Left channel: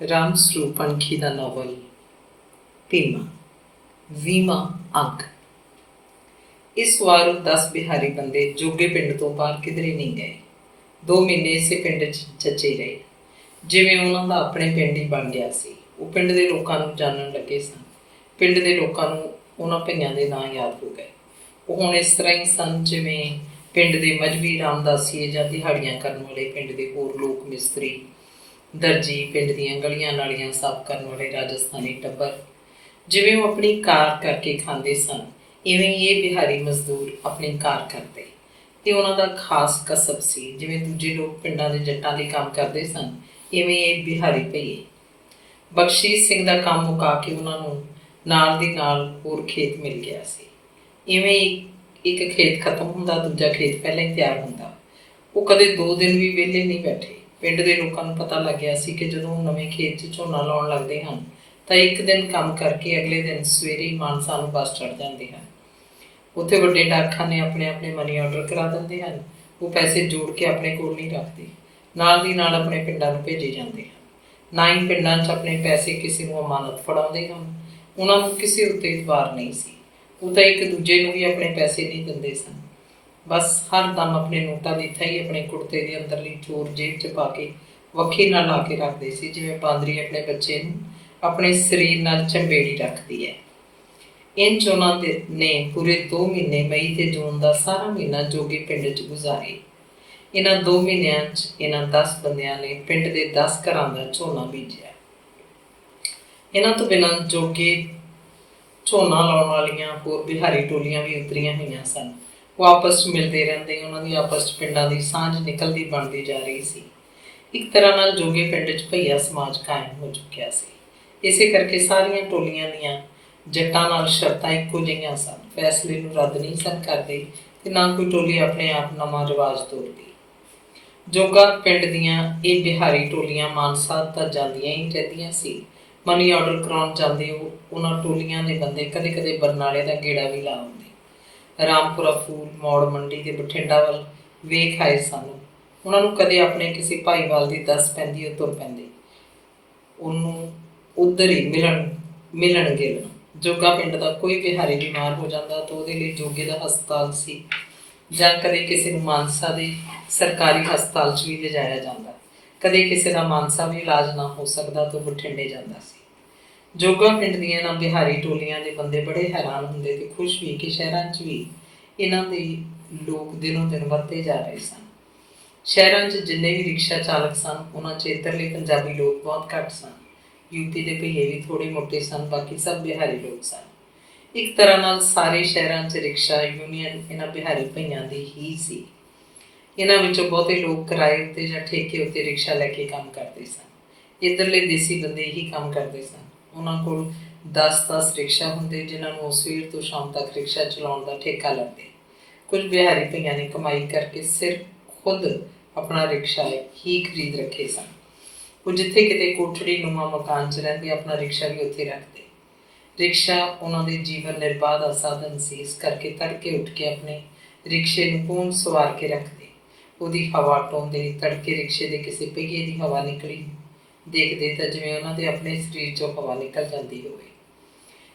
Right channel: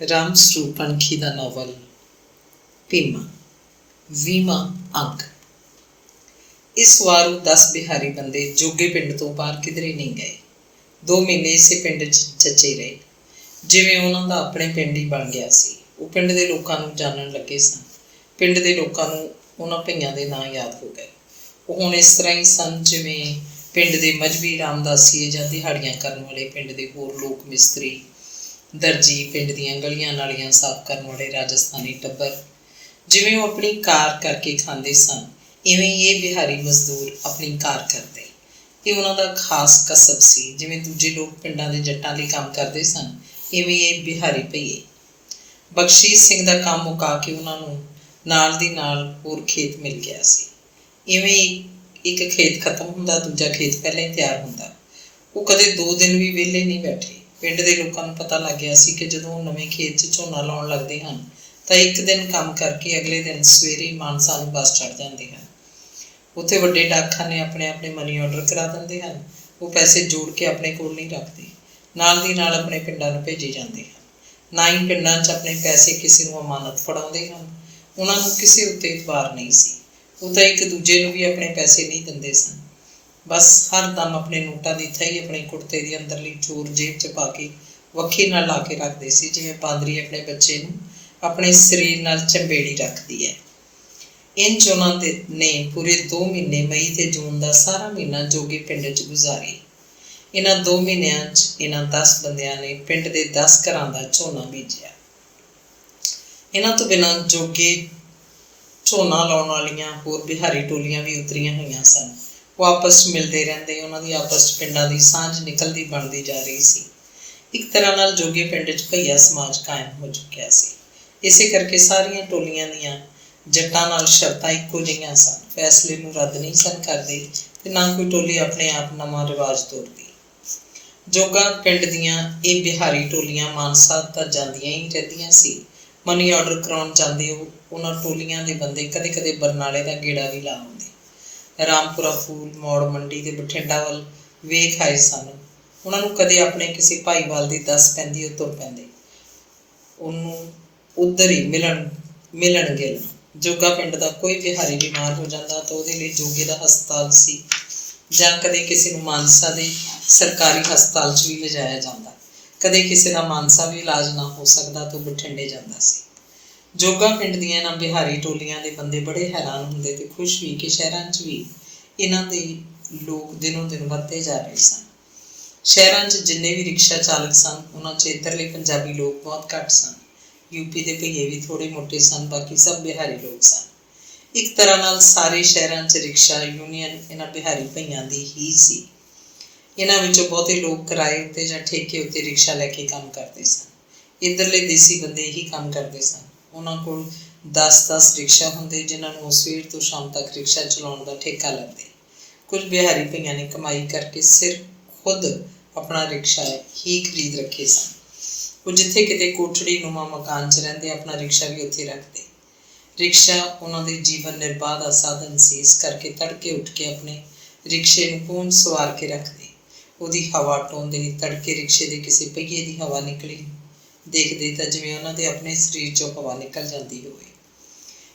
ਰਾਮ ਸਰੂਪ ਪੰਖੀ ਦਾ novel Bhima 20ਵਾਂ ਅੰਕ। ਇਸ ਵਾਰ 10 ਬਿਹਾਰੀ ਬੰਦੇ ਜੋਗੇ ਪਿੰਡ ਤੋਂ ਬਾਹਰ ਕਿਧਰੇ ਨਹੀਂ ਗਏ। 2 ਮਹੀਨੇ ਇਸੇ ਪਿੰਡ 'ਚ ਜੱਚੇ ਰਹੇ, ਜਿਵੇਂ ਉਹਨਾਂ ਦਾ ਆਪਣੇ ਪਿੰਡ ਹੀ ਬਣ ਗਿਆ ਸੀ। ਉਹ ਪਿੰਡ ਦੇ ਲੋਕਾਂ ਨੂੰ ਜਾਣਨ ਲੱਗੇ ਸਨ। ਪਿੰਡ ਦੇ ਲੋਕਾਂ ਨੂੰ ਉਹਨਾਂ ਭਈਆਂ ਦੇ ਨਾਂ ਯਾਦ ਹੋ ਗਏ। ਉਹ ਹੁਣ ਇਸ ਤਰ੍ਹਾਂ ਹੀ ਸਨ ਜਿਵੇਂ ਪਿੰਡ ਦੇ ਮਜ਼੍ਹਬੀ ਰਾਮਦਾਸੀਏ ਜਾਂ ਦਿਹਾੜੀਆਂ ਕਰਨ ਵਾਲੇ ਪਿੰਡ ਦੇ ਹੋਰ ਲੋਕ ਮਿਸਤਰੀ, ਦਰਜੀ, ਪਿੰਡ ਦੀਆਂ ਗਲੀਆਂ ਨਾਲੀਆਂ ਸਾਫ਼ ਕਰਨ ਵਾਲੇ ਰਾਜਸਥਾਨੀ ਟੱਬਰ। ਜਿਵੇਂ ਉਹ ਆਪਣੀ ਕਾਰ ਕਰਕੇ ਖਾਂਦੇ ਸਨ, ਇਵੇਂ ਹੀ ਇਹ ਬਿਹਾਰੀ ਮਜ਼ਦੂਰ ਆਪਣੀ ਕਾਰ ਕਰਦੇ। ਇਹ ਉਹਨਾਂ ਦਾ ਖਾਸ ਕਸਬ ਸੀ। ਜਿਵੇਂ ਦੂਜੇ ਲੋਕ ਪਿੰਡਾਂ ਦੇ ਜੱਟਾਂ ਲਈ ਕੰਮ ਕਰਦੇ ਸਨ, ਇਵੇਂ ਇਹ ਬਿਹਾਰੀ ਭਈਏ। ਬਖਸ਼ੀਸ਼ ਸਿੰਘ ਦਾ ਕੰਮ ਮੁਕਾ ਕੇ ਉਹਨਾਂ ਨੂੰ ਨਾਲ ਦੀ ਨਾਲ ਹੋਰ ਖੇਤ ਮਿਲ ਗਿਆ ਸੀ। ਇਵੇਂ ਇੱਕ ਖੇਤ ਖਤਮ ਹੁੰਦਾ, ਦੂਜਾ ਖੇਤ ਪਹਿਲਾਂ ਹੀ ਤਿਆਰ ਹੁੰਦਾ। ਉਹ ਕਦੇ 2 ਦਿਨ ਵੀ ਵਿਹਲੇ ਨਹੀਂ ਬੈਠੇ। ਪਿੰਡ ਦੇ ਲੋਕਾਂ ਨੂੰ ਪਤਾ ਲੱਗ ਗਿਆ ਸੀ ਕਿ ਜਦੋਂ ਉਹ ਨਵੇਂ ਖੇਤ 'ਚ ਝੋਨਾ ਲਾਉਣ ਲੱਗਦੇ ਹਨ ਤਾਂ ਇੱਕ ਦਿਨ ਕੰਮ ਕਰਕੇ ਅਗਲੇ ਦਿਨ ਸਵੇਰੇ ਹੀ ਮਾਨਸਾ ਨੂੰ ਬੱਸ ਚੜ੍ਹ ਜਾਂਦੇ ਹਨ। ਉੱਥੇ ਵੱਡੇ ਡਾਕਖਾਨੇ ਆਪਣੇ ਆਪਣੇ ਮਨੀ ਆਰਡਰ ਕਰਾ ਦਿੰਦੇ ਹਨ। ਉਹ ਪੈਸੇ ਜੋੜ ਕੇ ਆਪਣੇ ਕੋਲ ਨਹੀਂ ਰੱਖਦੇ, ਨਾਲ ਦੀ ਨਾਲ ਆਪਣੇ ਪਿੰਡਾਂ ਨੂੰ ਭੇਜੇ ਜਾਂਦੇ ਹਨ। ਨਾ ਹੀ ਪਿੰਡਾਂ 'ਚ ਆਪਣੇ ਪੈਸੇ ਕਿਸੇ ਨੂੰ ਅਮਾਨਤ ਫੜਾਉਂਦੇ ਹਨ। ਉਹਨਾਂ ਨੂੰ ਕਿਸੇ ਉੱਤੇ ਇਤਬਾਰ ਨਹੀਂ ਸੀ। ਉਹ ਤਾਂ ਇੱਕ ਦੂਜੇ ਨੂੰ ਵੀ ਆਪਣੇ ਪੈਸੇ ਨਹੀਂ ਦਿੰਦੇ ਸਨ। ਬਸ ਹਰ ਦਮ ਆਪਣੇ ਨੋਟਾਂ ਦੀ ਥਾਈ ਆਪਣੇ ਕੁੜਤੇ ਦੀ ਅੰਦਰਲੀ ਚੋਰ ਜੇਬ 'ਚ ਪਾ ਕੇ ਵੱਖੀ ਨਾਲ ਲਾ ਕੇ ਰੱਖਦੇ ਸੀ, ਜਿਵੇਂ ਬਾਂਦਰੀ ਆਪਣੇ ਬੱਚੇ ਨੂੰ ਆਪਣੇ ਸਰੀਰ ਨਾਲ ਚੰਬੇੜੀ ਰੱਖਦੀ ਹੈ। ਇੰਝ ਉਹਨਾਂ ਨੇ ਪੂਰੇ 2 ਮਹੀਨੇ, ਮਈ ਤੇ ਜੂਨ ਦਾ ਸਾਰਾ ਮਹੀਨਾ ਜੋਗੀ ਪਿੰਡ 'ਚ ਗੁਜ਼ਾਰੇ। ਇਹਨਾਂ 2 ਮਹੀਨਿਆਂ 'ਚ ਇਹਨਾਂ 10 ਬੰਦਿਆਂ ਨੇ ਪਿੰਡ ਦੇ 10 ਘਰਾਂ ਦਾ ਝੋਨਾ ਬੀਜਿਆ। ਇਹਨਾਂ ਤੋਂ ਬਿਨਾਂ ਜੋਗੇ ਝੋਨਾ ਲਾਉਣ ਵਾਲੀਆਂ ਹੋਰ ਬਿਹਾਰੀ ਟੋਲੀਆਂ ਵੀ ਉਤਰੀਆਂ ਹੋਈਆਂ ਸਨ। ਉਹ ਆਪਸ 'ਚ ਮਿਲਦੇ ਰਹਿੰਦੇ। ਉਹਨਾਂ ਦੀ ਆਪਸ 'ਚ ਪਿੰਡਾਂ ਦੀ ਸਾਂਝ ਨਿਕਲਦੀ ਬਣਦੀ ਜਾ ਰਹੀ ਸੀ। ਇੱਕ ਤਰ੍ਹਾਂ ਨਾਲ ਜੋਗੇ ਪਿੰਡ 'ਚ ਭਈਆ ਸਮਾਜ ਕਾਇਮ ਹੋ ਚੁੱਕਿਆ ਸੀ। ਇਸੇ ਕਰਕੇ ਸਾਰੀਆਂ ਟੋਲੀਆਂ ਦੀਆਂ ਜੱਟਾਂ ਨਾਲ ਸ਼ਰਤਾਂ ਇੱਕੋ ਜਿਹੀਆਂ ਸਨ। ਫੈਸਲੇ ਨੂੰ ਰੱਦ ਨਹੀਂ ਸਨ ਕਰਦੇ ਤੇ ਨਾ ਕੋਈ ਟੋਲੀ ਆਪਣੇ ਆਪ ਨਵਾਂ ਰਿਵਾਜ ਤੋਰਦੀ। ਜੋਗਾ ਪਿੰਡ ਦੀਆਂ ਇਹ ਬਿਹਾਰੀ ਟੋਲੀਆਂ ਮਾਨਸਾ ਤਾਂ ਜਾਂਦੀਆਂ ਹੀ ਰਹਿੰਦੀਆਂ ਸੀ। ਮਨੀ ਆਰਡਰ ਕਰਾਉਣ ਜਾਂਦੇ ਉਹਨਾਂ ਟੋਲੀਆਂ ਦੇ ਬੰਦੇ ਕਦੇ ਕਦੇ ਬਰਨਾਲੇ ਦਾ ਗੇੜਾ ਵੀ ਲਾ ਆਉਂਦੇ। ਰਾਮਪੁਰਾ ਫੂਲ ਮੌੜ ਮੰਡੀ ਤੇ ਬਠਿੰਡਾ ਵੱਲ ਵੇਖ ਆਏ ਸਨ। ਉਹਨਾਂ ਨੂੰ ਕਦੇ ਆਪਣੇ ਕਿਸੇ ਭਾਈਵਾਲ ਦੀ ਦੱਸ ਪੈਂਦੀ, ਉਹ ਤੁਰ ਪੈਂਦੇ ਉਹਨੂੰ ਉੱਧਰ ਹੀ ਮਿਲਣਗੇ। ਜੋਗਾ ਪਿੰਡ ਦਾ ਕੋਈ ਬਿਹਾਰੀ ਬਿਮਾਰ ਹੋ ਜਾਂਦਾ ਤਾਂ ਉਹਦੇ ਲਈ ਜੋਗੇ ਦਾ ਹਸਪਤਾਲ ਸੀ, ਜਾਂ ਕਦੇ ਕਿਸੇ ਨੂੰ ਮਾਨਸਾ ਦੇ ਸਰਕਾਰੀ ਹਸਪਤਾਲ 'ਚ ਵੀ ਲਿਜਾਇਆ ਜਾਂਦਾ। ਕਦੇ ਕਿਸੇ ਦਾ ਮਾਨਸਾ ਵੀ ਇਲਾਜ ਨਾ ਹੋ ਸਕਦਾ ਤਾਂ ਬਠਿੰਡੇ ਜਾਂਦਾ ਸੀ। ਜੋਗਾ ਪਿੰਡ ਦੀਆਂ ਇਹਨਾਂ ਬਿਹਾਰੀ ਟੋਲੀਆਂ ਦੇ ਬੰਦੇ ਬੜੇ ਹੈਰਾਨ ਹੁੰਦੇ ਤੇ ਖੁਸ਼ ਵੀ ਕਿ ਸ਼ਹਿਰਾਂ 'ਚ ਵੀ ਇਹਨਾਂ ਦੇ ਲੋਕ ਦਿਨੋਂ ਦਿਨ ਵੱਧਦੇ ਜਾ ਰਹੇ ਸਨ। ਸ਼ਹਿਰਾਂ 'ਚ ਜਿੰਨੇ ਵੀ ਰਿਕਸ਼ਾ ਚਾਲਕ ਸਨ, ਉਹਨਾਂ 'ਚ ਇੱਧਰਲੇ ਪੰਜਾਬੀ ਲੋਕ ਬਹੁਤ ਘੱਟ ਸਨ। ਯੂਪੀ ਦੇ ਭਈਏ ਵੀ ਥੋੜ੍ਹੇ ਮੋਟੇ ਸਨ, ਬਾਕੀ ਸਭ ਬਿਹਾਰੀ ਲੋਕ ਸਨ। ਇੱਕ ਤਰ੍ਹਾਂ ਨਾਲ ਸਾਰੇ ਸ਼ਹਿਰਾਂ 'ਚ ਰਿਕਸ਼ਾ ਯੂਨੀਅਨ ਇਹਨਾਂ ਬਿਹਾਰੀ ਭਈਆਂ ਦੀ ਹੀ ਸੀ। ਇਹਨਾਂ ਵਿੱਚੋਂ ਬਹੁਤੇ ਲੋਕ ਕਿਰਾਏ ਉੱਤੇ ਜਾਂ ਠੇਕੇ ਉੱਤੇ ਰਿਕਸ਼ਾ ਲੈ ਕੇ ਕੰਮ ਕਰਦੇ ਸਨ। ਇੱਧਰਲੇ ਦੇਸੀ ਬੰਦੇ ਇਹੀ ਕੰਮ ਕਰਦੇ ਸਨ। ਉਹਨਾਂ ਕੋਲ 10-10 ਰਿਕਸ਼ਾ ਹੁੰਦੇ, ਜਿਨ੍ਹਾਂ ਨੂੰ ਉਹ ਸਵੇਰ ਤੋਂ ਸ਼ਾਮ ਤੱਕ ਰਿਕਸ਼ਾ ਚਲਾਉਣ ਦਾ ਠੇਕਾ ਲੈਂਦੇ। ਕੁਝ ਬਿਹਾਰੀ ਭਈਆਂ ਨੇ ਕਮਾਈ ਕਰਕੇ ਸਿਰ ਖੁਦ ਆਪਣਾ ਰਿਕਸ਼ਾ ਹੀ ਖਰੀਦ ਰੱਖੇ ਸਨ। ਉਹ ਜਿੱਥੇ ਕਿਤੇ ਕੋਠੜੀ ਨੁਮਾ ਮਕਾਨ 'ਚ ਰਹਿੰਦੇ, ਆਪਣਾ ਰਿਕਸ਼ਾ ਵੀ ਉੱਥੇ ਰੱਖਦੇ। ਰਿਕਸ਼ਾ ਉਹਨਾਂ ਦੇ ਜੀਵਨ ਨਿਰਬਾਹ ਦਾ ਸਾਧਨ ਸੀ। ਇਸ ਕਰਕੇ ਤੜਕੇ ਉੱਠ ਕੇ ਆਪਣੇ ਰਿਕਸ਼ੇ ਨੂੰ ਪੂੰਝ ਸਵਾਰ ਕੇ ਰੱਖਦੇ, ਉਹਦੀ ਹਵਾ ਟੋਂਦੇ। ਤੜਕੇ ਰਿਕਸ਼ੇ ਦੇ ਕਿਸੇ ਪਹੀਏ ਦੀ ਹਵਾ ਨਿਕਲੀ ਦੇਖਦੇ ਤਾਂ ਜਿਵੇਂ ਉਹਨਾਂ ਦੇ ਆਪਣੇ ਸਰੀਰ 'ਚੋਂ ਹਵਾ ਨਿਕਲ ਜਾਂਦੀ ਹੋਵੇ,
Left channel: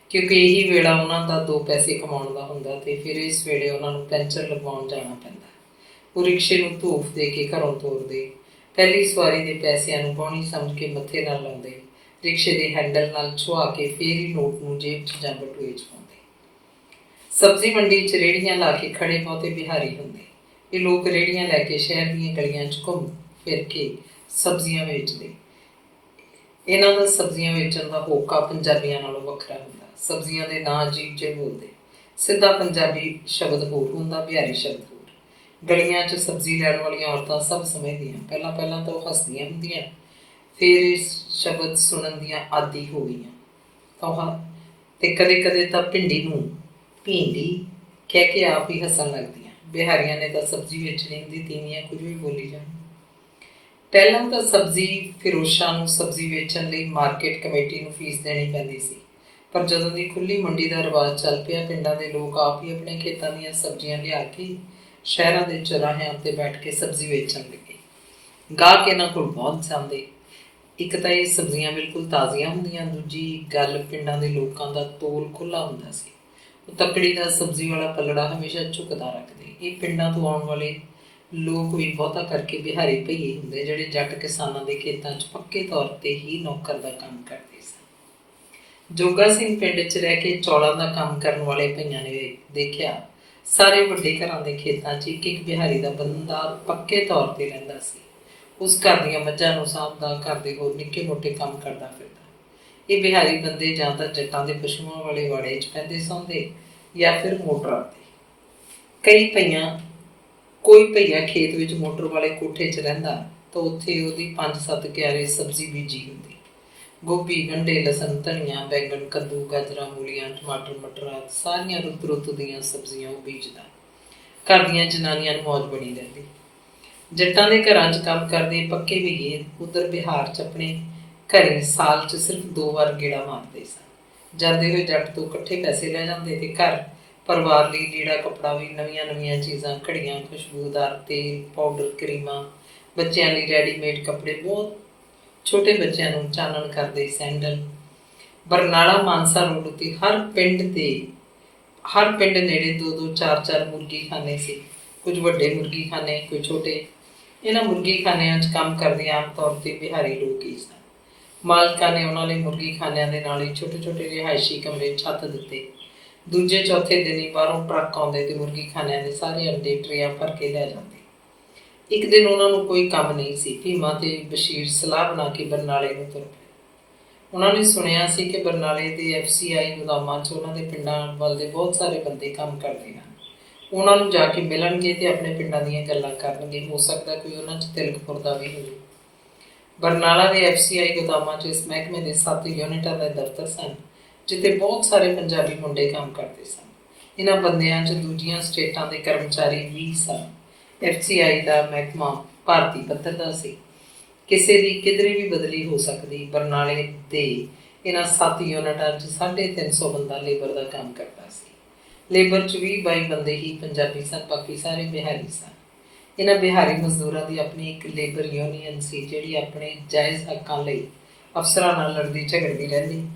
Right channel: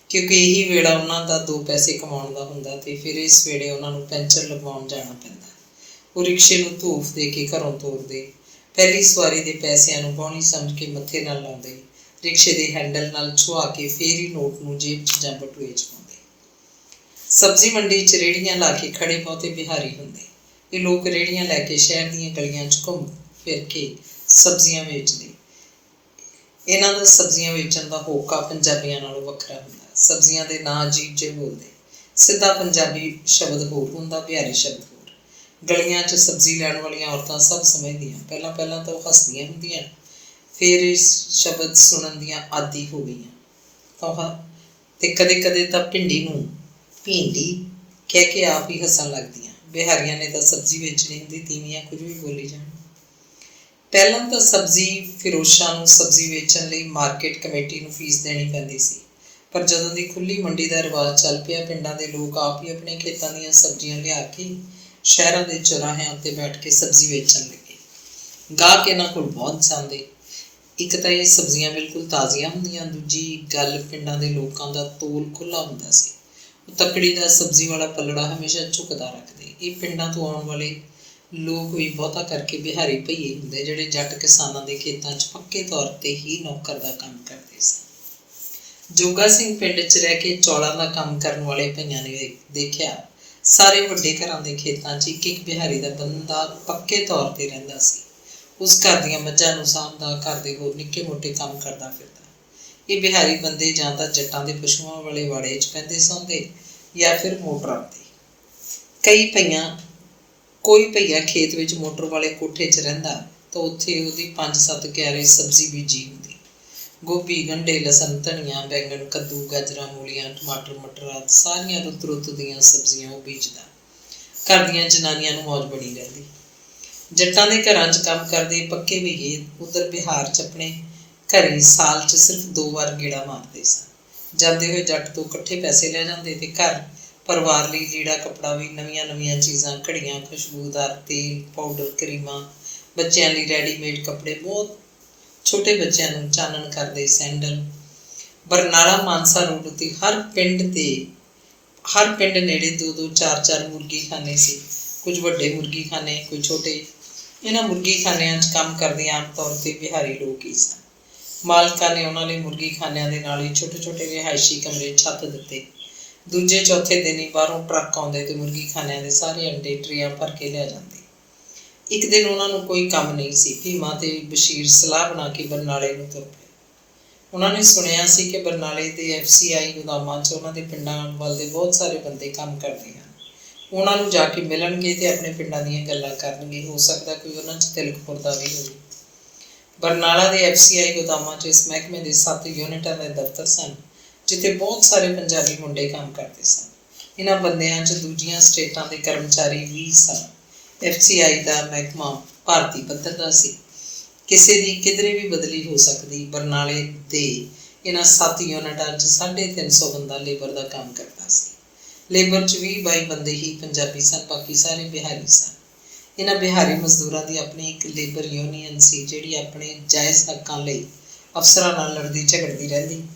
ਕਿਉਂਕਿ ਇਹੀ ਵੇਲਾ ਉਹਨਾਂ ਦਾ 2 ਪੈਸੇ ਕਮਾਉਣ ਦਾ ਹੁੰਦਾ ਤੇ ਫਿਰ ਇਸ ਵੇਲੇ ਉਹਨਾਂ ਨੂੰ ਪੈਂਚਰ ਲਗਵਾਉਣ ਜਾਣਾ ਪੈਂਦਾ। ਉਹ ਰਿਕਸ਼ੇ ਨੂੰ ਧੂਫ ਦੇ ਕੇ ਘਰੋਂ ਤੋਰਦੇ। ਪਹਿਲੀ ਸਵਾਰੀ ਦੇ ਪੈਸਿਆਂ ਨੂੰ ਬੌਣੀ ਸਮਝ ਕੇ ਮੱਥੇ ਨਾਲ ਲਾਉਂਦੇ, ਰਿਕਸ਼ੇ ਦੇ ਹੈਂਡਲ ਨਾਲ ਛੁਹਾ ਕੇ ਫੇਰ ਹੀ ਨੋਟ ਨੂੰ ਜੇਬ 'ਚ ਜਾਂ ਬਟੂਏ 'ਚ ਪਾਉਂਦੇ। ਸਬਜ਼ੀ ਮੰਡੀ 'ਚ ਰੇਹੜੀਆਂ ਲਾ ਕੇ ਖੜੇ ਬਹੁਤੇ ਬਿਹਾਰੀ ਹੁੰਦੇ। ਇਹ ਲੋਕ ਰੇਹੜੀਆਂ ਲੈ ਕੇ ਸ਼ਹਿਰ ਦੀਆਂ ਗਲੀਆਂ 'ਚ ਘੁੰਮ ਫਿਰ ਕੇ ਸਬਜ਼ੀਆਂ ਵੇਚਦੇ। ਇਹਨਾਂ ਦਾ ਸਬਜ਼ੀਆਂ ਵੇਚਣ ਦਾ ਹੋਕਾ ਪੰਜਾਬੀਆਂ ਨਾਲੋਂ ਵੱਖਰਾ ਹੁੰਦਾ। ਸਬਜ਼ੀਆਂ ਦੇ ਨਾਂ ਅਜੀਬ ਜਿਹੇ ਬੋਲਦੇ। ਸਿੱਧਾ ਪੰਜਾਬੀ ਸ਼ਬਦ ਹੋਰ ਹੁੰਦਾ, ਬਿਹਾਰੀ ਸ਼ਬਦ ਹੋਰ। ਗਲੀਆਂ 'ਚ ਸਬਜ਼ੀ ਲੈਣ ਵਾਲੀਆਂ ਔਰਤਾਂ ਸਭ ਸਮਝਦੀਆਂ। ਪਹਿਲਾਂ ਤਾਂ ਉਹ ਹੱਸਦੀਆਂ ਹੁੰਦੀਆਂ, ਫਿਰ ਇਸ ਸ਼ਬਦ ਸੁਣਨ ਦੀਆਂ ਆਦੀ ਹੋ ਗਈਆਂ ਤੇ ਕਦੇ ਕਦੇ ਤਾਂ ਭਿੰਡੀ ਨੂੰ ਭਿੰਡੀ ਕਹਿ ਕੇ ਆਪ ਹੀ ਹੱਸਣ ਲੱਗਦੀਆਂ। ਬਿਹਾਰੀਆਂ ਨੇ ਤਾਂ ਸਬਜ਼ੀ ਵੇਚਣੀ ਹੁੰਦੀ, ਤੀਵੀਆਂ ਕੁਝ ਵੀ ਬੋਲੀ ਜਾਣ। ਪਹਿਲਾਂ ਤਾਂ ਸਬਜ਼ੀ ਫਿਰੋਸ਼ਾਂ ਨੂੰ ਸਬਜ਼ੀ ਵੇਚਣ ਲਈ ਮਾਰਕੀਟ ਕਮੇਟੀ ਨੂੰ ਫੀਸ ਦੇਣੀ ਪੈਂਦੀ ਸੀ, ਪਰ ਜਦੋਂ ਦੀ ਖੁੱਲ੍ਹੀ ਮੰਡੀ ਦਾ ਰਿਵਾਜ਼ ਚੱਲ ਪਿਆ, ਪਿੰਡਾਂ ਦੇ ਲੋਕ ਆਪ ਹੀ ਆਪਣੇ ਖੇਤਾਂ ਦੀਆਂ ਸਬਜ਼ੀਆਂ ਲਿਆ ਕੇ ਸ਼ਹਿਰਾਂ ਦੇ ਚੌਰਾਹਿਆਂ ਉੱਤੇ ਬੈਠ ਕੇ ਸਬਜ਼ੀ ਵੇਚਣ ਲੱਗੇ। ਗਾਹਕ ਇਹਨਾਂ ਕੋਲ ਬਹੁਤ ਜਾਂਦੇ। ਇੱਕ ਤਾਂ ਇਹ ਸਬਜ਼ੀਆਂ ਬਿਲਕੁਲ ਤਾਜ਼ੀਆਂ ਹੁੰਦੀਆਂ, ਦੂਜੀ ਗੱਲ ਪਿੰਡਾਂ ਦੇ ਲੋਕਾਂ ਦਾ ਤੋਲ ਖੁੱਲ੍ਹਾ ਹੁੰਦਾ ਸੀ। ਉਹ ਤੱਕੜੀ ਦਾ ਸਬਜ਼ੀ ਵਾਲਾ ਪੱਲੜਾ ਹਮੇਸ਼ਾ ਝੁਕਦਾ ਰੱਖਦੇ। ਇਹ ਪਿੰਡਾਂ ਤੋਂ ਆਉਣ ਵਾਲੇ ਲੋਕ ਵੀ ਬਹੁਤਾ ਕਰਕੇ ਬਿਹਾਰੀ ਭਈਏ ਹੁੰਦੇ, ਜਿਹੜੇ ਜੱਟ ਕਿਸਾਨਾਂ ਦੇ ਖੇਤਾਂ 'ਚ ਪੱਕੇ ਤੌਰ 'ਤੇ ਹੀ ਨੌਕਰ ਦਾ ਕੰਮ ਕਰਦੇ ਸਨ। ਜੋਗਾ ਸਿੰਘ ਪਿੰਡ 'ਚ ਰਹਿ ਕੇ ਚੌਲਾਂ ਦਾ ਕੰਮ ਕਰਨ ਵਾਲੇ ਭਈਆਂ ਨੇ ਦੇਖਿਆ, ਸਾਰੇ ਵੱਡੇ ਘਰਾਂ ਦੇ ਖੇਤਾਂ 'ਚ ਇੱਕ ਇੱਕ ਬਿਹਾਰੀ ਦਾ ਬੰਦਾ ਪੱਕੇ ਤੌਰ 'ਤੇ ਰਹਿੰਦਾ ਸੀ। ਉਸ ਘਰ ਦੀਆਂ ਮੱਝਾਂ ਨੂੰ ਸਾਂਭਦਾ, ਘਰ ਦੇ ਹੋਰ ਨਿੱਕੇ ਮੋਟੇ ਕੰਮ ਕਰਦਾ ਫਿਰਦਾ। ਇਹ ਬਿਹਾਰੀ ਬੰਦੇ ਜਾਂ ਤਾਂ ਜੱਟਾਂ ਦੇ ਪਸ਼ੂਆਂ ਵਾਲੇ ਵਾੜੇ 'ਚ ਪੈਂਦੇ ਸੌਂਦੇ ਜਾਂ ਫਿਰ ਮੋਟਰਾਂ 'ਤੇ। ਕੋਈ ਭਈਆ ਖੇਤ ਵਿੱਚ ਮੋਟਰ ਵਾਲੇ ਕੋਠੇ 'ਚ ਰਹਿੰਦਾ ਤਾਂ ਉੱਥੇ ਉਹਦੀ 5-7 ਕਿਆਰੇ ਸਬਜ਼ੀ ਬੀਜੀ ਹੁੰਦੀ। ਗੋਭੀ, ਗੰਢੇ, ਲਸਣ, ਧਨੀਆ, ਬੈਂਗਣ, ਕੱਦੂ, ਗਾਜਰਾਂ, ਮੂਲੀਆਂ, ਟਮਾਟਰ, ਮਟਰ ਆਦਿ ਸਾਰੀਆਂ ਰੁੱਤ ਦੀਆਂ ਸਬਜ਼ੀਆਂ ਉਹ ਬੀਜਦਾ। ਘਰ ਦੀਆਂ ਜਨਾਨੀਆਂ ਨੂੰ ਮੌਜ ਬਣੀ ਰਹਿੰਦੀ। ਜੱਟਾਂ ਦੇ ਘਰਾਂ 'ਚ ਕੰਮ ਕਰਦੇ ਪੱਕੇ ਬਈਏ ਉੱਧਰ ਬਿਹਾਰ 'ਚ ਆਪਣੇ ਘਰੇ ਸਾਲ 'ਚ ਸਿਰਫ 2 ਵਾਰ ਗੇੜਾ ਮਾਰਦੇ ਸਨ। ਜਾਂਦੇ ਹੋਏ ਜੱਟ ਤੋਂ ਇਕੱਠੇ ਪੈਸੇ ਲੈ ਜਾਂਦੇ ਤੇ ਘਰ ਪਰਿਵਾਰ ਲਈ ਲੀੜਾ ਕੱਪੜਾ ਵੀ, ਨਵੀਆਂ ਚੀਜ਼ਾਂ, ਘੜੀਆਂ, ਖੁਸ਼ਬੂਦਾਰ ਤੇਲ, ਪਾਊਡਰ, ਕਰੀਮਾਂ, ਬੱਚਿਆਂ ਲਈ ਰੈਡੀਮੇਡ ਕੱਪੜੇ, ਬਹੁਤ ਛੋਟੇ ਬੱਚਿਆਂ ਨੂੰ ਚਾਨਣ ਕਰਦੇ ਸੈਂਡਲ। ਬਰਨਾਲਾ ਮਾਨਸਾ ਰੋਡ ਉੱਤੇ ਹਰ ਪਿੰਡ ਨੇੜੇ 2-2, 4-4 ਮੁਰਗੀ ਖਾਨੇ ਸੀ। ਕੁਝ ਵੱਡੇ ਮੁਰਗੀ ਖਾਨੇ, ਕੋਈ ਛੋਟੇ। ਇਹਨਾਂ ਮੁਰਗੀ ਖਾਨਿਆਂ 'ਚ ਕੰਮ ਕਰਦੇ ਆਮ ਤੌਰ 'ਤੇ ਬਿਹਾਰੀ ਲੋਕ ਹੀ ਸਨ। ਮਾਲਕਾਂ ਨੇ ਉਹਨਾਂ ਲਈ ਮੁਰਗੀ ਖਾਨਿਆਂ ਦੇ ਨਾਲ ਹੀ ਛੋਟੇ ਰਿਹਾਇਸ਼ੀ ਕਮਰੇ ਛੱਤ ਦਿੱਤੇ। ਦੂਜੇ ਚੌਥੇ ਦਿਨ ਹੀ ਬਾਹਰੋਂ ਟਰੱਕ ਆਉਂਦੇ ਤੇ ਮੁਰਗੀ ਖਾਨਿਆਂ ਦੇ ਸਾਰੇ ਅੰਡੇ ਟਰੇਆਂ ਭਰ ਕੇ ਲੈ ਜਾਂਦੇ। ਇੱਕ ਦਿਨ ਉਹਨਾਂ ਨੂੰ ਕੋਈ ਕੰਮ ਨਹੀਂ ਸੀ। ਭੀਮਾ ਤੇ ਬਸ਼ੀਰ ਸਲਾਹ ਬਣਾ ਕੇ ਬਰਨਾਲੇ ਨੂੰ ਤੁਰ ਪਏ। ਉਹਨਾਂ ਨੇ ਸੁਣਿਆ ਸੀ ਕਿ ਬਰਨਾਲੇ ਦੇ FCI ਗੋਦਾਮਾਂ 'ਚ ਉਹਨਾਂ ਦੇ ਪਿੰਡਾਂ ਵੱਲ ਦੇ ਬਹੁਤ ਸਾਰੇ ਬੰਦੇ ਕੰਮ ਕਰਦੇ ਹਨ। ਉਹਨਾਂ ਨੂੰ ਜਾ ਕੇ ਮਿਲਣਗੇ ਤੇ ਆਪਣੇ ਪਿੰਡਾਂ ਦੀਆਂ ਗੱਲਾਂ ਕਰਨਗੇ। ਹੋ ਸਕਦਾ ਕੋਈ ਉਹਨਾਂ 'ਚ ਤਿਲਕ ਮੁਰਦਾ ਵੀ ਹੋਵੇ। ਬਰਨਾਲਾ ਦੇ FCI ਗੋਦਾਮਾਂ 'ਚ ਇਸ ਮਹਿਕਮੇ ਦੇ 7 ਯੂਨਿਟਾਂ ਦੇ ਦਫ਼ਤਰ ਸਨ, ਜਿੱਥੇ ਬਹੁਤ ਸਾਰੇ ਪੰਜਾਬੀ ਮੁੰਡੇ ਕੰਮ ਕਰਦੇ ਸਨ। ਇਹਨਾਂ ਬੰਦਿਆਂ 'ਚ ਦੂਜੀਆਂ ਸਟੇਟਾਂ ਦੇ ਕਰਮਚਾਰੀ ਵੀ ਸਨ। FCI ਦਾ ਮਹਿਕਮਾ ਭਾਰਤੀ ਪੱਧਰ ਦਾ ਸੀ। ਕਿਸੇ ਦੀ ਕਿਧਰੇ ਵੀ ਬਦਲੀ ਹੋ ਸਕਦੀ। ਬਰਨਾਲੇ ਦੇ ਇਹਨਾਂ 7 ਯੂਨਿਟਾਂ 'ਚ 350 ਬੰਦਾ ਲੇਬਰ ਦਾ ਕੰਮ ਕਰਦਾ ਸੀ। ਲੇਬਰ 'ਚ 20-22 ਬੰਦੇ ਹੀ ਪੰਜਾਬੀ ਸਨ, ਬਾਕੀ ਸਾਰੇ ਬਿਹਾਰੀ ਸਨ। ਇਹਨਾਂ ਬਿਹਾਰੀ ਮਜ਼ਦੂਰਾਂ ਦੀ ਆਪਣੀ ਇੱਕ ਲੇਬਰ ਯੂਨੀਅਨ ਸੀ, ਜਿਹੜੀ ਆਪਣੇ ਜਾਇਜ਼ ਹੱਕਾਂ ਲਈ ਅਫਸਰਾਂ ਨਾਲ ਲੜਦੀ ਝਗੜਦੀ ਰਹਿੰਦੀ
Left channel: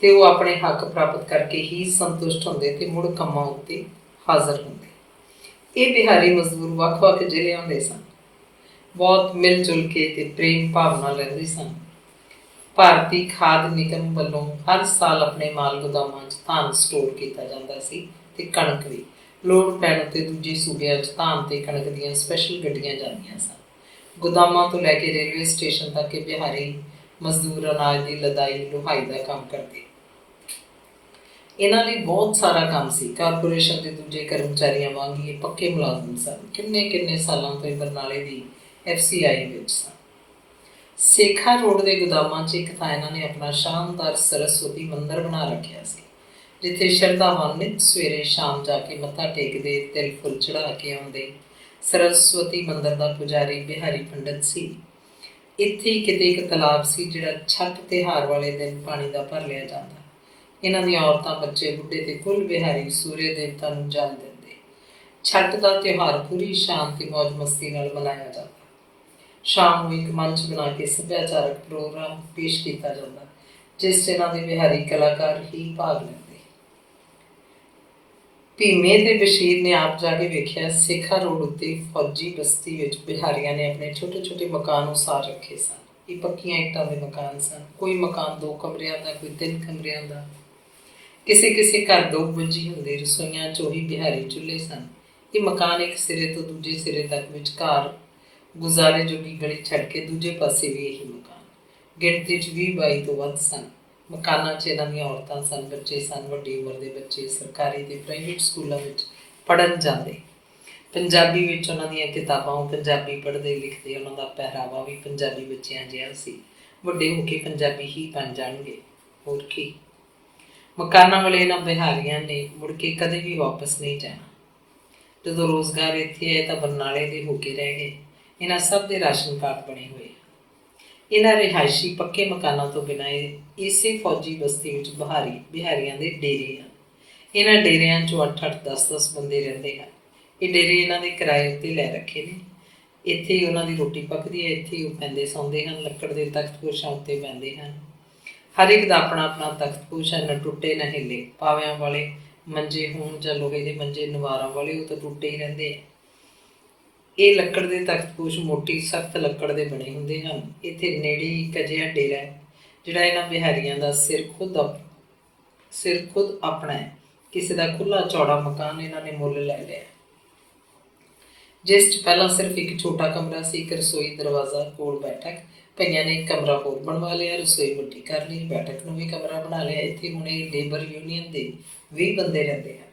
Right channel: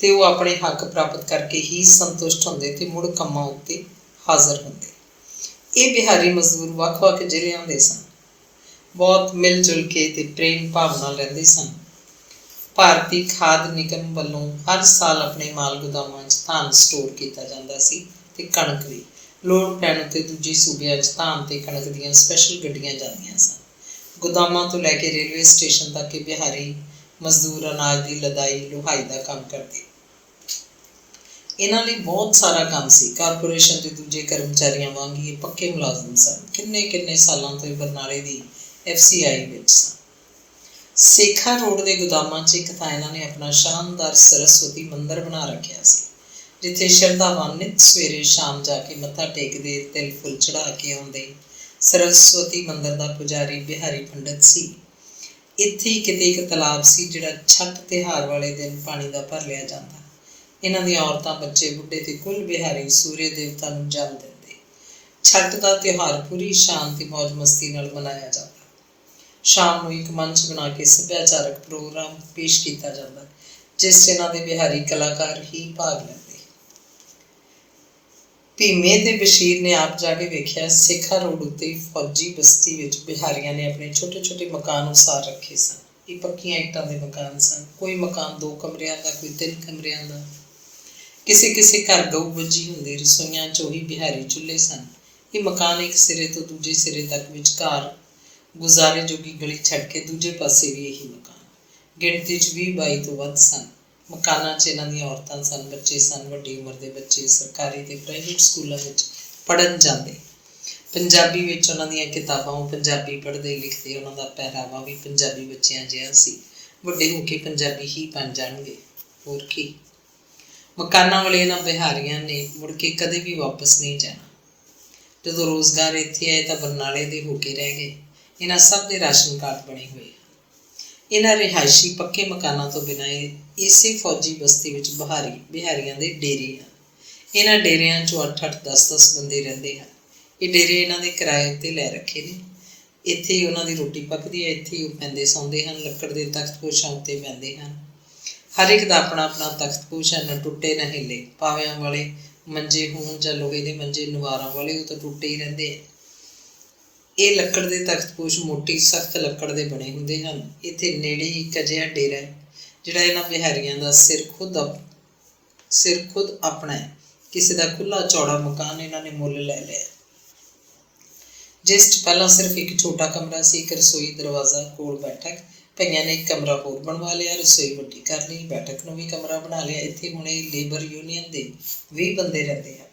ਤੇ ਉਹ ਆਪਣੇ ਹੱਕ ਪ੍ਰਾਪਤ ਕਰਕੇ ਹੀ ਸੰਤੁਸ਼ਟ ਹੁੰਦੇ ਤੇ ਮੁੜ ਕੰਮਾਂ ਉੱਤੇ ਹਾਜ਼ਰ ਹੁੰਦੇ। ਇਹ ਬਿਹਾਰੀ ਮਜ਼ਦੂਰ ਵੱਖ-ਵੱਖ ਜ਼ਿਲ੍ਹਿਆਂ ਦੇ ਸਨ। ਬਹੁਤ ਮਿਲ ਜੁਲ ਕੇ ਤੇ ਪ੍ਰੇਮ ਭਾਵ ਨਾਲ ਰਹਿੰਦੇ ਸਨ। ਭਾਰਤੀ ਖਾਦ ਨਿਗਮ ਵੱਲੋਂ ਹਰ ਸਾਲ ਆਪਣੇ ਮਾਲ ਗੋਦਾਮਾਂ 'ਚ ਧਾਨ ਸਟੋਰ ਕੀਤਾ ਜਾਂਦਾ ਸੀ ਤੇ ਕਣਕ ਵੀ। ਲੋੜ ਪੈਣ ਉੱਤੇ ਦੂਜੇ ਸੂਬਿਆਂ 'ਚ ਧਾਨ ਤੇ ਕਣਕ ਦੀਆਂ ਸਪੈਸ਼ਲ ਗੱਡੀਆਂ ਜਾਂਦੀਆਂ ਸਨ। ਗੋਦਾਮਾਂ ਤੋਂ ਲੈ ਕੇ ਰੇਲਵੇ ਸਟੇਸ਼ਨ ਤੱਕ ਇਹ ਬਿਹਾਰੀ ਮਜ਼ਦੂਰ ਅਨਾਜ ਦੀ ਲਦਾਈ ਲੁਹਾਈ ਦਾ ਕੰਮ ਕਰਦੇ। ਇਹਨਾਂ ਲਈ ਬਹੁਤ ਸਾਰਾ ਕੰਮ ਸੀ। ਕਾਰਪੋਰੇਸ਼ਨ ਦੇ ਦੂਜੇ ਕਰਮਚਾਰੀਆਂ ਵਾਂਗ ਹੀ ਪੱਕੇ ਮੁਲਾਜ਼ਮ ਸਨ। ਕਿੰਨੇ ਸਾਲਾਂ ਤੋਂ ਇਹ ਬਰਨਾਲੇ ਦੀ FCI ਵਿੱਚ ਸਨ। ਸੇਖਾ ਰੋਡ ਦੇ ਗੋਦਾਮਾਂ 'ਚ ਇੱਕ ਤਾਂ ਇਹਨਾਂ ਨੇ ਆਪਣਾ ਸ਼ਾਨਦਾਰ ਸਰਸਵਤੀ ਮੰਦਿਰ ਬਣਾ ਰੱਖਿਆ ਸੀ, ਜਿੱਥੇ ਸ਼ਰਧਾਵਾਨ ਨਿੱਤ ਸਵੇਰੇ ਸ਼ਾਮ ਜਾ ਕੇ ਮੱਥਾ ਟੇਕਦੇ, ਤਿਲ ਫੁੱਲ ਚੜ੍ਹਾ ਕੇ ਆਉਂਦੇ। ਸਰਸਵਤੀ ਮੰਦਿਰ ਦਾ ਪੁਜਾਰੀ ਬਿਹਾਰੀ ਪੰਡਤ ਸੀ। ਇੱਥੇ ਹੀ ਕਿਤੇ ਇੱਕ ਤਲਾਬ ਸੀ, ਜਿਹੜਾ ਛੱਟ ਤਿਉਹਾਰ ਵਾਲੇ ਦਿਨ ਪਾਣੀ ਦਾ ਭਰ ਲਿਆ ਜਾਂਦਾ। ਇਹਨਾਂ ਦੀਆਂ ਔਰਤਾਂ, ਬੱਚੇ, ਬੁੱਢੇ ਤੇ ਕੁੱਲ ਬਿਹਾਰੀ ਸੂਰਜ ਦੇਵਤਾ ਨੂੰ ਜਲ ਦਿੰਦੇ। ਛੱਟ ਦਾ ਤਿਉਹਾਰ ਪੂਰੀ ਸ਼ਾਨ ਤੇ ਮੌਜ ਮਸਤੀ ਨਾਲ ਮਨਾਇਆ ਜਾਂਦਾ। ਸ਼ਾਮ ਨੂੰ ਇੱਕ ਮੰਚ ਬਣਾ ਕੇ ਸੱਭਿਆਚਾਰਕ ਪ੍ਰੋਗਰਾਮ ਪੇਸ਼ ਕੀਤਾ ਜਾਂਦਾ, ਜਿਸ 'ਚ ਇਹਨਾਂ ਦੇ ਬਿਹਾਰੀ ਕਲਾਕਾਰ ਹੀ ਭਾਗ ਲੈਂਦੇ। ਭੀਮੇ ਤੇ ਬਸ਼ੀਰ ਨੇ ਆਪ ਜਾ ਕੇ ਵੇਖਿਆ। ਸੇਖਾ ਰੋਡ ਉੱਤੇ ਫੌਜੀ ਬਸਤੀ ਵਿੱਚ ਬਿਹਾਰੀਆਂ ਨੇ ਆਪਣੇ ਛੋਟੇ ਮਕਾਨ ਉਸਾਰ ਰੱਖੇ ਸਨ। ਇਹ ਪੱਕੀਆਂ ਇੱਟਾਂ ਦੇ ਮਕਾਨ ਸਨ। ਕੋਈ ਮਕਾਨ 2 ਕਮਰਿਆਂ ਦਾ, ਕੋਈ 3 ਕਮਰਿਆਂ ਦਾ। ਕਿਸੇ ਘਰ ਗਊ ਵੱਜੀ ਹੁੰਦੀ। ਰਸੋਈਆਂ 'ਚ ਉਹੀ ਬਿਹਾਰੀ ਚੁੱਲ੍ਹੇ ਸਨ। ਇਹ ਮਕਾਨ ਇੱਕ ਸਿਰੇ ਤੋਂ ਦੂਜੇ ਸਿਰੇ ਤੱਕ ਵਿਚਕਾਰ ਗੁਜ਼ਾਰੇ ਜੋਗੀ ਗਲੀ ਛੱਡ ਕੇ ਦੂਜੇ ਪਾਸੇ ਵੀ ਇਹੀ ਮਕਾਨ। ਗਿਣਤੀ 'ਚ 20-22 ਤੋਂ ਵੱਧ ਸਨ। ਮਕਾਨਾਂ 'ਚ ਇਹਨਾਂ ਦੀਆਂ ਔਰਤਾਂ ਸਨ, ਬੱਚੇ ਸਨ, ਵੱਡੀ ਉਮਰ ਦੇ ਬੱਚੇ ਸਰਕਾਰੀ ਤੇ ਪ੍ਰਾਈਵੇਟ ਸਕੂਲਾਂ ਵਿੱਚ ਪੜ੍ਹਨ ਜਾਂਦੇ। ਪੰਜਾਬੀ ਵਿੱਚ ਉਹਨਾਂ ਦੀਆਂ ਕਿਤਾਬਾਂ, ਉਹ ਪੰਜਾਬੀ ਪੜ੍ਹਦੇ ਲਿਖਦੇ। ਉਹਨਾਂ ਦਾ ਪਹਿਰਾਵਾ ਵੀ ਪੰਜਾਬੀ ਬੱਚਿਆਂ ਜਿਹਾ ਸੀ। ਵੱਡੇ ਹੋ ਕੇ ਪੰਜਾਬੀ ਹੀ ਬਣ ਜਾਣਗੇ, ਹੋਰ ਕੀ। ਮਕਾਨਾਂ ਵਾਲੇ ਇਹਨਾਂ ਬਿਹਾਰੀਆਂ ਨੇ ਮੁੜ ਕੇ ਕਦੇ ਵੀ ਵਾਪਸ ਨਹੀਂ ਜਾਣਾ। ਜਦੋਂ ਰੋਜ਼ਗਾਰ ਇੱਥੇ ਆਏ ਤਾਂ ਬਰਨਾਲੇ ਦੇ ਹੋ ਕੇ ਰਹਿ ਗਏ। ਇਹਨਾਂ ਸਭ ਦੇ ਰਾਸ਼ਨ ਕਾਰਡ ਬਣੇ ਹੋਏ। ਇਹਨਾਂ ਰਿਹਾਇਸ਼ੀ ਪੱਕੇ ਮਕਾਨਾਂ ਤੋਂ ਬਿਨਾਂ ਇਸੇ ਫੌਜੀ ਬਸਤੀ ਵਿੱਚ ਬਿਹਾਰੀਆਂ ਦੇ ਡੇਰੇ ਹਨ। ਇਹਨਾਂ ਡੇਰਿਆਂ 'ਚੋਂ 8-8, 10-10 ਬੰਦੇ ਰਹਿੰਦੇ ਹਨ। ਇਹ ਡੇਰੇ ਇਹਨਾਂ ਦੇ ਕਿਰਾਏ ਉੱਤੇ ਲੈ ਰੱਖੇ ਨੇ। ਇੱਥੇ ਹੀ ਉਹਨਾਂ ਦੀ ਰੋਟੀ ਪੱਕਦੀ ਹੈ, ਇੱਥੇ ਹੀ ਉਹ ਪੈਂਦੇ ਸੌਂਦੇ ਹਨ, ਲੱਕੜ ਦੇ ਤਖਤ ਪੋਸ਼ਾਂ ਉੱਤੇ ਪੈਂਦੇ ਹਨ। ਹਰ ਇੱਕ ਦਾ ਆਪਣਾ ਆਪਣਾ ਤਖਤ ਪੋਸ਼ ਹੈ, ਨਾ ਟੁੱਟੇ ਨਾ ਹਿੱਲੇ। ਪਾਵਿਆਂ ਵਾਲੇ ਮੰਜੇ ਹੋਣ ਜਾਂ ਲੋਹੇ ਦੇ ਮੰਜੇ, ਨਵਾਰਾਂ ਵਾਲੇ, ਉਹ ਤਾਂ ਟੁੱਟੇ ਹੀ ਰਹਿੰਦੇ ਆ। ਇਹ ਲੱਕੜ ਦੇ ਤਖਤ ਪੋਸ਼ ਮੋਟੀ ਸਖਤ ਲੱਕੜ ਦੇ ਬਣੇ ਹੁੰਦੇ ਹਨ। ਇੱਥੇ ਨੇੜੇ ਹੀ ਇੱਕ ਅਜਿਹਾ ਡੇਰਾ ਹੈ ਜਿਹੜਾ ਇਹਨਾਂ ਬਿਹਾਰੀਆਂ ਦਾ ਸਿਰ ਖੁਦ ਆਪਣਾ ਹੈ। ਕਿਸੇ ਦਾ ਖੁੱਲ੍ਹਾ ਚੌੜਾ ਮਕਾਨ ਇਹਨਾਂ ਨੇ ਮੁੱਲ ਲੈ ਲਿਆ, ਜਿਸ 'ਚ ਪਹਿਲਾਂ ਸਿਰਫ ਇੱਕ ਛੋਟਾ ਕਮਰਾ ਸੀ, ਇੱਕ ਰਸੋਈ, ਦਰਵਾਜ਼ਾ, ਕੋਲ ਬੈਠਕ। ਕਈਆਂ ਨੇ ਇੱਕ ਕਮਰਾ ਹੋਰ ਬਣਵਾ ਲਿਆ, ਰਸੋਈ ਵੱਡੀ ਕਰ ਲਈ, ਬੈਠਕ ਨੂੰ ਵੀ ਕਮਰਾ ਬਣਾ ਲਿਆ। ਇੱਥੇ ਹੁਣ ਇਹ ਲੇਬਰ ਯੂਨੀਅਨ ਦੇ 20 ਬੰਦੇ ਰਹਿੰਦੇ ਹਨ।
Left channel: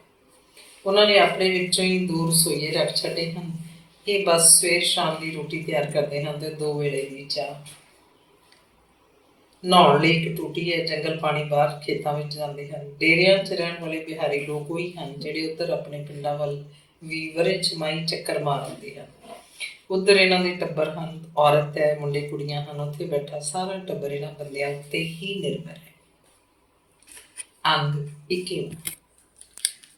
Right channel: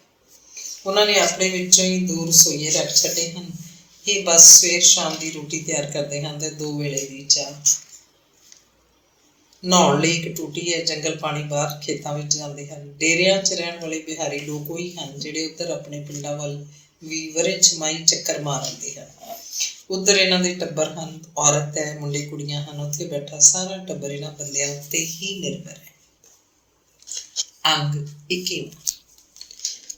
ਉਹਨਾਂ ਨੇ ਆਪਣੇ ਵਿੱਚੋਂ ਹੀ 2 ਰਸੋਈਏ ਰੱਖ ਛੱਡੇ ਹਨ। ਇਹ ਬਸ ਸਵੇਰ ਸ਼ਾਮ ਦੀ ਰੋਟੀ ਤਿਆਰ ਕਰਦੇ ਹਨ ਅਤੇ 2 ਵੇਲੇ ਦੀ ਚਾਹ। ਨਹਾਉਣ ਲਈ ਇੱਕ ਟੂਟੀ ਹੈ। ਜੰਗਲ ਪਾਣੀ ਬਾਹਰ ਖੇਤਾਂ ਵਿੱਚ ਜਾਂਦੇ ਹਨ। ਡੇਰਿਆਂ 'ਚ ਰਹਿਣ ਵਾਲੇ ਬਿਹਾਰੀ ਲੋਕ ਉਹੀ ਹਨ ਜਿਹੜੇ ਉੱਧਰ ਆਪਣੇ ਪਿੰਡਾਂ ਵੱਲ ਵੀ ਵਰੇ ਛਮਾਈ ਚੱਕਰ ਮਾਰ ਆਉਂਦੇ ਹਨ। ਉੱਧਰ ਇਹਨਾਂ ਦੇ ਟੱਬਰ ਹਨ, ਔਰਤ ਹੈ, ਮੁੰਡੇ ਕੁੜੀਆਂ ਹਨ। ਉੱਥੇ ਬੈਠਾ ਸਾਰਾ ਟੱਬਰ ਇਹਨਾਂ ਬੰਦਿਆਂ ਉੱਤੇ ਹੀ ਨਿਰਭਰ ਹੈ। ਅੰਗ 21।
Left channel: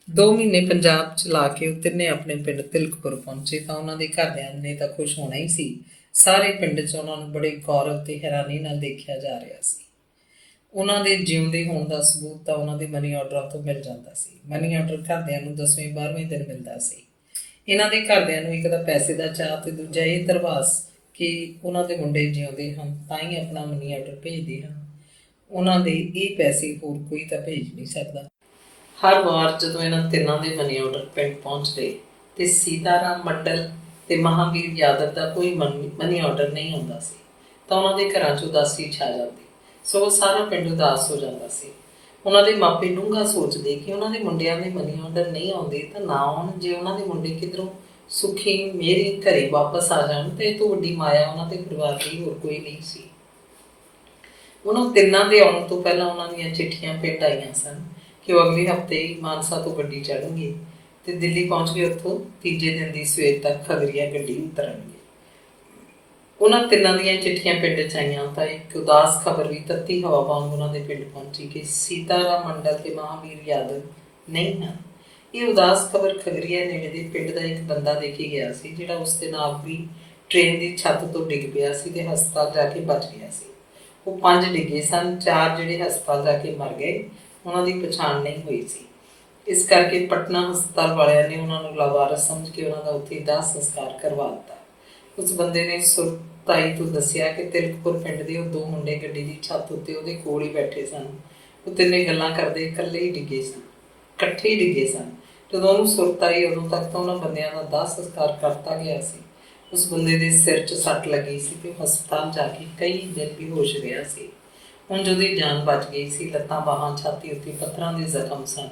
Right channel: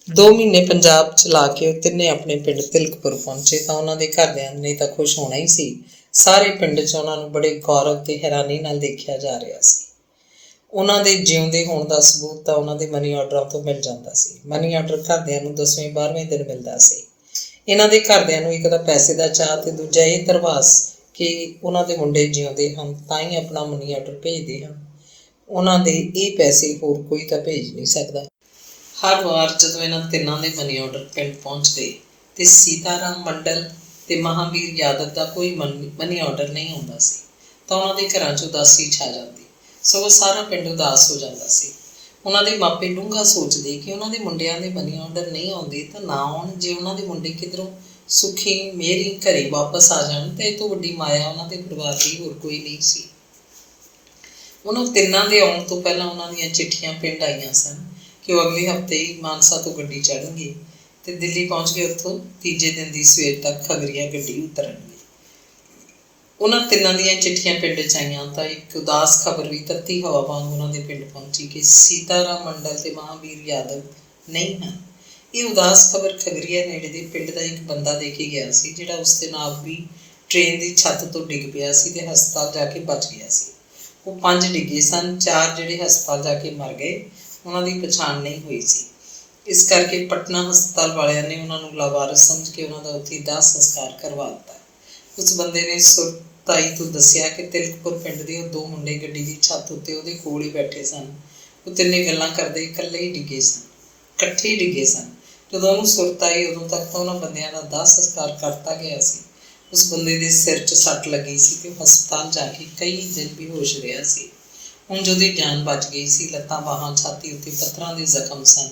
2 ਮਹੀਨੇ ਪੰਜਾਬ ਚਲਾ ਕੇ ਉਹ ਤਿੰਨੇ ਆਪਣੇ ਪਿੰਡ ਤਿਲਕਪੁਰ ਪਹੁੰਚੇ ਤਾਂ ਉਹਨਾਂ ਦੇ ਘਰਦਿਆਂ ਨੇ ਤਾਂ ਖੁਸ਼ ਹੋਣਾ ਹੀ ਸੀ। ਸਾਰੇ ਪਿੰਡ 'ਚ ਉਹਨਾਂ ਨੂੰ ਬੜੇ ਗੌਰਵ ਤੇ ਹੈਰਾਨੀ ਨਾਲ ਦੇਖਿਆ ਜਾ ਰਿਹਾ ਸੀ। ਉਹਨਾਂ ਦੇ ਜਿਉਂਦੇ ਹੋਣ ਦਾ ਸਬੂਤ ਤਾਂ ਉਹਨਾਂ ਦੇ ਮਨੀ ਆਰਡਰਾਂ ਤੋਂ ਮਿਲ ਜਾਂਦਾ ਸੀ। ਮਨੀ ਆਰਡਰ ਘਰਦਿਆਂ ਨੂੰ 10ਵੇਂ 12ਵੇਂ ਦਿਨ ਮਿਲਦਾ ਸੀ। ਇਹਨਾਂ ਦੇ ਘਰਦਿਆਂ ਨੂੰ ਇੱਕ ਤਾਂ ਪੈਸੇ ਦਾ ਚਾਅ ਅਤੇ ਦੂਜਾ ਇਹ ਧਰਵਾਸ ਕਿ ਉਹਨਾਂ ਦੇ ਮੁੰਡੇ ਜਿਉਂਦੇ ਹਨ ਤਾਂ ਹੀ ਆਪਣਾ ਮਨੀ ਆਰਡਰ ਭੇਜਦੇ ਹਨ। ਉਹਨਾਂ ਦੇ ਇਹ ਪੈਸੇ ਹੋਰ ਕੋਈ ਤਾਂ ਭੇਜ ਨਹੀਂ ਸਕਦਾ। ਹਰ ਵਾਰ ਜਦੋਂ ਇਹਨਾਂ ਤਿੰਨਾਂ ਦੇ ਮਨੀ ਆਰਡਰ ਪਿੰਡ ਪਹੁੰਚਦੇ ਅਤੇ ਸੀਤਾਰਾਮ ਮੰਡਲ ਅਤੇ ਮਹਾਂਵੀਰ ਯਾਦਵ ਦਾ ਕੋਈ ਮਨੀ ਆਰਡਰ ਨਹੀਂ ਆਉਂਦਾ ਸੀ ਤਾਂ ਉਹਨਾਂ ਦੇ ਘਰਾਂ 'ਚ ਉਦਾਸੀ ਛਾ ਜਾਂਦੀ। ਸਗੋਂ ਸਾਰਾ ਪਿੰਡ ਉਦਾਸ ਹੋ ਜਾਂਦਾ ਸੀ। ਉਹਨਾਂ ਦੇ ਮਾਪੇ ਡੂੰਘਾ ਸੋਚਦੇ ਕਿ ਉਹਨਾਂ ਦੇ ਮੁੰਡਿਆਂ ਦੇ ਮਨੀ ਆਰਡਰ ਨਹੀਂ ਆਉਂਦੇ ਤਾਂ ਨਾ ਆਉਣ। ਜੇ ਉਹਨਾਂ ਦੇ ਮੁੰਡੇ ਕਿੱਧਰੋਂ ਸੁਖੀ ਮੇਰੀ ਘਰੇ ਵਾਪਸ ਆ ਜਾਣ ਤਾਂ ਇਹ ਤੋਂ ਵੱਡੀ ਮਾਇਆ ਉਹਨਾਂ ਦੇ ਪਰਿਵਾਰ ਦੀ ਹੋਰ ਕੋਈ ਨਹੀਂ ਸੀ। ਉਹਨਾਂ ਤਿੰਨਾਂ ਦੇ ਆਉਣ ਤੋਂ ਪਹਿਲਾਂ ਉਹਨਾਂ ਦੀਆਂ ਚਿੱਠੀਆਂ ਪਿੰਡ ਆਈਆਂ ਸਨ ਕਿ ਉਹ ਅਗਲੇ ਹਫ਼ਤੇ ਹੀ ਮਾਨਸਾ ਤੋਂ ਗੱਡੀ ਚੜ੍ਹਨਗੇ ਅਤੇ ਦਿੱਲੀ ਪਹੁੰਚ ਕੇ ਉੱਥੋਂ ਤੀਜੇ ਦਿਨ ਦੀ ਸਵੇਰ ਤੱਕ ਖਗਰੀਆ ਗੱਡੀ ਉਤਰਨਗੇ। ਉਹਨਾਂ ਤਿੰਨਾਂ ਦੀਆਂ ਚਿੱਠੀਆਂ ਪਿੰਡ 'ਚ ਆਈਆਂ ਤਾਂ ਇੱਕ ਉਦਾਸ ਖਬਰ ਵੀ ਤੱਤੀ ਹਵਾ ਵਾਂਗ ਉਹਨਾਂ ਦੇ ਪਿੰਡ ਪਹੁੰਚੀ ਕਿ ਸੀਤਾਰਾਮ ਮੰਡਲ ਅਤੇ ਮਹਾਂਵੀਰ ਯਾਦਵ ਨਹੀਂ ਹਨ। ਇਹ ਉਦਾਸ ਖਬਰ ਖਗਰੀਆ ਨੇੜੇ ਦੇ ਪਿੰਡ ਦਾ ਇੱਕ ਬੰਦਾ ਦੇ ਕੇ ਗਿਆ ਸੀ ਜਿਹੜਾ ਉਸ ਦੇ ਨਾਲ ਵੀ ਟ੍ਰੇਨ ਦੀ ਛੱਤ ਤੋਂ ਡਿੱਗ ਪਿਆ ਸੀ ਅਤੇ ਹਸਪਤਾਲ ਜਾ ਕੇ ਬਚ ਗਿਆ ਸੀ। ਉਹ 5 ਡਿੱਗੇ ਸਨ, 4 ਜਿਹੜੇ ਹਸਪਤਾਲ ਜਾ ਕੇ ਮਰ ਗਏ ਉਹਨਾਂ ਦੀ ਪਛਾਣ ਨਹੀਂ ਹੋਈ ਸੀ। ਇਸ ਕਰਕੇ ਪਟਨਾ ਹਸਪਤਾਲ ਵਾਲਿਆਂ ਨੇ ਉਹਨਾਂ ਨੂੰ ਲਾਵਾਰਸ ਸਮਝ ਕੇ ਉਹਨਾਂ ਦਾ ਉੱਥੇ ਦਾਹ ਸੰਸਕਾਰ ਕਰਵਾ ਦਿੱਤਾ। ਉਸ ਬੰਦੇ ਨੇ ਸੁਰਤਾਈ ਤੋਂ ਦੱਸਿਆ ਕਿ ਤਿਲਕਪੁਰ ਪਿੰਡ ਦੇ ਉਹ 2 ਮੁੰਡੇ ਗੱਡੀ ਦੀ ਛੱਤ ਉੱਤੇ ਉਹਦੇ ਕੋਲ ਹੀ ਬੈਠੇ ਸਨ। ਉਹ ਤਿੰਨੇ ਗੱਲਾਂ ਕਰਦੇ ਇਕੱਲੇ ਹੀ ਡਿੱਗੇ ਸਨ, ਇਕੱਠੇ ਹੀ ਡਿੱਗੇ ਸਨ। ਜਦੋਂ ਉਹਨੂੰ ਸੁਰਤ ਆਈ ਉਦੋਂ ਤੱਕ ਤਾਂ ਉਹਨਾਂ ਬੰਦਿਆਂ ਦਾ ਦਾਹ ਸੰਸਕਾਰ ਕਰਤਾ ਗਿਆ ਸੀ। ਉਸ ਬੰਦੇ ਦੇ ਸਿਰ 'ਚ ਸੱਟ ਲੱਗੀ ਸੀ ਅਤੇ ਉਹ ਹਸਪਤਾਲ ਜਾ ਕੇ ਕਈ ਦਿਨ ਬੇਹੋਸ਼ ਰਿਹਾ ਸੀ। ਹੁਣ ਉਹਦੀ ਜਾਨ ਬਚ ਗਈ ਸੀ। ਲੱਤਾਂ, ਬਾਹਾਂ, ਛਾਤੀ ਉੱਤੇ ਪੱਥਰਾਂ ਦੇ ਜ਼ਖਮ ਸਨ।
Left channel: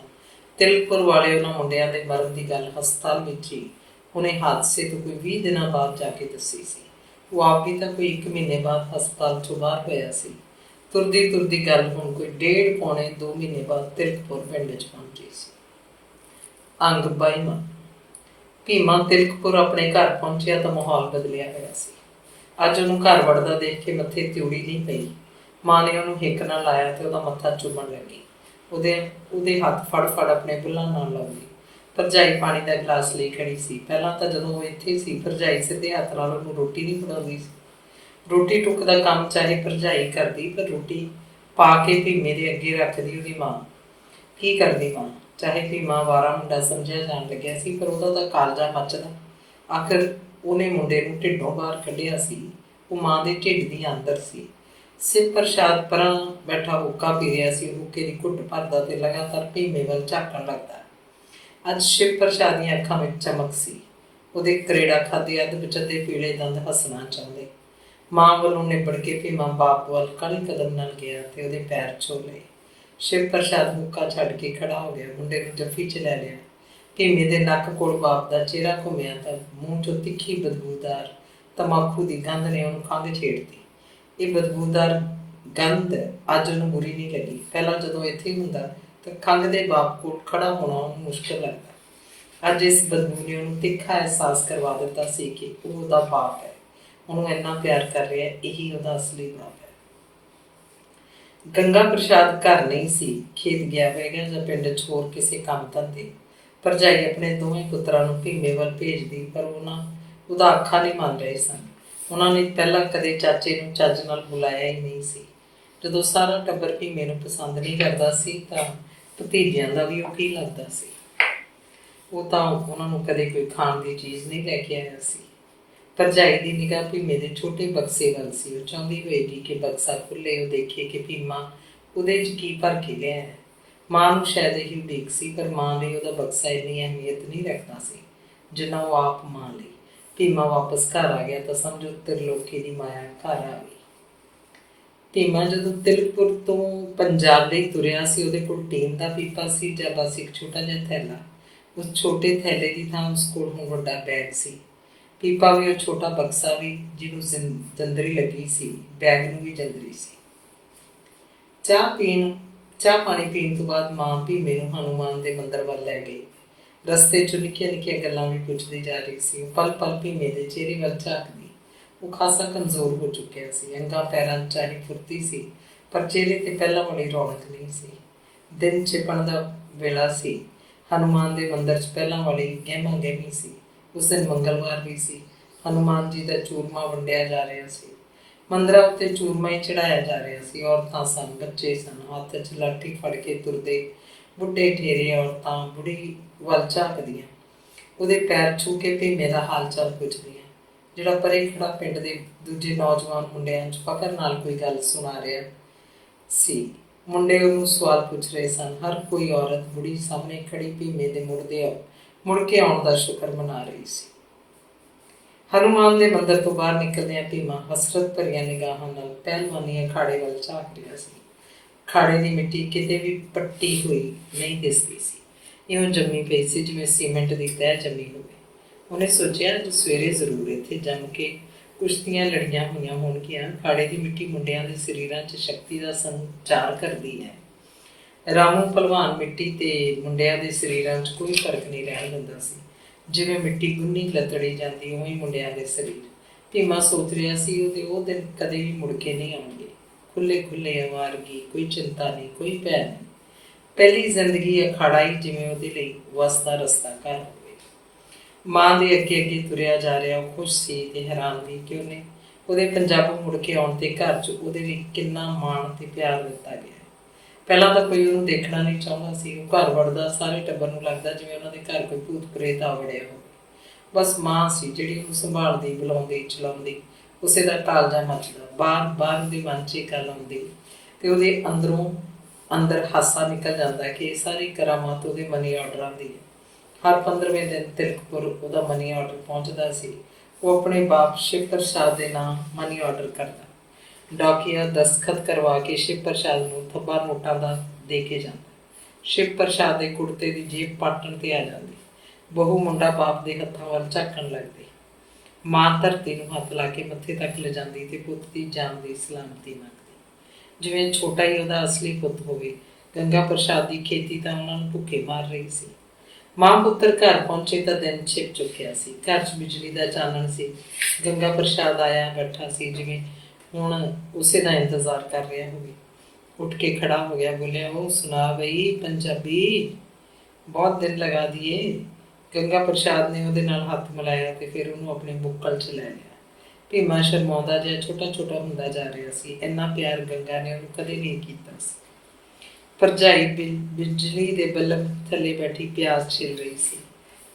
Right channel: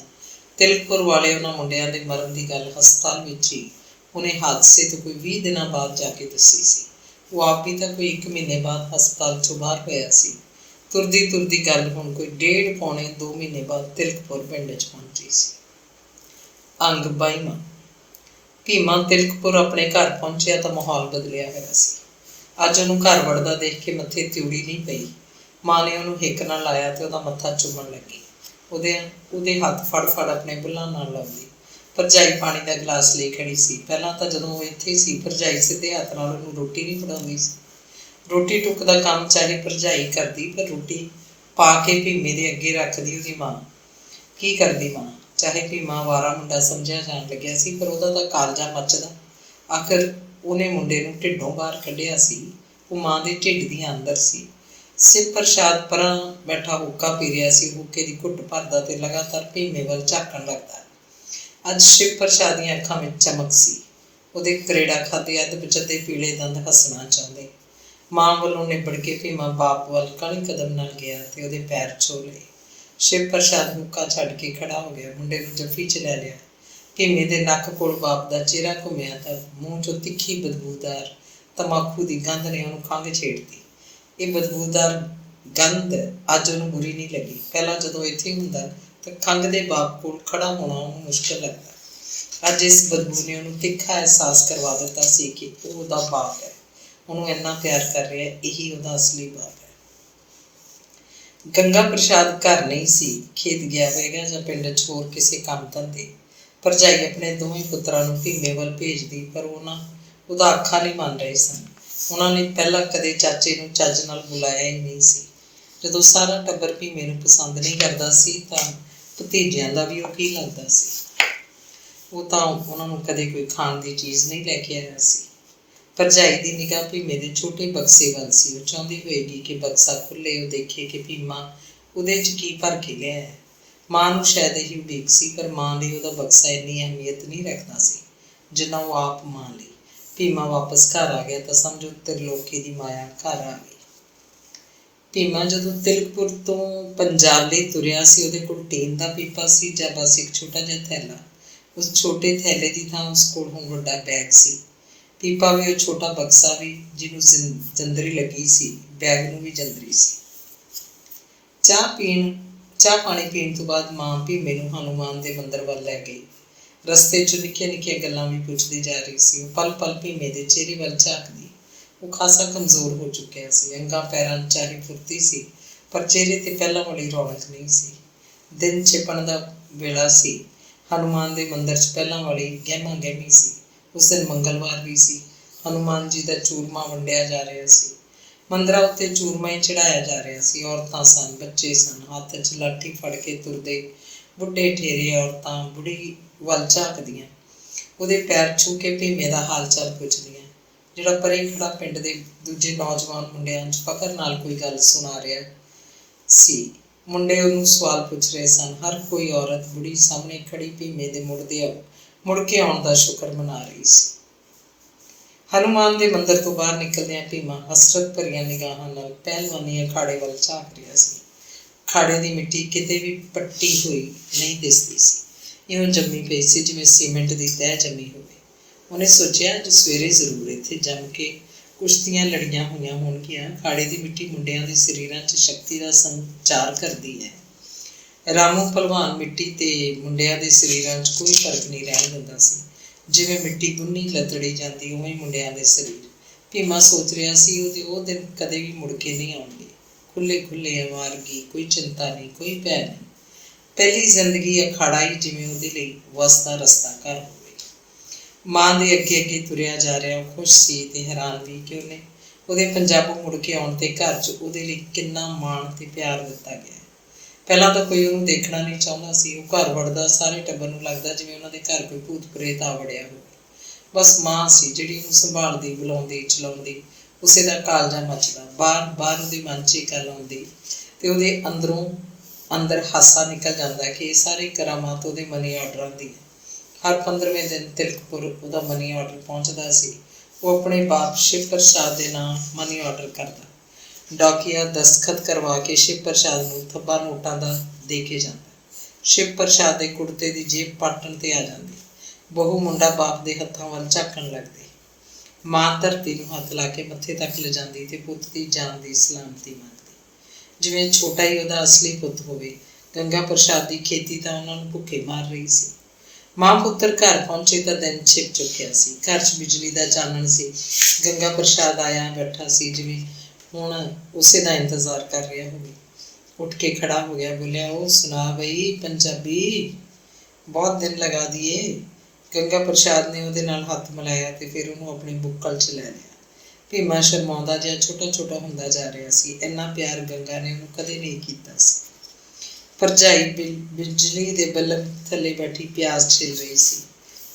ਤਿਲਕਪੁਰ ਵਾਲੇ ਉਹਨਾਂ ਮੁੰਡਿਆਂ ਦੇ ਮਰਨ ਦੀ ਗੱਲ ਹਸਪਤਾਲ ਵਿੱਚ ਹੀ ਉਹਨੇ ਹਾਦਸੇ ਤੋਂ ਕੋਈ 20 ਦਿਨਾਂ ਬਾਅਦ ਜਾ ਕੇ ਦੱਸੀ ਸੀ। ਉਹ ਆਪ ਵੀ ਤਾਂ ਕੋਈ 1 ਮਹੀਨੇ ਬਾਅਦ ਹਸਪਤਾਲ 'ਚੋਂ ਬਾਹਰ ਹੋਇਆ ਸੀ। ਤੁਰਦੀ ਤੁਰਦੀ ਗੱਲ ਹੁਣ ਕੋਈ 1.5 ਪੌਣੇ 2 ਮਹੀਨੇ ਬਾਅਦ ਤਿਲਕਪੁਰ ਪਿੰਡ 'ਚ ਪਹੁੰਚੀ ਸੀ। ਅੰਗ 22। ਭੀਮਾ ਤਿਲਕਪੁਰ ਆਪਣੇ ਘਰ ਪਹੁੰਚਿਆ ਤਾਂ ਮਾਹੌਲ ਬਦਲਿਆ ਹੋਇਆ ਸੀ। ਅੱਜ ਉਹਨੂੰ ਘਰ ਵੜਦਾ ਦੇਖ ਕੇ ਮੱਥੇ ਤਿਉੜੀ ਨਹੀਂ ਪਈ। ਮਾਂ ਨੇ ਉਹਨੂੰ ਹਿੱਕ ਨਾਲ ਲਾਇਆ ਅਤੇ ਉਹਦਾ ਮੱਥਾ ਚੁੰਮਣ ਲੱਗੀ। ਉਹਦੇ ਹੱਥ ਫੜ ਫੜ ਆਪਣੇ ਬੁੱਲ੍ਹਾਂ ਨਾਲ ਲਾਉਂਦੀ। ਭਰਜਾਈ ਪਾਣੀ ਦਾ ਗਲਾਸ ਲਈ ਖੜੀ ਸੀ। ਪਹਿਲਾਂ ਤਾਂ ਜਦੋਂ ਉਹ ਇੱਥੇ ਸੀ ਭਰਜਾਈ ਸਿੱਧੇ ਹੱਥ ਨਾਲ ਉਹਨੂੰ ਰੋਟੀ ਨਹੀਂ ਫੜਾਉਂਦੀ ਸੀ। ਰੋਟੀ ਟੁੱਕ ਦਾ ਕੰਮ ਚਾਹੇ ਭਰਜਾਈ ਕਰਦੀ ਪਰ ਰੋਟੀ ਪਾ ਕੇ ਭੀਮੇ ਦੇ ਅੱਗੇ ਰੱਖਦੀ ਉਹਦੀ ਮਾਂ। ਕੀ ਕਰਦੀ ਮਾਂ? ਚਾਹੇ ਭੀਮਾ ਅਵਾਰਾ ਮੁੰਡਾ ਸਮਝਿਆ ਜਾਣ ਲੱਗਿਆ ਸੀ ਪਰ ਉਹਦਾ ਤਾਂ ਕਾਲਜਾ ਮੱਚਦਾ। ਆਖਰ ਉਹਨੇ ਮੁੰਡੇ ਨੂੰ ਢਿੱਡੋਂ ਬਾਹਰ ਕੱਢਿਆ ਸੀ। ਉਹ ਮਾਂ ਦੇ ਢਿੱਡ ਦੀਆਂ ਅੰਦਰ ਸੀ। ਸਿਵ ਪ੍ਰਸ਼ਾਦ ਪਰਾਂ ਬੈਠਾ ਹੁੱਕਾ ਪੀ ਰਿਹਾ ਸੀ। ਹੁੱਕੇ ਦੀ ਘੁੱਟ ਭਰਦਾ ਅਤੇ ਲਗਾਤਾਰ ਭੀਮੇ ਵੱਲ ਝਾਕਣ ਲੱਗਦਾ। ਅੱਜ ਸ਼ਿਵ ਪ੍ਰਸ਼ਾਦ ਦੀਆਂ ਅੱਖਾਂ ਵਿੱਚ ਚਮਕ ਸੀ। ਉਹਦੇ ਕਰੇੜਾ ਖਾਧੇ ਅੱਧ ਬਚਦੇ ਪੀਲੇ ਦੰਦ ਹੱਸਣਾ ਚਾਹੁੰਦੇ। ਮਾਂ ਵੱਲੋਂ ਨਿਬੜ ਕੇ ਭੀਮਾ ਬਾਪ ਵੱਲ ਕਾਹਲੀ ਕਦਮ ਨਾਲ ਗਿਆ ਅਤੇ ਉਹਦੇ ਪੈਰ ਛੋਹ ਲਏ। ਸ਼ਿਵ ਪ੍ਰਸ਼ਾਦ ਹੁੱਕਾ ਛੱਡ ਕੇ ਖੜਾ ਹੋ ਗਿਆ, ਮੁੰਡੇ ਨੂੰ ਜੱਫੀ 'ਚ ਲੈ ਲਿਆ। ਭੀਮੇ ਦੇ ਨੱਕ ਕੋਲ ਬਾਪ ਦਾ ਚਿਹਰਾ ਘੁੰਮਿਆ ਤਾਂ ਮੂੰਹ 'ਚੋਂ ਤਿੱਖੀ ਬਦਬੂਦਾਰ ਤੰਬਾਕੂ ਦੀ ਗੰਧ ਨੇ ਉਹਨੂੰ ਖੰਘ ਛੇੜਤੀ। ਇਹ ਬਦਬੂਦਾਰ ਗੰਧ ਅੱਜ ਉਹਨੂੰ ਬੁਰੀ ਨਹੀਂ ਲੱਗੀ। ਪਹਿਲਾਂ ਜਦੋਂ ਇੱਥੇ ਹੁੰਦਾ ਤਾਂ ਖੰਘ ਦੇ ਬਾਪ ਕੋਲ ਖੜਾ ਹੋਣਾ ਉਹਨੂੰ ਮੁਸ਼ਕਿਲ ਲੱਗਦਾ। ਅੱਜ ਇਸ ਬਦਬੂ ਨੇ ਉਹਨੂੰ ਤਿੱਖਾ ਅਹਿਸਾਸ ਕਰਵਾ ਦਿੱਤਾ ਸੀ ਕਿ ਉਹ ਉਹਦਾ ਬਾਪ ਹੈ, ਉਹਨੂੰ ਇੰਨਾ ਪਿਆਰ ਕਰ ਰਿਹਾ, ਇਹੀ ਉਹਦਾ ਅਸਲੀ ਬਾਪ ਹੈ। ਗੰਗਾ ਪ੍ਰਸ਼ਾਦ ਘਰ ਨਹੀਂ ਸੀ, ਖੇਤ ਗਿਆ ਹੋਵੇਗਾ ਜਾਂ ਪਿੰਡ 'ਚ ਹੋਰ ਕਿਸੇ ਕੰਮ ਧੰਦੇ। ਭਰਜਾਈ ਆਪਣੇ ਦੋਵੇਂ ਪੁੱਤਰਾਂ ਨੂੰ ਭੀਮੇ ਵੱਲ ਭੇਜਦੀ ਪਰ ਉਹਨਾਂ ਉਹਦਾ ਅੱਖਾਂ ਨਹੀਂ ਮੰਨ ਰਹੇ ਸਨ। ਉਹਨਾਂ ਨੇ ਪਹਿਲਾਂ ਕਦੇ ਚਾਚੇ ਨੂੰ ਚੱਜ ਨਾਲ ਬੁਲਾਇਆ ਹੀ ਨਹੀਂ ਸੀ। ਜਦੋਂ ਸਾਰਾ ਟੱਬਰ ਭੀਮੇ ਨੂੰ ਪਸੰਦ ਨਹੀਂ ਕਰਦਾ ਸੀ ਤਾਂ ਭਤੀਜਿਆਂ ਦਾ ਵੀ ਉਹ ਕੀ ਲੱਗਦਾ ਸੀ। ਉਹ ਤਾਂ ਉਹਨਾਂ ਨੂੰ ਕਦੇ ਕੋਈ ਖਾਣ ਦੀ ਚੀਜ਼ ਨਹੀਂ ਲੈ ਕੇ ਆਇਆ ਸੀ। ਭਰਜਾਈ ਦੀ ਨਿਗਾਹ ਭੀਮੇ ਦੇ ਛੋਟੇ ਬਕਸੇ ਵੱਲ ਸੀ। ਉਹ ਚਾਹੁੰਦੀ ਹੋਏਗੀ ਕਿ ਬਕਸਾ ਖੁੱਲ੍ਹੇ, ਉਹ ਦੇਖੇ ਕਿ ਭੀਮਾ ਉਹਦੇ 'ਚ ਕੀ ਭਰ ਕੇ ਲਿਆ ਹੈ। ਮਾਂ ਨੂੰ ਸ਼ਾਇਦ ਇਹੀ ਉਡੀਕ ਸੀ, ਪਰ ਮਾਂ ਲਈ ਉਹਦਾ ਬਕਸਾ ਇੰਨੀ ਅਹਿਮੀਅਤ ਨਹੀਂ ਰੱਖਦਾ ਸੀ ਜਿੰਨਾ ਉਹ ਆਪ ਮਾਂ ਲਈ। ਭੀਮਾ ਵਾਪਸ ਘਰ ਆ ਗਿਆ ਤਾਂ ਸਮਝੋ ਤਿਰਲੋਕੀ ਦੀ ਮਾਇਆ ਘਰ ਆ ਗਈ। ਭੀਮਾ ਜਦੋਂ ਤਿਲਕਪੁਰ ਤੋਂ ਪੰਜਾਬ ਲਈ ਤੁਰਿਆ ਸੀ, ਉਹਦੇ ਕੋਲ ਟੀਨ ਦਾ ਪੀਪਾ ਸੀ ਜਾਂ ਬਸ ਇੱਕ ਛੋਟਾ ਜਿਹਾ ਥੈਲਾ। ਉਸ ਛੋਟੇ ਥੈਲੇ ਦੀ ਥਾਂ ਉਸ ਕੋਲ ਹੁਣ ਵੱਡਾ ਬੈਗ ਸੀ। ਪੀਪਾ ਵੀ ਉਹ ਛੋਟਾ ਬਕਸਾ ਵੀ ਜਿਹਨੂੰ ਜੰਦਰੀ ਲੱਗੀ ਸੀ, ਬੈਗ ਨੂੰ ਵੀ ਜੰਦਰੀ ਸੀ। ਚਾਹ ਪਾਣੀ ਪੀਣ ਤੋਂ ਬਾਅਦ ਮਾਂ ਭੀਮੇ ਨੂੰ ਹਨੂੰਮਾਨ ਦੇ ਮੰਦਰ ਵੱਲ ਲੈ ਗਈ। ਰਸਤੇ 'ਚ ਨਿੱਕੀਆਂ ਨਿੱਕੀਆਂ ਗੱਲਾਂ ਵੀ ਪੁੱਛਦੀ ਜਾ ਰਹੀ ਸੀ। ਉਹ ਪਲ ਪਲ ਭੀਮੇ ਦੇ ਚਿਹਰੇ ਵੱਲ ਝਾਕਦੀ। ਉਹ ਖਾਸਾ ਕਮਜ਼ੋਰ ਹੋ ਚੁੱਕਿਆ ਸੀ। ਅੰਗਾਂ ਪੈਰਾਂ 'ਚ ਚਾਹੀ ਫੁਰਤੀ ਸੀ, ਪਰ ਚਿਹਰੇ 'ਤੇ ਪਹਿਲਾਂ ਵਾਲੀ ਰੌਣਕ ਨਹੀਂ ਸੀ। ਦਿਨ ਛਿਪਣ ਦਾ ਵੇਲਾ ਸੀ। ਹਨੂੰਮਾਨ ਦੇ ਮੰਦਰ 'ਚ ਪਹਿਲਾਂ ਵਾਲੀ ਗਹਿਮਾ ਗਹਿਮੀ ਸੀ। ਉਸ ਦਿਨ ਮੰਗਲਵਾਰ ਵੀ ਸੀ। ਹਨੂੰਮਾਨ ਜੀ ਦਾ ਚੂਰਮਾ ਵੰਡਿਆ ਜਾ ਰਿਹਾ ਸੀ। ਮੰਦਰਾਂ ਉੱਤੇ ਚੂਰਮਾ ਹੀ ਚੜ੍ਹਾਇਆ ਜਾ ਰਿਹਾ ਸੀ। ਔਰਤਾਂ ਸਨ, ਬੱਚੇ ਸਨ, ਹੱਥ 'ਚ ਲਾਠੀ ਫੜ ਕੇ ਤੁਰਦੇ ਬੁੱਢੇ ਠੇਰੇ ਔਰਤਾਂ ਬੁੜੀ ਵੱਲ ਝਾਕਦੀਆਂ, ਉਹਦੇ ਪੈਰ ਛੂਹ ਕੇ ਭੀਮੇ ਦਾ ਹਾਲ ਚਾਲ ਪੁੱਛਦੀਆਂ। ਜਿਹੜਾ ਪਰੇ ਖੜਾ ਪਿੰਡ ਦੇ ਦੂਜੇ ਨੌਜਵਾਨ ਮੁੰਡਿਆਂ 'ਚ ਫਕਰ ਨਾਲ ਕੋਈ ਗੱਲ ਸੁਣਾ ਰਿਹਾ ਸੀ। ਮੁੰਡੇ ਉਹਨੂੰ ਸਵਾਲ ਪੁੱਛ ਰਹੇ ਸਨ। ਹਰ ਕੋਈ ਔਰਤ ਬੁੜੀ ਸਾਹਮਣੇ ਖੜੀ ਭੀਮੇ ਦੇ ਮੁੜ ਕੇ ਆਉਣ ਦਾ ਸ਼ੁਕਰ ਮਨਾ ਰਹੀ ਸੀ। ਹਨੂੰਮਾਨ ਦੇ ਮੰਦਰ ਤੋਂ ਬਾਹਰ ਨਿਕਲਦਿਆਂ ਭੀਮਾ ਹਸਰਤ ਭਰੀਆਂ ਨਿਗਾਹਾਂ ਨਾਲ ਪਹਿਲਵਾਨੀ ਅਖਾੜੇ ਵੱਲ ਝਾਕ ਰਿਹਾ ਸੀ। ਅਖਾੜੇ ਦੀ ਮਿੱਟੀ ਕਿਤੇ ਵੀ ਪੱਟੀ ਹੋਈ ਨਹੀਂ ਦਿਸਦੀ ਸੀ। ਇਉਂ ਜੰਮੀ ਪਈ ਸੀ ਜਿਵੇਂ ਸੀਮੈਂਟ ਦੀ ਤਹਿ ਜੰਮੀ ਹੋਵੇ। ਉਹਨੇ ਸੋਚਿਆ ਅੱਜ ਸਵੇਰੇ ਜ਼ਰੂਰ ਇੱਥੇ ਜੰਮ ਕੇ ਕੁਸ਼ਤੀਆਂ ਲੜੀਆਂ ਹੋਈਆਂ ਹੋਣਗੀਆਂ। ਅਖਾੜੇ ਦੀ ਮਿੱਟੀ ਮੁੰਡਿਆਂ ਦੇ ਸਰੀਰਾਂ 'ਚ ਸ਼ਕਤੀ ਦਾ ਸੰਚਾਰ ਕਰਦੀ ਹੈ। ਰਾਮੂ ਭਲਵਾਨ ਮਿੱਟੀ ਤੇ ਮੁੰਡਿਆਂ ਦੇ ਸਰੀਰਾਂ 'ਚ ਕੋਈ ਫਰਕ ਨਹੀਂ ਰਹਿਣ ਦਿੰਦਾ ਸੀ। ਜਿਵੇਂ ਮਿੱਟੀ ਗੁੰਨੀ ਲੱਤੜੀ ਜਾਂਦੀ, ਉਵੇਂ ਮੁੰਡਿਆਂ ਦੇ ਸਰੀਰ। ਭੀਮਾ ਸੋਚ ਰਿਹਾ ਸੀ ਉਹਦੇ ਉਹ ਦਿਨ ਕਦੇ ਵੀ ਮੁੜ ਕੇ ਨਹੀਂ ਆਉਣਗੇ। ਖੁੱਲ੍ਹੇ ਖੁੱਲ੍ਹੇ, ਅਵਾਰਗੀ, ਕੋਈ ਚਿੰਤਾ ਨਹੀਂ, ਕੋਈ ਭੈ ਨਹੀਂ। ਪਹਿਲੀ ਜ਼ਿੰਦਗੀ ਅਖਾੜਾ ਹੀ ਜਿਵੇਂ ਉਹਦੇ ਲਈ ਵਸਦਾ ਰਸਤਾ ਘਰ ਹੋਵੇ। ਮਾਂ ਦੇ ਅੱਗੇ ਅੱਗੇ ਤੁਰਿਆ ਜਾ ਰਿਹਾ। ਉਹ ਖੁਸ਼ ਸੀ ਤੇ ਹੈਰਾਨ ਵੀ ਕਿ ਉਹਦੇ ਪੰਜਾਬੋਂ ਮੁੜ ਕੇ ਆਉਣ 'ਤੇ ਘਰ 'ਚ ਉਹਦੇ ਲਈ ਕਿੰਨਾ ਮਾਣ ਤੇ ਪਿਆਰ ਦਿੱਤਾ ਗਿਆ। ਪਹਿਲਾਂ ਤਾਂ ਕੋਈ ਉਹਨੂੰ ਦੇਖਣਾ ਨਹੀਂ ਚਾਹੁੰਦਾ ਸੀ। ਉਹ ਘਰ ਵੜਦਾ ਸਾਰੇ ਟੱਬਰ ਨੂੰ ਲੱਗਦਾ ਜਿਵੇਂ ਉਹਨਾਂ ਦੇ ਘਰ ਕੋਈ ਭੂਤ ਪ੍ਰੇਤ ਆ ਵੜਿਆ ਹੋਵੇ। ਬਸ ਮਾਂ ਸੀ ਜਿਹੜੀ ਉਹਨੂੰ ਸੰਭਾਲਦੀ, ਬੁਲਾਉਂਦੀ, ਚਲਾਉਂਦੀ। ਉਸੇ ਦਾ ਕਾਲਜਾ ਮੱਚਦਾ। ਬਾਰ ਉਹਦੇ ਮਨ 'ਚ ਇਹ ਗੱਲ ਆਉਂਦੀ ਤੇ ਉਹਦੇ ਅੰਦਰ ਹਾਸਾ ਨਿਕਲ ਜਾਂਦਾ ਕਿ ਇਹ ਸਾਰੀ ਕਰਾਮਾਤ ਉਹਦੇ ਮਨੀ ਆਰਡਰਾਂ ਦੀ ਹੈ। ਹਰ 15ਵੇਂ ਦਿਨ ਤਿਲਕਪੁਰ ਉਹਦਾ ਮਨੀ ਆਰਡਰ ਪਹੁੰਚਦਾ ਸੀ। ਉਹ ਆਪਣੇ ਬਾਪ ਸ਼ਿਵ ਪ੍ਰਸਾਦ ਦੇ ਨਾਂ ਮਨੀ ਆਰਡਰ ਕਰਦਾ। ਡਾਕੀਆ ਦਸਤਖਤ ਕਰਵਾ ਕੇ ਸ਼ਿਵ ਪ੍ਰਸਾਦ ਨੂੰ ਥੱਬਾ ਨੋਟਾਂ ਦਾ ਦੇ ਕੇ ਜਾਂਦਾ। ਸ਼ਿਵ ਪ੍ਰਸਾਦ ਦੇ ਕੁੜਤੇ ਦੀ ਜੇਬ ਪਾਟਣ 'ਤੇ ਆ ਜਾਂਦੀ। ਬਹੂ ਮੁੰਡਾ ਬਾਪ ਦੇ ਹੱਥਾਂ ਵੱਲ ਝਾਕਣ ਲੱਗਦੇ। ਮਾਂ ਧਰਤੀ ਨੂੰ ਹੱਥ ਲਾ ਕੇ ਮੱਥੇ ਤੱਕ ਲਿਜਾਂਦੀ ਤੇ ਪੁੱਤ ਦੀ ਜਾਨ ਦੀ ਸਲਾਮਤੀ ਮੰਗਦੀ, ਜਿਵੇਂ ਛੋਟਾ ਹੀ ਉਹਦਾ ਅਸਲੀ ਪੁੱਤ ਹੋਵੇ। ਗੰਗਾ ਪ੍ਰਸਾਦ ਦੀ ਖੇਤੀ ਤਾਂ ਉਹਨਾਂ ਨੂੰ ਭੁੱਖੇ ਮਾਰ ਰਹੀ ਸੀ। ਮਾਂ ਪੁੱਤਰ ਘਰ ਪਹੁੰਚੇ ਤਾਂ ਦਿਨ ਛਿਪ ਚੁੱਕਿਆ ਸੀ। ਘਰ 'ਚ ਬਿਜਲੀ ਦਾ ਚਾਨਣ ਸੀ। ਗੰਗਾ ਪ੍ਰਸਾਦ ਆਇਆ ਬੈਠਾ ਸੀ, ਜਿਵੇਂ ਹੁਣ ਉਸੇ ਦਾ ਇੰਤਜ਼ਾਰ ਕਰ ਰਿਹਾ ਹੋਵੇ। ਉੱਠ ਕੇ ਖੜਾ ਹੋ ਗਿਆ, ਬੋਲਿਆ, ਉਹ ਸੁਣਾ ਬਈ ਪੰਜਾਬੀ, ਬਹੁਤ ਦਿਨ ਲਗਾ ਦੀਏ। ਗੰਗਾ ਪ੍ਰਸਾਦ ਨੇ ਉਹਦੇ ਨਾਲ ਹੱਥ ਮਿਲਾਇਆ ਤੇ ਫਿਰ ਉਹਨੂੰ ਆਪਣੇ ਬੁੱਕਲ 'ਚ ਲੈ ਲਿਆ। ਭੀਮਾ ਸ਼ਰਮਾਉਂਦਾ ਜਿਹਾ ਛੋਟਾ ਛੋਟਾ ਹੁੰਦਾ ਜਾ ਰਿਹਾ ਸੀ। ਇੰਨਾ ਪਿਆਰ ਗੰਗਾ ਨੇ ਉਹਨੂੰ ਕਦੇ ਨਹੀਂ ਕੀਤਾ ਸੀ। ਭਰਜਾਈ ਬਿਜਲੀ ਦੇ ਬੱਲਬ ਥੱਲੇ ਬੈਠੀ ਪਿਆਜ਼ ਛਿੱਲ ਰਹੀ ਸੀ।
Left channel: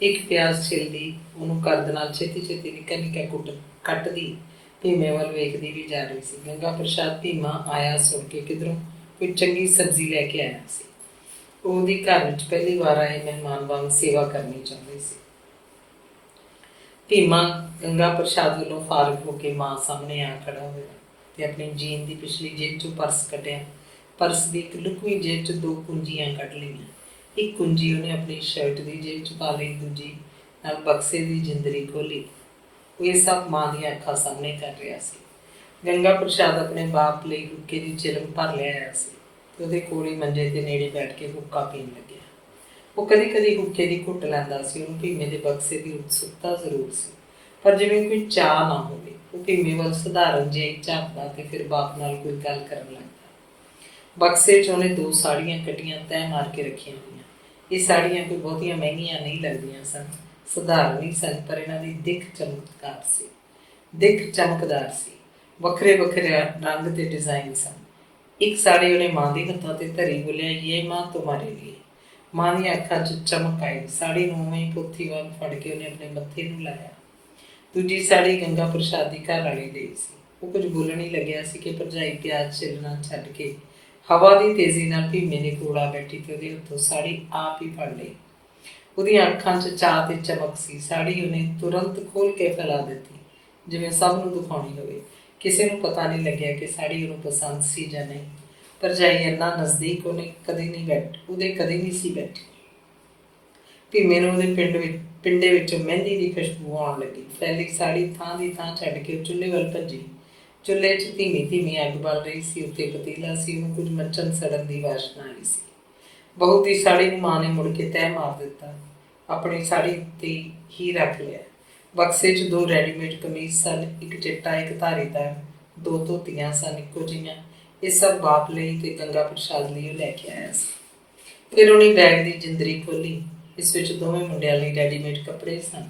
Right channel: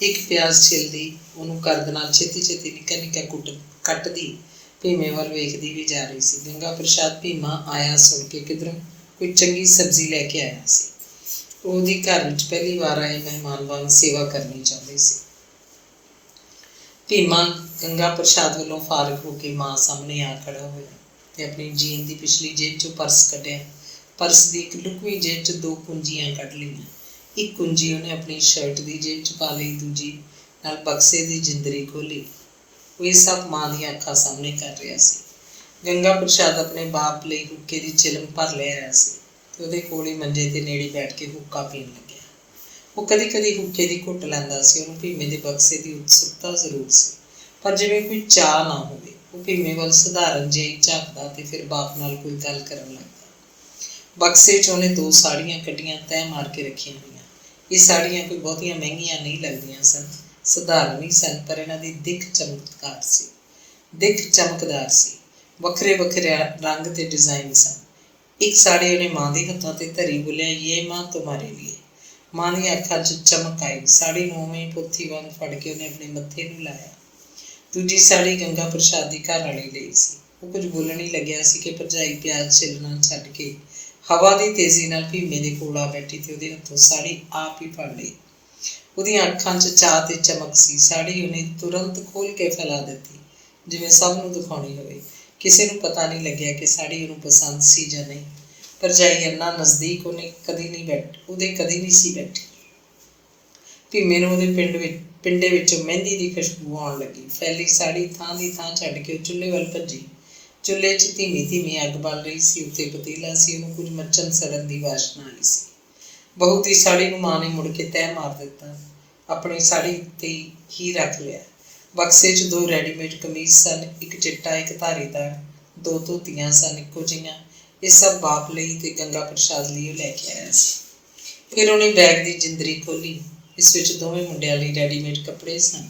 ਇੱਕ ਪਿਆਜ਼ ਛਿੱਲਦੀ ਉਹਨੂੰ ਕਰਦ ਨਾਲ ਛੇਤੀ ਛੇਤੀ ਨਿੱਕਾ ਨਿੱਕਾ ਕੱਟਦੀ ਭੀਮੇ ਵੱਲ ਵੇਖਦੀ ਵੀ ਜਾ ਰਹੀ ਸੀ। ਗੰਗਾ ਪ੍ਰਸਾਦ ਭੀਮਾ ਆਇਆ ਸੁਣ ਕੇ ਕਿਧਰੋਂ ਕੋਈ ਚੰਗੀ ਸਬਜ਼ੀ ਲੈ ਕੇ ਆਇਆ ਸੀ। ਉਹਦੀ ਘਰ ਵਿੱਚ ਪਹਿਲੀ ਵਾਰ ਆਏ ਮਹਿਮਾਨ ਵਾਂਗ ਸੇਵਾ ਕਰਨੀ ਚਾਹੁੰਦੀ ਸੀ। ਭੀਮਾ ਗੰਗਾ ਪ੍ਰਸਾਦ ਵੱਲੋਂ ਫਾਰਗ ਹੋ ਕੇ ਮਾਂ ਸਾਹਮਣੇ ਆ ਖੜਾ ਹੋਇਆ ਤੇ ਆਪਣੀ ਜੀਨ ਦੀ ਪਿਛਲੀ ਜੇਬ 'ਚੋਂ ਪਰਸ ਕੱਢਿਆ। ਪਰਸ ਦੀ ਇੱਕ ਲੁਕਵੀਂ ਜੇਬ 'ਚ 2 ਕੁੰਜੀਆਂ ਕੱਢ ਲਈਆਂ। ਇੱਕ ਕੁੰਜੀ ਉਹਨੇ ਆਪਣੀ ਸ਼ਰਟ ਦੀ ਜੇਬ 'ਚ ਪਾ ਲਈ, ਦੂਜੀ ਨਾਲ ਬਕਸੇ ਦੀ ਜਿੰਦਰੀ ਖੋਲ੍ਹੀ। ਉਹ ਇਹ ਸਭ ਮਾਂ ਦੀਆਂ ਅੱਖਾਂ ਸਾਹਮਣੇ ਕਰ ਰਿਹਾ ਸੀ। ਗੰਗਾ ਪ੍ਰਸਾਦ ਆਪਣੇ ਬਾਪ ਲਈ ਹੁੱਕੇ ਦੀ ਚਿਲਮ ਭਰ ਲਿਆਇਆ ਸੀ ਤੇ ਉਹਦੇ ਕੋਲ ਹੀ ਮੰਜੇ 'ਤੇ ਨੇੜੇ ਬੈਠ ਕੇ ਹੁੱਕਾ ਪੀਣ ਲੱਗਿਆ। ਉਹ ਕਦੀ ਕਦੀ ਹੁੱਕੇ ਦੀ ਘੁੱਟ ਲੈਂਦਾ ਸੀ। ਉਹਨੂੰ ਭੀਮੇ ਦੇ ਬਕਸੇ ਦੀ ਉਤਸੁਕਤਾ ਜ਼ਰੂਰ ਸੀ, ਪਰ ਜਿਵੇਂ ਕੋਈ ਚਾਹ ਨਾ ਹੋਵੇ। ਉਹ ਭੀਮੇ ਵੱਲ ਸਧਾਰਨ ਜਿਹਾ ਹੀ ਝਾਕਦਾ ਤੇ ਫਿਰ ਬਾਪ ਨਾਲ ਕੋਈ ਗੱਲ ਕਰਨ ਲੱਗਦਾ। ਬਕਸੇ 'ਚ ਉਹਨੇ 2 ਸਾੜੀਆਂ ਕੱਢੀਆਂ, ਤੈਅ ਮਾਰ ਕੇ ਰੱਖੀਆਂ ਹੋਈਆਂ। ਇਹ ਸਾੜੀਆਂ ਕੋਈ ਬਹੁਤੀਆਂ ਮਹਿੰਗੀਆਂ ਨਹੀਂ ਲੱਗਦੀਆਂ ਸਨ। ਸਧਾਰਨ ਹੀ ਸਨ, ਪਰ ਇਹਨਾਂ ਦੀ ਦਿੱਖ ਚਮਤਕਾਰ ਸੀ, ਦਿੱਖ ਚਮਕਦਾਰ ਸੀ। ਵੱਖਰੇ ਵੱਖਰੇ ਰੰਗ ਤੇ ਡਿਜ਼ਾਈਨ ਸਨ। ਇੱਕ ਸਾੜੀ ਉਹਨੇ ਮਾਂ ਦੇ ਹੱਥਾਂ ਤੇ ਧਰੀ, ਬੋਲਿਆ, ਯੇ ਮਾਂ ਤੁਮਾਰੇ ਲਈ। ਮਾਂ ਦੀਆਂ ਅੱਖਾਂ 'ਚ ਚਮਕ ਆਈ। ਸਾੜੀ ਨੂੰ ਉਵੇਂ ਹੀ ਪੋਥੀ ਵਾਂਗ ਫੜ ਕੇ ਉਹਨੇ ਆਪਣੇ ਮੱਥੇ ਨੂੰ ਲਾਇਆ। ਦੂਜੀ ਸਾੜੀ ਗੰਗਾ ਪ੍ਰਸਾਦ ਦੀ ਘਰ ਵਾਲੀ ਲਈ ਸੀ। ਉਹ ਕੁਝ ਬੋਲਣ ਹੀ ਲੱਗਿਆ ਸੀ ਕਿ ਭਰਜਾਈ ਪਿਆਜ਼ ਛਿੱਲਣਾ ਛੱਡ ਕੇ ਹਵਾ ਦੀ ਤੇਜ਼ੀ ਨਾਲ ਭੀਮੇ ਦੇ ਕੋਲ ਆ ਬੈਠੀ ਤੇ ਉਹਦੇ ਹੱਥੋਂ ਸਾੜੀ ਆਪ ਹੀ ਫੜ ਲਈ। ਉਹਦੀਆਂ ਅੱਖਾਂ 'ਚ ਚਾਅ ਤੇ ਚਮਕ ਸੀ। ਸਾੜੀ ਉਹਨੇ ਤੁਰੰਤ ਖੋਲ੍ਹ ਕੇ ਫੈਲਾ ਦਿੱਤੀ, ਜਿਵੇਂ ਸਭ ਨੂੰ ਦਿਖਾਉਣੀ ਹੋਵੇ। ਕਿਸੇ ਨੂੰ ਪਤਾ ਨਹੀਂ ਲੱਗਿਆ ਕਿ ਸਾੜੀ ਉਹਨੂੰ ਪਸੰਦ ਸੀ ਜਾਂ ਨਹੀਂ। ਭਰਜਾਈ ਇੰਨਾ ਨਜ਼ਦੀਕ ਉਹਦੇ ਕਦੇ ਨਹੀਂ ਸੀ ਬੈਠੀ। ਭੀਮੇ ਨੂੰ ਉਹਦੇ ਪਿੰਡੇ ਵਿੱਚੋਂ ਮਹਿੰਦੀ ਦੀ ਖੁਸ਼ਬੂ ਆਉਣ ਲੱਗੀ। ਫੈਲੀ ਸਾੜੀ ਥਾਂ ਦੀ ਥਾਂ ਛੱਡ ਕੇ ਉਹ ਚੁੱਲ੍ਹੇ ਵੱਲ ਭੱਜੀ। ਚੁੱਲ੍ਹੇ 'ਚ ਧੀਮੀ ਧੀਮੀ ਅੱਗ ਬਲ ਰਹੀ ਸੀ। ਉੱਤੇ ਪਤੀਲਾ ਸੀ, ਉਹਨੂੰ ਕੁਝ ਮੱਚਣ ਸੜਨ ਦੀ ਵਾਸ਼ਨਾ ਆਈ ਸੀ। ਬਹੂ ਦੀ ਸਾੜੀ ਨੂੰ ਮਾਂ ਨੇ ਮੁੜ ਕੇ ਤਹਿ ਮਾਰ ਦਿੱਤਾ, ਆਪਣੀ ਸਾੜੀ ਉੱਤੇ ਹੀ ਰੱਖ ਲਿਆ। ਬਕਸੇ 'ਚ 2 ਰੈਡੀਮੇਡ ਕਮੀਜ਼ ਸਨ, ਇੱਕ ਚਿੱਟਾ ਇੱਕ ਧਾਰੀਦਾਰ, 2 ਧੋਤੀਆਂ ਸਨ ਇੱਕੋ ਜਿਹੀਆਂ। ਇਹ ਸਭ ਬਾਪ ਲਈ ਤੇ ਗੰਗਾ ਪ੍ਰਸਾਦ ਲਈ ਉਹ ਲੈ ਕੇ ਆਇਆ ਸੀ। ਫਿਰ ਉਹਨੇ ਬੈਗ ਦੀ ਜਿੰਦਰੀ ਖੋਲ੍ਹੀ। ਇਸ ਵਿੱਚ ਦੋਵੇਂ ਮੁੰਡਿਆਂ ਲਈ ਰੈਡੀਮੇਡ ਕੱਪੜੇ ਸਨ।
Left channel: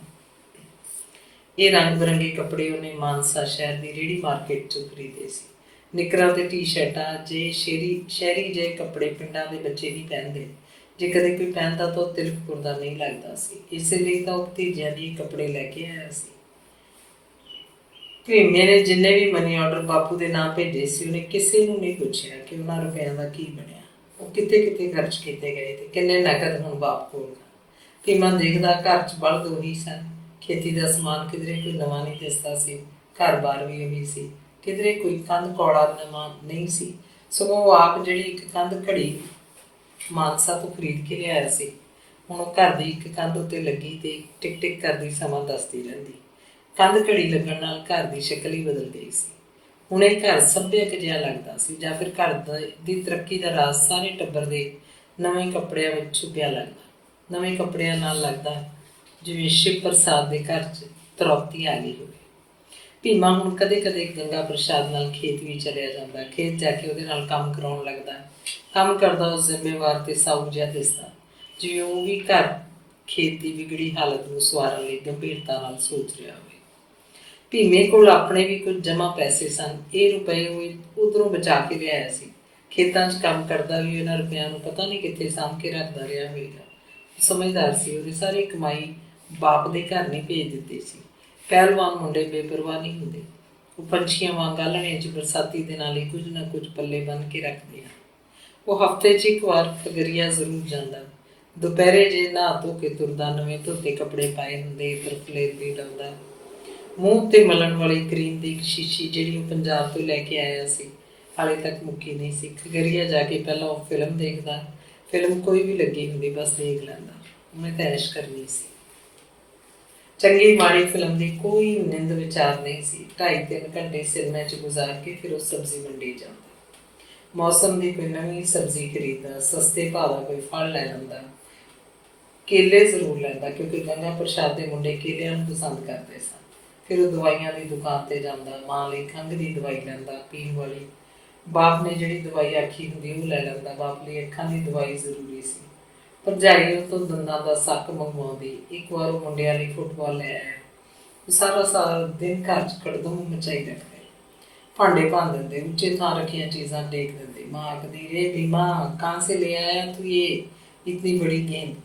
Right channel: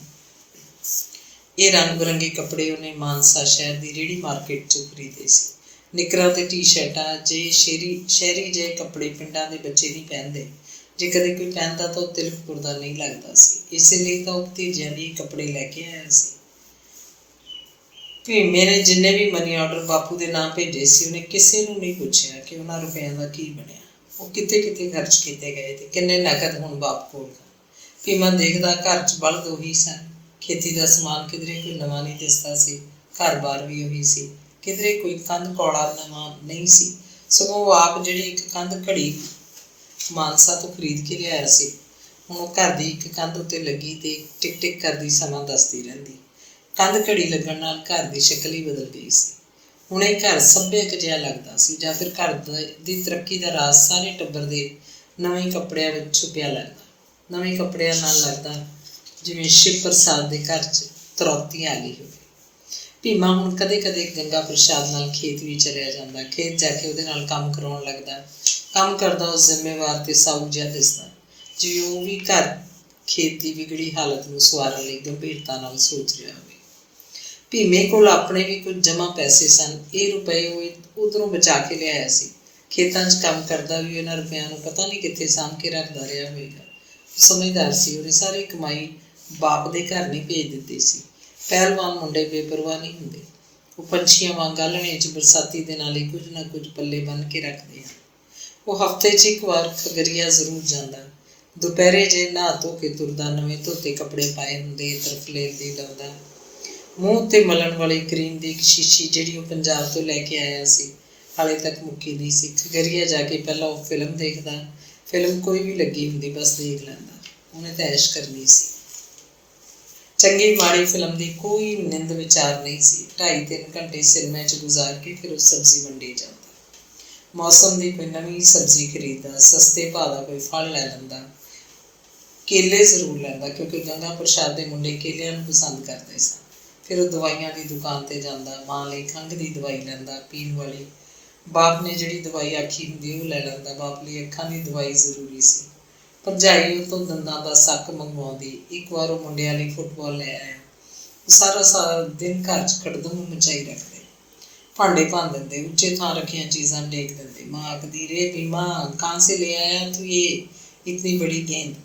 ਇਹ ਰੰਗ ਬਿਰੰਗੇ ਕੱਪੜੇ ਉਹਨੇ ਮਾਨਸਾ ਸ਼ਹਿਰ ਦੀ ਰੇਹੜੀ ਮਾਰਕੀਟ 'ਚੋਂ ਖਰੀਦੇ ਸੀ। ਨਿੱਕਰਾਂ ਤੇ ਟੀ-ਸ਼ਰਟਾਂ ਜਿਹੇ ਸ਼ਹਿਰੀ ਜਿਹੇ ਕੱਪੜੇ ਪਿੰਡਾਂ ਦੇ ਬੱਚੇ ਨਹੀਂ ਪਹਿਨਦੇ। ਜੇ ਕਦੇ ਕੋਈ ਪਹਿਨਦਾ ਤਾਂ ਉਹ ਤਿਲਕ ਪੁਰਦਾ ਨਹੀਂ ਲੱਗਦਾ ਸੀ। ਇਸੇ ਲਈ ਤਾਂ ਉਹ ਭਤੀਜਿਆਂ ਲਈ ਕੱਪੜੇ ਲੈ ਕੇ ਆਇਆ ਸੀ। ਭੀਮੇ ਨੇ ਜਿੰਨੇ ਵੀ ਮਨੀ ਆਰਡਰ ਬਾਪੂ ਦੇ ਨਾਂ ਭੇਜੇ ਸੀ, ਉਹਨੇ ਕਿਸੇ ਨੂੰ ਨਹੀਂ ਪੁੱਛਿਆ ਕਿ ਉਹਨਾਂ ਰੁਪਇਆਂ ਦਾ ਕੀ ਬਣਿਆ, ਉਹ ਕਿੱਥੇ ਕਿੱਥੇ ਖਰਚ ਕੀਤੇ ਗਏ ਤੇ ਕਿੰਨੇ ਨਕਦ ਹੁਣ ਬਾਪ ਕੋਲ। ਭੀਮਾ ਦੇਖਦਾ, ਘਰ 'ਚ ਬਲਦ ਉਹੀ ਸਨ, ਖੇਤੀ ਦਾ ਸਮਾਨ ਕਿਧਰੇ ਕੋਈ ਨਵਾਂ ਨਹੀਂ ਦਿਸਦਾ ਸੀ, ਘਰ-ਬਾਰ ਵੀ ਉਹੀ ਸੀ, ਕਿਧਰੇ ਕੋਈ ਕੰਧ ਕੌੜਾ ਨਵਾਂ ਨਹੀਂ ਸੀ। ਸਗੋਂ ਉਹ ਆਪ ਜਿਹੜੀ ਇੱਕ ਕੰਧ ਘੜੀ ਮਾਨਸਾ ਤੋਂ ਖਰੀਦ ਕੇ ਲਿਆਇਆ ਸੀ, ਹੁਣ ਉਹ ਘਰ ਦੀ ਇੱਕ ਕੰਧ ਉੱਤੇ ਲੱਗੀ ਤੇ ਟਿਕ ਟਿਕ ਕਰਦੀ ਸਮਾਂ ਦੱਸਦੀ ਰਹਿੰਦੀ। ਕੰਧ ਘੜੀ ਲੱਗਣ ਨਾਲ ਘਰ ਦੀ ਸ਼ਕਲ ਹੀ ਬਦਲ ਗਈ ਸੀ। ਹੁਣ ਇਹ ਘਰ ਸੱਭਿਅਕ ਜਿਹਾ ਲੱਗਦਾ ਸੀ, ਜਾਂ ਫਿਰ ਘਰ ਦੀ ਤਰੱਕੀ ਦਾ ਰਾਜ਼ ਸਾਰੇ ਟੱਬਰ ਦੇ ਨਵੇਂ ਕੱਪੜਿਆਂ ਵਿੱਚ ਛੁਪਿਆ ਲੱਗਦਾ। ਨਵੇਂ ਕੱਪੜਿਆਂ ਨਾਲ ਲੱਗਦਾ ਜਿਵੇਂ ਸ਼ਿਵ ਪ੍ਰਸਾਦ ਦੇ ਘਰ 'ਚ ਤਰੌਤੀ ਆ ਗਈ ਹੋਵੇ। ਭੀਮਾ ਹੁਣ ਕਦੇ ਕਦੇ ਗੰਗਾ ਪ੍ਰਸਾਦ ਨਾਲ ਖੇਤ ਵੀ ਚਲਿਆ ਜਾਂਦਾ। ਖੇਤ ਜਾ ਕੇ ਉਹਦੇ ਨਾਲ ਕੰਮ ਕਰਾਉਣ ਲੱਗਦਾ। ਕੰਮ ਕਰਦਾ ਉਹ ਜ਼ਿੰਮੇਵਾਰ ਤੇ ਸਾਊ ਜਿਹਾ ਦਿਸਦਾ, ਜਿਵੇਂ ਉਹ ਵੀ ਘਰ ਖੇਤ ਦੀ ਵਿਗੜੀ ਹਾਲਤ ਨੂੰ ਸਵਾਰਨ ਲਈ ਗੰਭੀਰਤਾ ਨਾਲ ਸੋਚ ਰਿਹਾ ਹੋਵੇ। ਭੀਮੇ ਕੋਲ ਆਪਣੇ ਵੀ ਕੁਝ ਜਮ੍ਹਾਂ ਪੈਸੇ ਸਨ। ਇਹ ਰੁਪਏ ਉਹ ਉੱਧਰੋਂ ਬਚਾ ਕੇ ਲਿਆਇਆ ਸੀ। ਖੇਤਾਂ 'ਚ ਕੰਮ ਕਰਦਾ ਵੀ ਇਹਨਾਂ ਰੁਪਇਆਂ ਨੂੰ ਪਤਾ ਨਹੀਂ ਕਿੱਥੇ ਸਾਂਭ ਕੇ ਰੱਖਦਾ ਰਿਹਾ ਹੋਵੇਗਾ। ਸਮਝਦਾਰ ਸੀ। ਉਹਨੇ ਸਾਰੀ ਕਮਾਈ ਬਾਪ ਦੇ ਘਰ ਨਹੀਂ ਭੇਜ ਦਿੱਤੀ ਸੀ। ਪਹਿਲਵਾਨ ਮੁੰਡੇ ਬੇਪਰਵਾਹ ਨਹੀਂ ਹੁੰਦੇ। ਉਹ ਪੰਛੀਆਂ ਵਾਂਗ ਆਲ੍ਹਣੇ 'ਚ ਬਰਸਾਤੀ ਦਿਨਾਂ ਲਈ ਕੁਝ ਨਾ ਕੁਝ ਪੱਲੇ ਬੰਨ੍ਹ ਕੇ ਰੱਖਦੇ ਹਨ। ਉਹ ਹਫ਼ਤੇ 'ਚ ਇੱਕ ਵਾਰ ਖਗਰੀਆ ਜ਼ਰੂਰ ਜਾਂਦਾ। ਦੁਪਹਿਰੇ ਜੇ ਨਹਾ ਧੋ ਕੇ ਤੁਰਦਾ, ਨਵੇਂ ਧੋਤੇ ਕੱਪੜੇ ਪਾਏ ਹੁੰਦੇ, ਤਰਫਲੇ ਦੀ ਲਾਉਂਦਾ। ਮੂੰਹ ਉੱਤੇ ਮਲਣ ਵਾਲੀ ਕਰੀਮ ਦੀ ਇੱਕ ਸ਼ੀਸ਼ੀ ਜਿਹੜੀ ਉਹ ਪੰਜਾਬ ਤੋਂ ਲੈ ਕੇ ਆਇਆ ਸੀ, ਹਾਲੇ ਤੱਕ ਮੁੱਕੀ ਨਹੀਂ ਸੀ। ਖਗਰੀਆ ਜਾ ਕੇ ਪਹਿਲਾਂ ਉਹ ਫਿਲਮ ਦੇਖਦਾ। ਫਿਲਮ ਕੋਈ ਵੀ ਲੱਗੀ ਹੁੰਦੀ ਬਸ ਦੇਖ ਲੈਂਦਾ। ਉਹਨੇ ਤਾਂ ਐਸ਼ ਕਰਨੀ ਸੀ। ਚੰਗੀ ਮਾੜੀ ਫਿਲਮ ਦੀ ਕੋਈ ਨਿੰਦ ਵਿਚਾਰ ਨਹੀਂ ਸੀ। 2.5-3 ਘੰਟੇ ਸਿਨੇਮੇ 'ਚ ਗੁਜ਼ਾਰ ਕੇ ਫਿਰ ਉਹ ਸਬਜ਼ੀ ਮੰਡੀ ਜਾਂਦਾ। ਮੌਸਮ ਦੀ ਕੋਈ ਨਵੀਂ ਸਬਜ਼ੀ ਖਰੀਦਦਾ, ਸਸਤੇ ਭਾਅ ਦਾ ਕੋਈ ਫਲ ਲੈ ਲੈਂਦਾ। ਕੇਲੇ ਜ਼ਰੂਰ ਲੈਂਦਾ, ਕਿਉਂਕਿ ਗੰਗਾ ਪ੍ਰਸਾਦ ਦੇ ਮੁੰਡੇ ਕੇਲਿਆਂ ਨੂੰ ਪਸੰਦ ਕਰਦੇ ਸਨ। ਫਿਰ ਉਹ ਦਵਾਈਆਂ ਦੀ ਦੁਕਾਨ 'ਤੇ ਜਾਂਦਾ। ਮਾਂ ਲਈ ਖੰਘ ਦੀ ਦਵਾਈ ਲੈਂਦਾ, ਪੀਣ ਵਾਲੀ। ਬਾਪ ਨੇ ਜਿਹੜੀ ਦਵਾਈ ਆਖੀ ਹੁੰਦੀ ਉਹ ਲੈ ਲੈਂਦਾ। ਬਾਪ ਲਈ ਅੱਖਾਂ ਦੀ ਦਵਾਈ ਜ਼ਰੂਰੀ ਸੀ। ਭਰਜਾਈ ਉਹ ਤੋਂ ਦੰਦਾਂ ਦਾ ਸੱਕ ਮੰਗਵਾਉਂਦੀ। ਇੱਕ ਵਾਰ ਉਹ ਮੁੰਡਿਆਂ ਲਈ ਫੁੱਟਬਾਲ ਲੈ ਆਇਆ। ਉਹ ਸਾਰਾ ਦਿਨ ਘਰ 'ਚ ਖੜਦਮ ਮਚਾਈ ਰੱਖਦੇ, ਭਾਂਡੇ ਭੰਨ ਦਿੰਦੇ, ਉੱਚੇ ਥਾਂ ਰੱਖੀਆਂ ਚੀਜ਼ਾਂ ਡੇਕ ਦਿੰਦੇ। ਮਾਂ ਆਖਦੀ, ਰੇ ਭੀਮਾ, ਕਹਾਂ ਸੇ ਲੈ ਆਇਆ ਤੂੰ ਇਹ इतनी बड़ी गेंद?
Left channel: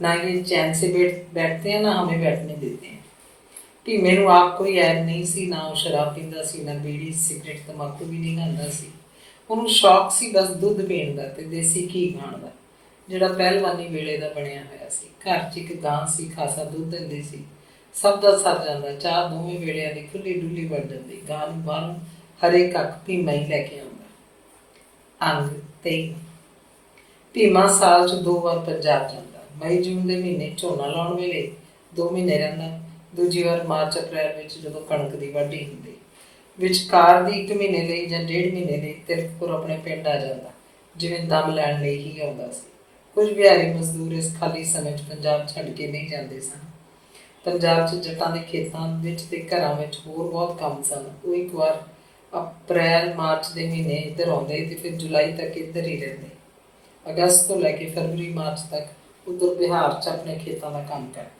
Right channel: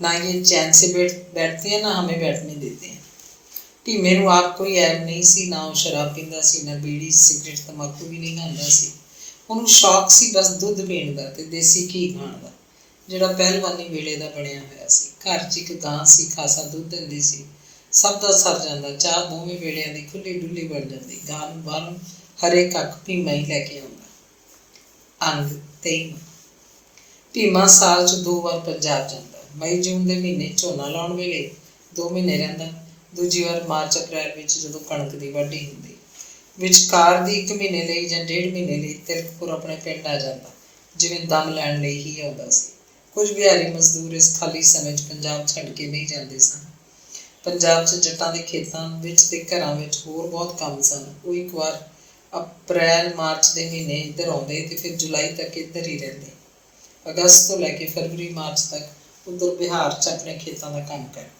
ना ये चैन से बैठते हैं, ना हमें बैठने देते हैं। ਭੀਮੇ ਨੂੰ ਆਪ ਕੋਈ ਐਬ ਨਹੀਂ ਸੀ। ਨਾ ਉਹ ਸ਼ਰਾਬ ਪੀਂਦਾ ਸੀ, ਨਾ ਬੀੜੀ ਸਿਗਰਟ ਤੰਬਾਕੂ ਵੀ ਨਹੀਂ ਖਾਂਦਾ ਸੀ। ਉਹਨੂੰ ਸ਼ੌਕ ਸੀ ਬਸ ਦੁੱਧ ਪੀਣ ਦਾ ਤੇ ਦੇਸੀ ਘੀ ਖਾਣ ਦਾ, ਜਿਹੜਾ ਪਹਿਲਵਾਨੀ ਵੇਲੇ ਦਾ ਬਣਿਆ ਹੋਇਆ ਸੀ। ਘਰ 'ਚ ਇੱਕ ਗਾਂ ਸੀ, ਖਾਸਾ ਦੁੱਧ ਦਿੰਦੀ ਸੀ। ਸਭ ਦਾ ਸਰ ਜਾਂਦਾ। ਚਾਹ ਦੋਵੇਂ ਵੇਲਿਆਂ ਦੀ ਖੁੱਲ੍ਹੀ ਡੁੱਲੀ ਬਣ ਜਾਂਦੀ। ਗਾਂ ਨੂੰ ਬਾਹਰੋਂ ਹਰੇ ਕੱਖ ਭੀਮਾ ਹੀ ਲੈ ਕੇ ਆਉਂਦਾ। ਅੰਗ 23। ਭੀਮਾ ਸਾਲ 'ਚ 2 ਵਾਰ ਪੰਜਾਬ ਜਾਂਦਾ। ਮਈ ਜੂਨ ਦੇ ਮਹੀਨੇ ਝੋਨਾ ਲਾਉਣ ਵੇਲੇ 2 ਮਹੀਨੇ ਰਹਿੰਦਾ। ਦੂਜੀ ਵਾਰ ਮਾਰਚ ਅਪ੍ਰੈਲ ਵਿੱਚ ਜਦੋਂ ਕਣਕ ਦੀ ਵਾਢੀ ਹੁੰਦੀ। ਵਿਚਕਾਰ ਦੀ 1 ਮਹੀਨੇ ਲਈ ਜਾਂ 1.5 ਮਹੀਨੇ ਲਈ ਤਿਲਕਪੁਰ ਆਪਣੇ ਪਿੰਡ ਆ ਜਾਂਦਾ, ਜਿਵੇਂ ਦਮ ਲੈਣ ਲਈ ਹੀ ਆਉਂਦਾ ਸੀ। ਕੁਝ ਬਿਹਾਰੀ ਮਜ਼ਦੂਰ ਇਸ ਖਾਲੀ ਸਮੇਂ 'ਚ ਪੰਜਾਬ ਛੱਡ ਕੇ ਨਹੀਂ ਜਾਂਦੇ ਸਨ। ਪੰਜਾਬ 'ਚ ਜੱਟਾਂ ਦੇ ਖੇਤਾਂ ਵਿੱਚ ਤੇ ਘਰਾਂ ਵਿੱਚ ਹੋਰ ਬਹੁਤ ਕੰਮ ਸਨ। ਉਹ ਇੱਕ ਵਾਰ ਅਪ੍ਰੈਲ ਮਾਰਚ ਦੇ ਮਹੀਨੇ ਇੱਧਰ ਆਉਂਦੇ ਤੇ ਫਿਰ ਜੁਲਾਈ ਤੱਕ ਇੱਧਰ ਹੀ ਰਹਿੰਦੇ। ਅਗਸਤ ਤੋਂ ਲੈ ਕੇ ਫਰਵਰੀ ਮਾਰਚ ਤੱਕ ਉੱਧਰ ਬਿਹਾਰ 'ਚ ਆਪਣੇ ਖੇਤਾਂ ਦਾ ਕੰਮ ਕਰਦੇ।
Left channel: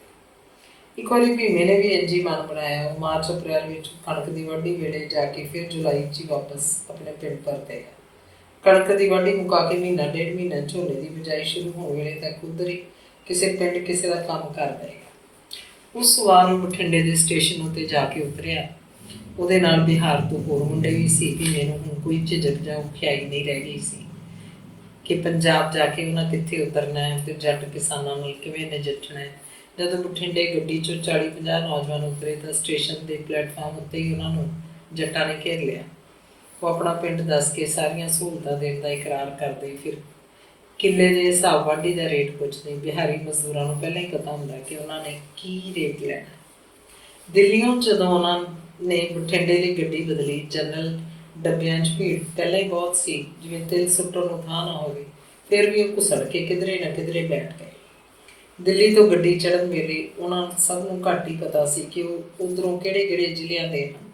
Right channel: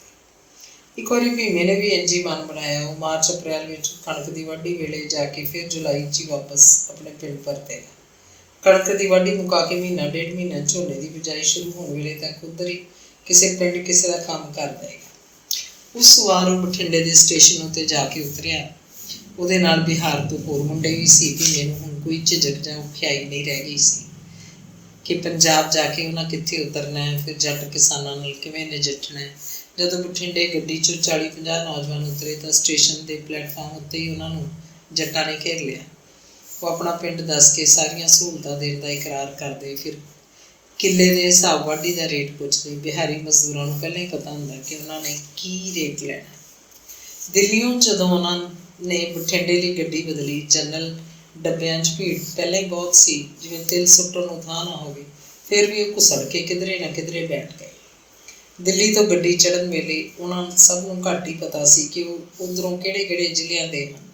एक बार भीमे ने भी इंज ही मन बनाया। वो मार्च अप्रैल में कणक की वाढ़ी वेले जाके फिर जुलाई च वापस अपने पिंड परतेगा। कणक की वाढ़ी मुका के महीना डेढ़ महीना झोने की बिजाई शुरू होने वेले तक उधर ही किसी पिंड किसी का काम कर देगा। उस वार वो बठिंडे के स्टेशन उत्ते जाके उतरिया। ਉਹਦੇ ਨਾਲ ਬਿਹਾਰ ਤੋਂ ਹੋਰ ਮੁੰਡੇ ਵੀ ਸੀ। ਭੀਮੇ ਨੂੰ ਹੁਣ ਕੋਈ ਝਿਜਕ ਜਾਂ ਔਖਿਆਈ ਨਹੀਂ ਰਹਿ ਗਈ ਸੀ ਕਿ ਪੰਜਾਬ ਜਾ ਕੇ ਉਹਨਾਂ ਕਿੱਥੇ ਉਤਰਨਾ ਹੈ, ਫਿਰ ਜੱਟ ਕਿਸਾਨਾਂ ਨਾਲ ਕਿਵੇਂ ਨਜਿੱਠਣਾ ਹੈ। ਜਦੋਂ ਬਠਿੰਡੇ ਗੱਡੀ 'ਚੋਂ 40-50 ਨੌਜਵਾਨ ਉਤਰੇ ਤਾਂ ਸਟੇਸ਼ਨ ਦੇ ਪਲੇਟਫਾਰਮ ਉੱਤੇ ਹੀ ਉਹਨਾਂ ਨੂੰ ਜੱਟਾਂ ਨੇ ਘੇਰ ਲਿਆ। ਉਹ ਆਪਣਾ ਪਿੰਡ ਦੱਸ ਕੇ ਸਾਰੀਆਂ ਸਹੂਲਤਾਂ ਦੇਣ ਦਾ ਇਕਰਾਰ ਕਰਦੇ। ਫਿਰ ਕਿੱਲੇ ਦੇ ਹਿਸਾਬ ਵਾਢੀ ਦਾ ਰੇਟ ਪੁੱਛਦੇ। ਬਿਹਾਰੀ ਮਜ਼ਦੂਰਾਂ ਨੂੰ ਪਹਿਲਾਂ ਹੀ ਪਤਾ ਹੁੰਦਾ ਕਿ ਉਹਨਾਂ ਨੇ ਕੀ ਰੇਟ ਲੈਣਾ। ਦਿੱਲੀੋਂ ਜਦੋਂ ਉਹਨਾਂ ਨੇ ਬਠਿੰਡੇ ਲਈ ਗੱਡੀ ਬਦਲੀ, ਜਨਰਲ ਡੱਬਿਆਂ 'ਚ ਭੀੜ ਪਹਿਲਾਂ ਹੀ ਬਹੁਤ ਸੀ, ਜਿਵੇਂ ਤਿਲ ਸੁੱਟਣ ਨੂੰ ਥਾਂ ਨਾ ਹੋਵੇ। ਫਿਰ ਵੀ ਉਹ ਘੁਸੜ ਕੇ ਕਿਧਰੇ ਨਾ ਕਿਧਰੇ ਬੈਠ ਗਏ। ਦਿੱਲੀ ਤੋਂ ਗੱਡੀ ਚੜ੍ਹਨ ਵੇਲੇ ਉਹਨਾਂ ਸਭ ਨੂੰ ਘੱਟ ਹੀ ਪਤਾ ਸੀ ਕਿ ਉਹ ਉੱਧਰੋਂ ਕਿਹੜੇ-ਕਿਹੜੇ ਜ਼ਿਲ੍ਹਿਆਂ ਦੇ ਹਨ,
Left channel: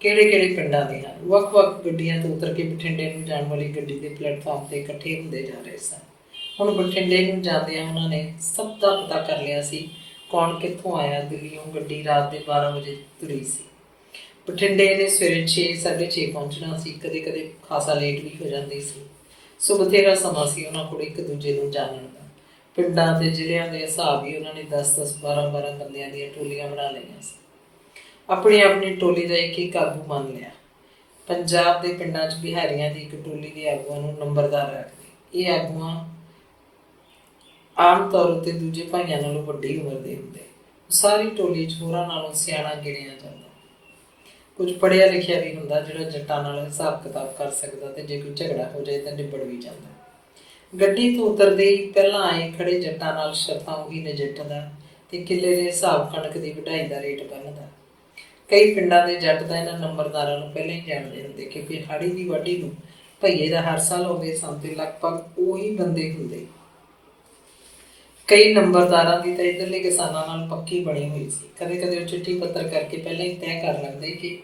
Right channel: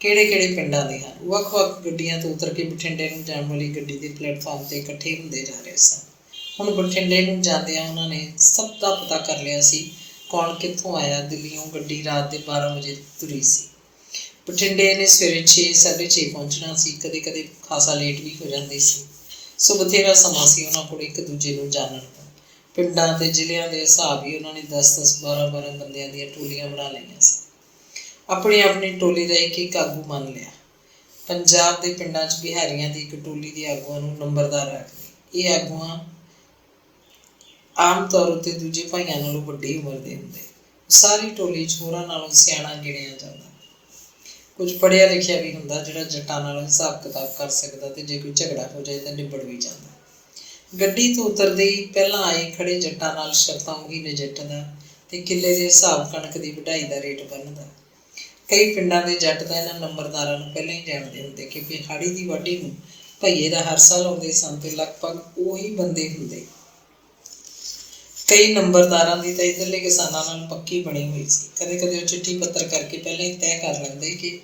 ਕਿਹੜੇ-ਕਿਹੜੇ ਪਿੰਡਾਂ ਦੇ ਹਨ। ਵੱਖ-ਵੱਖ ਗੱਡੀਆਂ ਤੋਂ ਉਤਰ ਕੇ ਬਠਿੰਡੇ ਨੂੰ ਜਾਣ ਵਾਲੀ ਗੱਡੀ ਦੇ ਪਲੇਟਫਾਰਮ 'ਤੇ ਇਕੱਠੇ ਹੁੰਦੇ ਜਾ ਰਹੇ ਸਨ। ਹੁਣ ਬਠਿੰਡੇ ਨੂੰ ਜਾਂਦਿਆਂ ਉਹਨਾਂ ਨੇ ਸਭ ਦਾ ਪਤਾ ਕਰ ਲਿਆ ਸੀ, ਕੌਣ ਕਿੱਥੋਂ ਆਇਆ। ਦਿੱਲੀੋਂ ਗੱਡੀ ਰਾਤ ਦੇ 12 ਵਜੇ ਤੁਰੀ ਸੀ। ਬਠਿੰਡੇ ਨੇ ਸਵੇਰੇ 6-6:30 ਪਹੁੰਚਣਾ ਸੀ। ਕਦੇ ਕਦੇ ਖਾਸਾ ਲੇਟ ਵੀ ਹੋ ਜਾਂਦੀ ਸੀ। ਸੋ ਬਥੇਰਾ ਸਮਾਂ ਸੀ ਉਹਨਾਂ ਕੋਲ ਇੱਕ ਦੂਜੇ ਨੂੰ ਜਾਣਨ ਦਾ। ਪਿੰਡਾਂ ਅਤੇ ਜ਼ਿਲ੍ਹਿਆਂ ਦੇ ਹਿਸਾਬ ਹੀ ਉਹਨਾਂ ਨੇ 10-10, 12-12 ਬੰਦਿਆਂ ਦੀਆਂ ਟੋਲੀਆਂ ਬਣਾ ਲਈਆਂ ਸੀ। ਆਪਣੀ ਆਪਣੀ ਟੋਲੀ ਦਾ ਇੱਕ ਆਗੂ ਮੰਨ ਲਿਆ। ਪੰਜਾਬ ਦੇ ਪਿੰਡਾਂ 'ਚ ਬਿਹਾਰੀਆਂ ਦੀ ਇੱਕ ਟੋਲੀ ਦੇ ਆਗੂਆਂ ਨੂੰ ਨੰਬਰਦਾਰ ਰੱਖਦੇ। ਇਹ ਆਗੂਆਂ ਆਮ ਤੌਰ ਉੱਤੇ ਦੂਜੇ ਭਾਈਆਂ ਨਾਲੋਂ ਵੱਡੀ ਉਮਰ ਦੇ ਹੁੰਦੇ। ਸਾਰੀ ਟੋਲੀ 'ਚ ਹੋਰਾਂ ਨਾਲੋਂ ਸਿਆਣਾ ਗਿਣਿਆ ਜਾਂਦਾ। ਕੁਝ ਪੜ੍ਹਿਆ ਲਿਖਿਆ ਵੀ ਹੁੰਦਾ, ਜਿਹੜਾ ਜੱਟਾਂ ਨਾਲ ਹਿਸਾਬ ਕਿਤਾਬ ਕਰ ਸਕਦਾ, ਅਤੇ ਜੇ ਕੋਈ ਝਗੜਾ ਹੋ ਜਾਏ ਤਾਂ ਨਿਬੜ ਵੀ ਜਾਂਦਾ। ਗੱਡੀ ਤੋਂ ਉਤਰਦੇ ਹੀ ਪਹਿਲਾਂ ਆਏ ਖੜੇ ਜੱਟਾਂ ਨਾਲ ਸ਼ਰਤਾਂ ਉਹੀ ਨਜਿੱਠਦਾ ਅਤੇ ਕਿੱਲੇ ਦੇ ਹਿਸਾਬ ਕਣਕ ਦੀ ਵਢਾਈ ਦਾ ਰੇਟ ਬੰਨ੍ਹਦਾ। ਕਈ ਪਿੰਡਾਂ ਦੇ ਜੱਟ ਤਾਂ ਇਹਨਾਂ ਨੰਬਰਦਾਰਾਂ ਨੂੰ ਪਹਿਲਾਂ ਹੀ ਜਾਣਦੇ ਹੁੰਦੇ, ਕਿਉਂਕਿ ਹਾੜੀ ਦੀ ਵਾਢੀ ਨੂੰ ਭਈਏ ਦਾ ਹਰ ਸਾਲ ਆਉਂਦੇ ਸਨ ਅਤੇ ਲਗਭਗ ਉਹੀ ਬੰਦੇ ਹੁੰਦੇ। ਕਈ ਨੰਬਰਦਾਰਾਂ ਦੀ ਤਾਂ ਇੱਧਰਲੇ ਕਿਸਾਨਾਂ ਨਾਲ ਪੱਕੀ ਬਣੀ ਹੋਈ ਸੀ। ਕਦੇ ਕਦੇ ਉਹ ਚਿੱਠੀ ਪੱਤਰ ਕਰਕੇ ਪਹਿਲਾਂ ਹੀ ਤੈਅ ਕਰ ਲੈਂਦੇ ਕਿ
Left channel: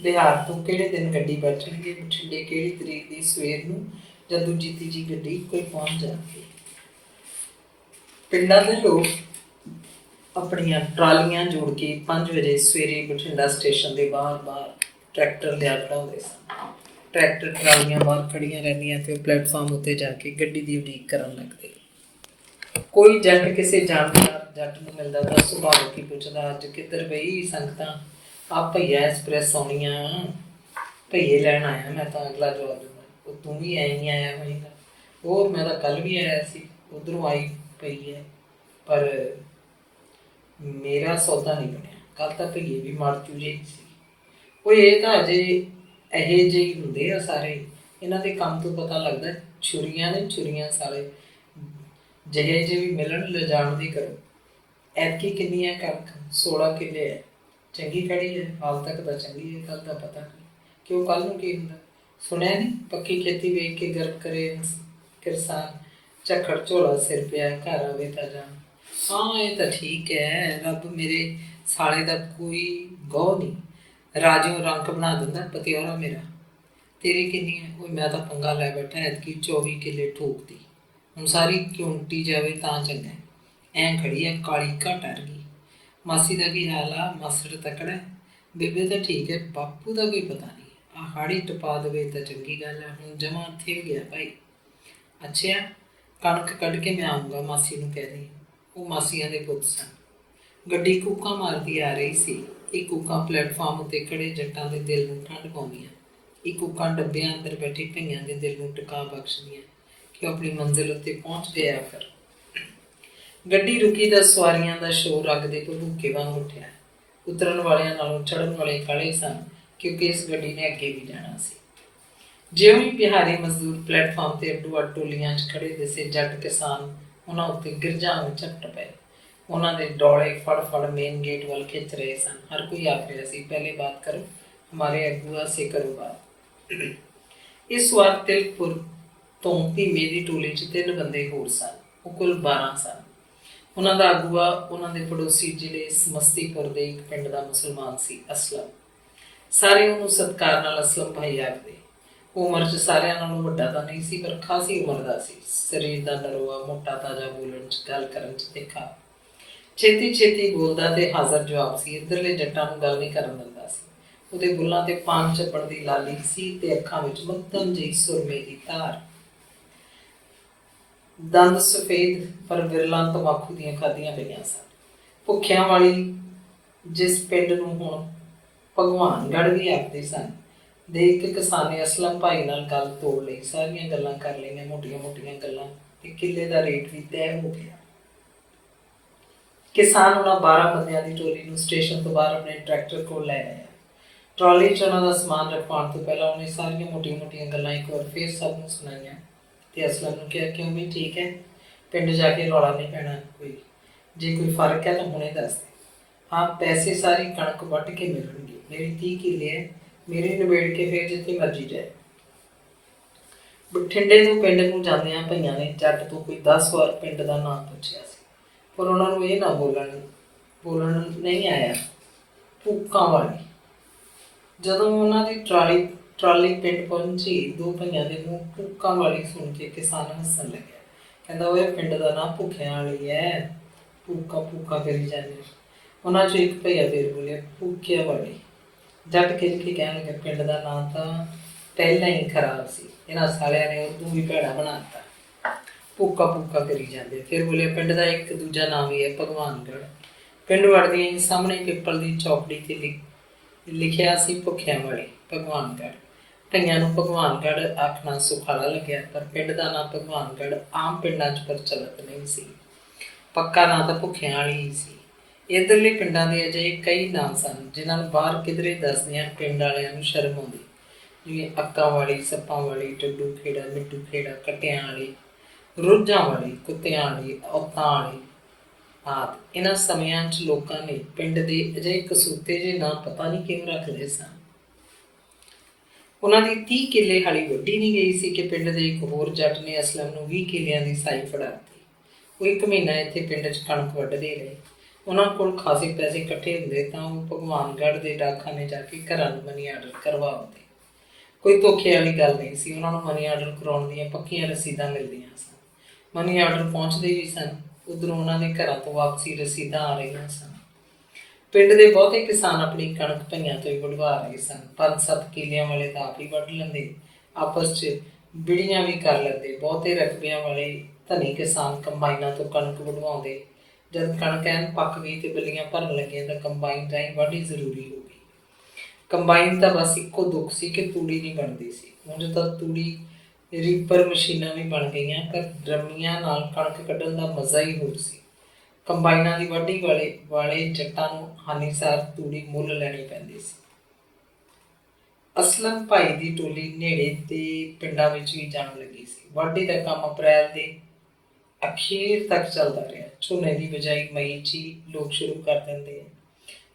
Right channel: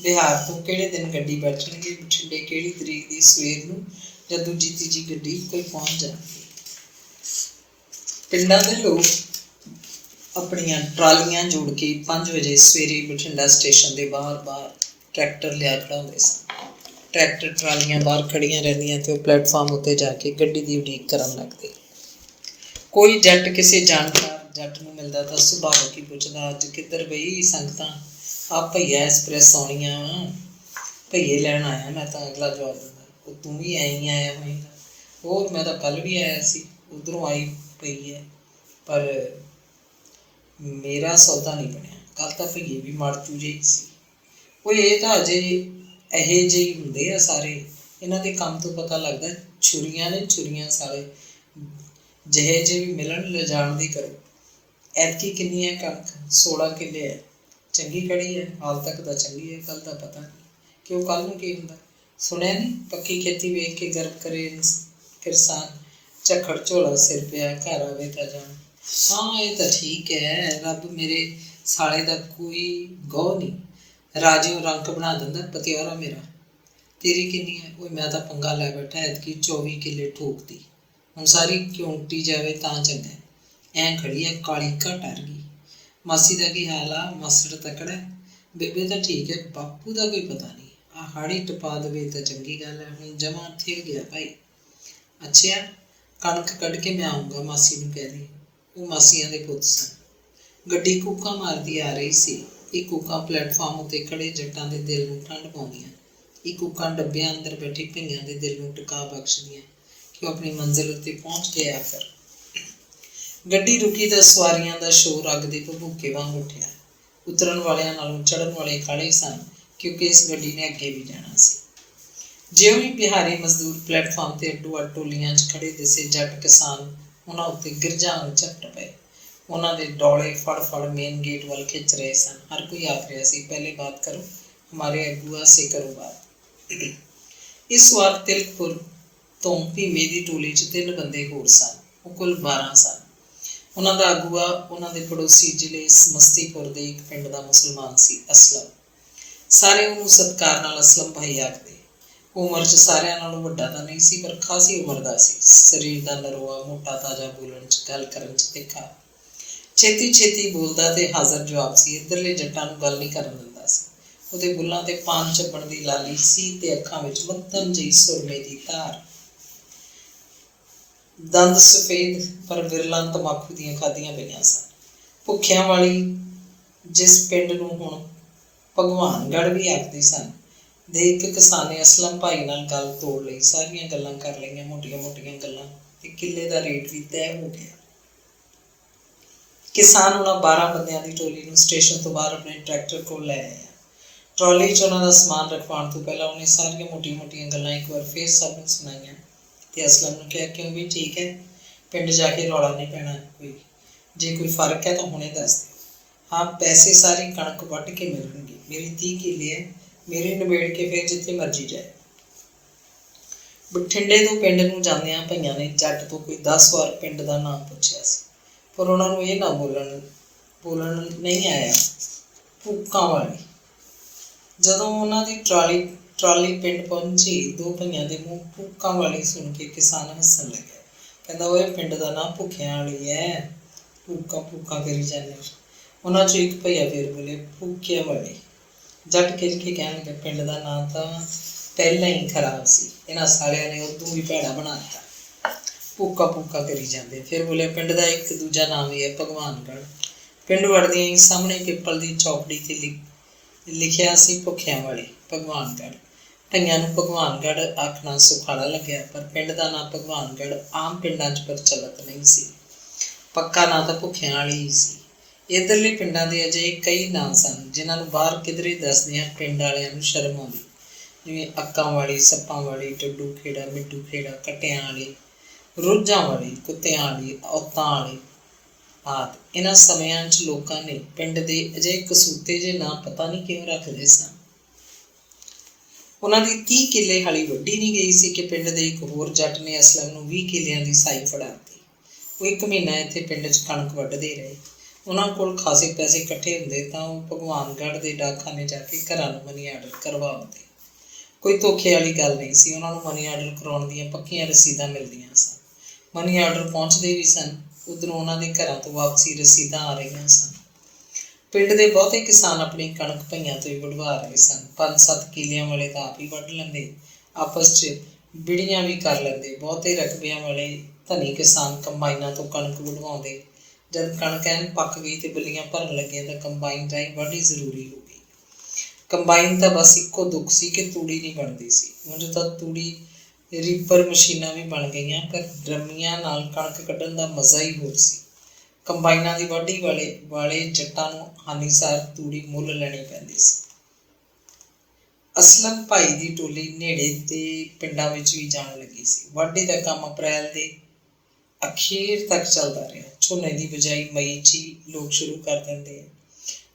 ਬਿਹਾਰ ਤੋਂ ਕਿਹੜੇ ਦਿਨ ਗੱਡੀ ਬੈਠਣਗੇ, ਬਠਿੰਡੇ ਕਿਹੜੀ ਤਰੀਕ ਦੀ ਸਵੇਰ ਨੂੰ ਜਾਂ ਦੂਜੀ ਤੀਜੀ ਗੱਡੀ ਕੋਈ ਪਹੁੰਚ ਜਾਣਗੇ। ਪਿੰਡਾਂ ਦੇ ਲੋਕ ਆਪਣੀਆਂ ਟਰਾਲੀਆਂ ਜੋੜ ਕੇ 5 ਵਜੇ ਸਵੇਰੇ ਬਠਿੰਡਾ ਸਟੇਸ਼ਨ ਦੇ ਬਾਹਰ ਟਰੈਕਟਰ ਲਿਆ ਖੜਾਉਂਦੇ ਸਨ। ਟਰੈਕਟਰ ਟਰਾਲੀਆਂ ਬਾਹਰ ਖੜ੍ਹੀਆਂ ਰਹਿੰਦੀਆਂ ਅਤੇ ਉਹ ਪਲੇਟਫਾਰਮ ਉੱਤੇ ਜਾ ਕੇ ਗੱਡੀ ਦੀ ਉਡੀਕ ਕਰਨ ਲੱਗਦੇ। ਕੋਈ ਜੱਟ ਕਿਸੇ ਜਾਣਕਾਰ ਜੱਟ ਨੂੰ ਮਿਲਦਾ ਤਾਂ ਸੁਭਾਵਿਕ ਹੀ ਪੁੱਛਦਾ, ਅੱਜ ਕਿੱਧਰ ਬਈ ਸੰਗਤਾਂ? ਆ ਭਈਆ ਐਕਸਪ੍ਰੈਸ ਆਉਣੀ ਆ, ਭਈਏ ਲੈਣ ਆਇਆ ਮੈਂ ਤਾਂ। ਅਗਲਾ ਜਵਾਬ ਦਿੰਦਾ, ਉਹ ਤੂੰ ਵੀ ਐਂ ਹੀ ਆਇਆ ਹੋਏਗਾ। ਹੋਰ ਮੈਂ ਤਾਂ ਕੱਲ੍ਹ ਵੀ ਆਇਆ ਸੀ, ਉੱਧਰੋਂ ਆਈ ਪਈ ਹੈ, ਪਰ ਮੇਰਾ ਸੌਦਾ ਨਹੀਂ ਬਣਿਆ। ਕੱਲ੍ਹ ਤਾਂ ਭਈਏ ਵੀ ਮੜਚੂ ਜਿਹੀ ਸੀ। ਉਹ ਇਹ ਤਾਂ ਅਜੇ ਇਹੋ ਜਿਹੇ ਹੀ ਹੁੰਦੇ ਆ ਸਾਰੇ। ਇਹਨਾਂ ਦੇ ਕੰਮ ਤੋਂ ਪਤਾ ਲੱਗਦਾ ਛੁਰੀਆਂ ਨੇ ਛੁਰੀਆਂ ਸਾਲੇ। ਜਿਹੇ ਜਿਹੇ ਵੀ ਮਿਲਣ ਲਿਜਾਣ ਦੀ ਕਰੋ। ਐਤਕੀ ਕਿੰਨੀ ਹੈ ਕਣਕ? 16 ਕਿੱਲੇ ਹੈ। ਚੰਗੀ ਖੜੀ ਹੈ? ਹਾਲ ਤੱਕ ਤਾਂ ਚੰਗੀ ਹੈ, ਕੱਲ੍ਹ ਦਾ ਪਤਾ ਨਹੀਂ ਕਿ ਉਹ ਕੱਲ੍ਹ ਨੂੰ ਕੀ ਹੁੰਦਾ। ਸੁਣਿਆ ਨਹੀਂ, ਪੱਕੀ ਖੇਤੀ ਵੇਖ ਕੇ ਗਰਬ ਕਰੇ ਕਿਰਸਾਨ, ਝੱਖੜ ਝੋਲਾ ਸਿਰ ਪਿਆ, ਘਰ ਆਵੇ ਤਾਂ ਜਾਣ। ਹਾਂ ਇਹ ਤਾਂ ਠੀਕ ਹੈ, ਰੱਬ ਮੇਰੇ ਸਾਲੇ ਦਾ ਕੋਈ ਗਹੁ ਨਹੀਂ, ਰਾਜਿਓਂ ਰੰਕ ਬਣਾ ਦਿੰਦਾ ਪਤਿਆਰਾ ਮੇਰਾ। ਤੇਰੀ ਕਿੰਨੀ ਹੈ? ਉਹ ਮੈਂ ਤਾਂ ਪੰਗਾ ਲੈ ਬੈਠਾ, ਐਤਕੀ 24 ਕਿੱਲੇ ਠੋਕਦੀ। ਹੁਣ ਸਾਰੀ ਕਿਉਂਟੀ ਜਾਵੇ ਤਾਂ ਚੰਗਾ। ਐਂ ਖੜੀ ਹੈ ਕਾਲੀ ਘਟ ਅਰ ਗਈ। ਮਾਸੀ ਦਾ ਕੀ ਹਾਲ ਆ? ਮਾਸੜ ਤਕੜਾ? ਬੇਬੇ ਤਾਂ ਠੀਕ ਹੈ, ਬਾਪੂ ਦਾ ਕੋਈ ਪਤਾ ਨਹੀਂ। ਆਹ ਹਾੜੀ ਟਪਾ ਦੇਵੇ ਤਾਂ ਚੰਗੀ ਗੱਲ ਹੈ। ਹੁਣ ਜਮਾਂ ਥਿਰ ਗਿਆ ਭਾਈ। ਅੱਛਾ, ਕਣਕ ਕੱਢ ਕੇ ਮੈਂ ਆਊਂਗਾ, ਮਾਸੀ ਨੂੰ ਕਹਿ ਦੇ। ਉਹ ਮਾਸੀਆਂ ਦੇ ਪੁੱਤ ਸਨ। ਗੱਡੀ ਕੂਕਾਂ ਮਾਰਦੀ ਆ ਰਹੀ ਸੀ। ਇਹ ਕੂਕਾਂ ਪਲੇਟਫਾਰਮ ਉੱਤੇ ਖੜੇ ਜੱਟਾਂ ਦੇ ਦਿਲ ਨੂੰ ਠੰਡ ਪਾਉਂਦੀਆਂ। ਇਹ ਕੂਕਾਂ ਡੱਬਿਆਂ ਅੰਦਰ ਬੈਠੇ ਭਈਆਂ ਦੇ ਦਿਲ ਨੂੰ ਟਿਕਾ ਬਖਸ਼ਦੀਆਂ ਕਿ ਉਹ ਆਪਣੀ ਮੰਜ਼ਿਲ ਉੱਤੇ ਪਹੁੰਚ ਜਾਇਆ ਕਰ। ਗੱਡੀ ਰੁਕੀ ਤਾਂ ਸਵਾਰੀਆਂ ਦਾ ਸ਼ੋਰ ਅੱਗ ਦੇ ਭਬੂਕੇ ਵਾਂਗ ਉੱਠਿਆ। ਉਤਰਨ ਵਾਲਿਆਂ ਨਾਲੋਂ ਚੜ੍ਹਨ ਵਾਲੇ ਕਾਹਲੇ ਸਨ, ਕਿਉਂਕਿ ਇਸ ਗੱਡੀ ਨੇ ਅੱਗੇ ਵੀ ਜਾਣਾ ਸੀ। ਜਿਉਂ ਹੀ ਬਿਹਾਰੀ ਮਜ਼ਦੂਰ ਪਲੇਟਫਾਰਮ 'ਤੇ ਅੱਡੋ ਅੱਡ ਟੋਲੀਆਂ 'ਚ ਖੜੇ ਦਿਸੇ, ਜੱਟ ਕਿਸਾਨ ਉਹਨਾਂ ਉੱਤੇ ਗਿਰਝਾਂ ਵਾਂਗ ਝਪਟ ਪਏ। ਉਹਨਾਂ ਦੇ ਡੋਲੇ ਫੜ ਮੇਨ ਗੇਟ ਵੱਲ ਖਿੱਚ ਰਹੇ ਸਨ। ਹਰ ਕੋਈ ਆਖ ਰਿਹਾ ਸੀ, ਪਹਿਲੇ ਬਾਤ ਕਰੋ, ਹਮਾਰੇ ਅਗੂਆ ਸੇ ਕਰੋ ਬਾਤ। ਇਸ ਵਾਰ ਤਿਲਕਪੁਰ ਤੋਂ ਭੀਮੇ ਦੀ ਟੋਲੀ 'ਚ 3 ਬੰਦੇ ਹੋਰ ਸਨ। ਉਹ ਕੁੱਲ 12 ਸਨ। ਉਹਨਾਂ ਦਾ ਅਗੂਆ ਉਹਨਾਂ ਦੇ ਪੜੋਸੀ ਜ਼ਿਲ੍ਹੇ ਸਮਸਤੀਪੁਰ ਦੇ ਇੱਕ ਪਿੰਡ ਦਾ ਮੁਸਲਮਾਨ ਸੀ, ਅਸਲਮ। ਸਾਰੇ ਉਹਨੂੰ ਸਤਿਕਾਰ ਨਾਲ ਅਸਲਮ ਭਾਈ ਆਖਦੇ। ਉਹ ਉਮਰ 'ਚ ਸਾਰਿਆਂ ਨਾਲੋਂ ਵੱਡਾ ਤਾਂ ਨਹੀਂ ਸੀ, ਪਰ ਖਾਸੀ ਉਮਰ ਦਾ ਸੀ। ਸਰੀਰ ਦਾ ਨਰੋਆ, ਮੋਟਾ ਤਾਜ਼ਾ, ਬੋਲਣ 'ਚ ਗੱਲ ਕਰਨ 'ਚ ਤਿੱਖਾ। ਛੇਤੀ ਛੇਤੀ ਬੋਲਦਾ ਤੇ ਹਾਜ਼ਰ ਜਵਾਬ ਸੀ। ਇੱਧਰਲੇ ਜੱਟਾਂ ਨੂੰ ਗੱਲ ਨਹੀਂ ਕਰਨ ਦਿੰਦਾ ਸੀ। ਉਹਦੇ ਬੁੱਲਾਂ ਤੇ ਪਾਨ ਚੱਪਣ ਦੀ ਲਾਲੀ ਸੀ ਤੇ ਅੱਖਾਂ ਵਿੱਚ ਮੱਧਮ ਜਿਹੀ ਸੁਰਮੇ ਦੀ ਧਾਰ। ਦੰਦ ਸਫੇਦ ਪਰ ਵਿਰਲਾਂ ਤੰਬਾਕੂ ਦੀਆਂ ਖਾਧੀਆਂ ਪਈਆਂ ਸਨ। ਭੁੱਖਿਆਂ ਵਾਲੀ, ਜਿਸ ਪਿੰਡ ਨੂੰ ਹੁਣ ਭਗਵਾਨਗੜ੍ਹ ਵੀ ਆਖਦੇ ਸਨ, ਦੇ ਇੱਕ ਕਿਸਾਨ ਨੇ ਅਸਲਮ ਭਾਈ ਨਾਲ ਗੱਲ ਤੋੜ ਲਈ। ਸਾਰੀਆਂ ਗੱਲਾਂ ਕਰ ਲਈਆਂ, ਮੋਟੀਆਂ ਮੋਟੀਆਂ ਗੱਲਾਂ, ਤੇ ਕਿੱਲੇ ਦਾ ਰੇਟ ਵੀ ਤੈਅ ਹੋ ਗਿਆ। ਕਿਸਾਨ ਉਹਨਾਂ 12 ਬੰਦਿਆਂ ਦੀ ਟੋਲੀ ਨੂੰ ਸਟੇਸ਼ਨ ਤੋਂ ਬਾਹਰ ਆਪਣੇ ਟਰੈਕਟਰ ਕੋਲ ਲੈ ਆਇਆ। ਟਰਾਲੀ 'ਚ ਉਹਨਾਂ ਦਾ ਸਮਾਨ ਰਖਵਾਉਣ ਤੋਂ ਪਹਿਲਾਂ ਉਹਨੇ ਸਾਰੀਆਂ ਮੋਟੀਆਂ ਮੋਟੀਆਂ ਗੱਲਾਂ ਇੱਕ ਵਾਰ ਫਿਰ ਸਭ ਨੂੰ ਸੁਣਾਈਆਂ ਤੇ ਅਸਲਮ ਨੂੰ ਕਿਹਾ, ਕਿਉਂ ਵੀ ਠੀਕ ਹੈ, ਪਿੰਡ ਜਾ ਕੇ ਰੌਲਾ ਨਹੀਂ ਪੈਣਾ ਕੋਈ, ਜੇ ਕੋਈ ਫਰਕ ਹੈ ਤਾਂ ਹੁਣੇ ਦੱਸ ਦੇ। ਹਾਂ, ਪੈਸੇ ਸਾਰੀ ਕਣਕ ਵੱਢ ਕੇ ਮਿਲਣਗੇ, ਮੇਰੀ 30 ਕਿੱਲੇ ਹੈ, ਮੇਰੇ ਨਿਬੇੜ ਕੇ ਫਿਰ ਜਿੱਥੇ ਮਰਜ਼ੀ ਜਾਏ। ਬਠਿੰਡੇ ਤੋਂ ਪਿੰਡ ਨੂੰ ਜਾਂਦਿਆਂ ਭਈਆਂ ਨੇ ਜੱਟ ਤੋਂ ਕੋਈ 10 ਵਾਰ ਪਿੰਡ ਦਾ ਨਾਮ ਪੁੱਛਿਆ ਸੀ, ਪਰ ਉਹਨਾਂ ਨੂੰ ਇਹ ਨਾ ਬੋਲਣ ਨਹੀਂ ਆਇਆ। ਭੂਕਾਂ ਵਾਲੀ। ਜਦੋਂ ਉਹਨਾਂ ਦੀ ਟਰਾਲੀ ਪਿੰਡ ਪਹੁੰਚੀ, 2 ਭਈਆਂ ਦੇ ਮੂੰਹ ਭੂਕਾਂ ਵਾਲੀ ਸੁਣ ਕੇ ਕਿਸਾਨ ਹੱਸਣ ਲੱਗਿਆ। ਕਹਿੰਦਾ, ਉਹ ਪਿੰਡ ਦਾ ਨਾਂ ਭੁੱਖਿਆਂ ਵਾਲੀ ਹੈ, ਭੂਕਾਂ ਕਰੀ ਜਾਂਦੇ। ਉਹਨਾਂ 'ਚੋਂ ਇੱਕ ਭਈਆ ਫਿਰ ਬੋਲਿਆ, ਭੁੱਕਿਆਂ ਵਾਲੀ। ਜੱਟ ਖਿੱਚ ਕੇ ਕਹਿਣ ਲੱਗਾ, ਪਿੰਡ ਦਾ ਨਾਂ ਤਾਂ ਪਹਿਲਾਂ ਹੀ ਖਰਾਬ ਸੀ, ਇਹਨਾਂ ਸਾਲਿਆਂ ਨੇ ਉਦੋਂ ਵੀ ਭੈੜਾ ਬਣਾ ਦਿੱਤਾ, ਭੂਕਾ ਕਰੀ ਜਾਂਦੇ। ਫਿਰ ਬੋਲਿਆ, ਪਿੰਡ ਦਾ ਇੱਕ ਦੂਜਾ ਨਾਮ ਵੀ ਹੈ, ਭਗਵਾਨਗੜ੍ਹ। ਪਿੰਡ ਵੜਦਿਆਂ ਹੀ ਸਾਹਮਣੇ ਪਿੱਪਲ ਦੀ ਚੌਕੜੀ 'ਤੇ ਲਿਖਿਆ ਸੀ, ਭੁੱਖਿਆਂ ਵਾਲੀ ਭਗਵਾਨਗੜ੍ਹ। ਭਈਆਂ ਨੂੰ ਭਗਵਾਨਗੜ੍ਹ ਆਖਣਾ ਸੁਖਾਲਾ ਲੱਗਿਆ, ਪਰ ਪਿੰਡ ਦਾ ਨਾਂ ਭਗਵਾਨਗੜ੍ਹ ਆਮ ਪਿੰਡਾਂ 'ਚ ਪ੍ਰਚਲਿਤ ਨਹੀਂ ਸੀ। ਪੱਕਾ ਨਾਂ ਤਾਂ ਭੁੱਖਿਆਂ ਵਾਲੀ ਹੀ ਸੀ। ਇੱਧਰਲੇ ਪਿੰਡਾਂ ਦੇ ਅਜਿਹੇ ਕਈ ਨਾਂ ਸਨ ਜਿਨ੍ਹਾਂ ਨੂੰ ਬਾਹਰ ਕਿਧਰੇ ਦੱਸਦਿਆਂ ਪਿੰਡ ਵਾਲਿਆਂ ਨੂੰ ਸ਼ਰਮ ਆਉਂਦੀ, ਜਿਵੇਂ ਅੱਕਾਂ ਵਾਲੀ, ਸੱਪਾਂ ਵਾਲੀ, ਟੱਡੂ ਖੇੜਾ, ਮਿੱਟੂ ਖੇੜਾ, ਕੱਟਿਆਂ ਵਾਲੀ, ਰੁੱਝਾਂ ਵਾਲੀ, ਕੁੱਤਿਆਂ ਵਾਲੀ, ਔਤਾਂ ਵਾਲੀ ਆਦਿ। ਇਹਨਾਂ ਸਮਿਆਂ 'ਚ ਲੋਕਾਂ ਨੇ ਪਿੰਡ ਦੇ ਅਜਿਹੇ ਕਸੂਤੇ ਜਿਹੇ ਨਾਂ ਪਤਾ ਨਹੀਂ ਕਿਉਂ ਰੱਖਦੇ ਸਨ। ਉਹਨਾਂ ਦੀ 30 ਕਿੱਲੇ ਹਾਲੀ ਵੱਢੀ ਨਹੀਂ ਗਈ ਸੀ ਕਿ ਪਿੰਡ ਦੇ ਇੱਕ ਹੋਰ ਜੱਟ ਨੇ ਅਸਲਮ ਨੂੰ 20 ਕਿੱਲਿਆਂ ਦੀ ਸਾਈ ਫੜਾ ਦਿੱਤੀ। ਉਹ 1 ਮਹੀਨਾ ਇੱਥੇ ਪਿੰਡ 'ਚ ਕਣਕ ਵੱਢਦੇ ਰਹੇ। ਉਹਨਾਂ ਕੋਲ ਖਾਸੇ ਪੈਸੇ ਇਕੱਠੇ ਹੁੰਦੇ ਤਾਂ ਉਹ ਭਗਵਾਨਗੜ੍ਹ ਦੇ ਡਾਕਖਾਨੇ ਜਾ ਕੇ ਘਰਾਂ ਨੂੰ ਮਨੀ ਆਰਡਰ ਕਰਵਾ ਆਉਂਦੇ। ਕੋਈ ਧੋਖੇ ਵਾਲੀ ਗੱਲ ਨਹੀਂ ਸੀ। ਉਹਨਾਂ ਨੂੰ ਮਨੀ ਆਰਡਰ ਕਰਾਉਣ ਦੀਆਂ ਪੱਕੀਆਂ ਰਸੀਦਾਂ ਮਿਲਦੀਆਂ ਸਨ। ਮਨੀ ਆਰਡਰ ਪਹੁੰਚਦੇ ਵੀ ਸਨ। ਉੱਧਰੋਂ ਉਹਨਾਂ ਦੇ ਘਰਾਂ ਤੋਂ ਵਾਪਸੀ ਰਸੀਦਾਂ ਆ ਰਹੀਆਂ ਸਨ। ਪਿੰਡ ਦੇ ਬਹੁਤੇ ਕਿਸਾਨ ਆਪਣੀ ਕਣਕ ਭਈਆਂ ਤੋਂ ਹੀ ਵਢਵਾ ਰਹੇ ਸਨ। 5-7 ਕਿੱਲਿਆਂ ਵਾਲੇ ਤਾਂ ਆਪ ਹੀ ਵੱਢ ਲੈਂਦੇ, ਆਪਸ 'ਚ ਬਿੜੀਆਂ ਵੀ ਕਰ ਲੈਂਦੇ। ਬਹੁਤੇ ਰਕਬਿਆਂ ਵਾਲੇ ਧਨੀ ਕਿਸਾਨ ਕੰਬਾਈਨਾਂ ਤੋਂ ਕਣਕ ਵਢਵਾਉਂਦੇ। ਜਦ ਕਣਕ ਐਨ ਪੱਕ ਗਈ ਤੇ ਬੱਲੀਆਂ ਭਰਨ ਲੱਗੀਆਂ ਤਾਂ ਕੰਬਾਈਨ ਰਾਹੀਂ ਵਾਢੀ ਜ਼ਰੂਰੀ ਹੋ ਗਈ। ਕੰਬਾਈਨ ਤਾਂ ਬਸ ਇੱਕੋ ਦੁੱਖ ਸੀ ਕਿ ਤੂੜੀ ਨਹੀਂ ਬਣਦੀ ਸੀ। ਉਂਝ ਤਾਂ ਤੂੜੀ ਰੀਪਰ ਮਸ਼ੀਨਾਂ ਵੀ ਬਣ ਗਈਆਂ, ਪਰ ਡਰਮੀਆਂ ਨਾਲ ਕਣਕ ਕੱਢਣ ਦਾ ਮਜ਼ਾ ਹੀ ਹੋਰ ਸੀ। ਕੰਬਾਈਨਾਂ ਦੀ ਵਾਢੀ ਵਾਲੇ ਜੱਟਾਂ ਨੂੰ ਹਾਨੀਸਾਰ ਤੂੜੀ ਮੁੱਲ ਲੈਣੀ ਪੈਂਦੀ ਸੀ। ਅਸਲਮ ਭਾਈ ਦੀ ਟੋਲੀ ਨੇੜੇ ਦੇ ਪਿੰਡਾਂ ਵਿੱਚ ਵੀ ਜਾਣ ਲੱਗੀ ਸੀ। ਵਾਢੀ ਦਾ ਕੰਮ ਅਪ੍ਰੈਲ ਦੇ ਅਖੀਰ ਤੱਕ ਚੱਲਦਾ ਰਿਹਾ। ਝੋਨੇ ਦੀ ਬਿਜਾਈ ਮਈ 'ਚ ਹੀ ਲੋਕ ਸ਼ੁਰੂ ਕਰ ਦਿੰਦੇ ਆ।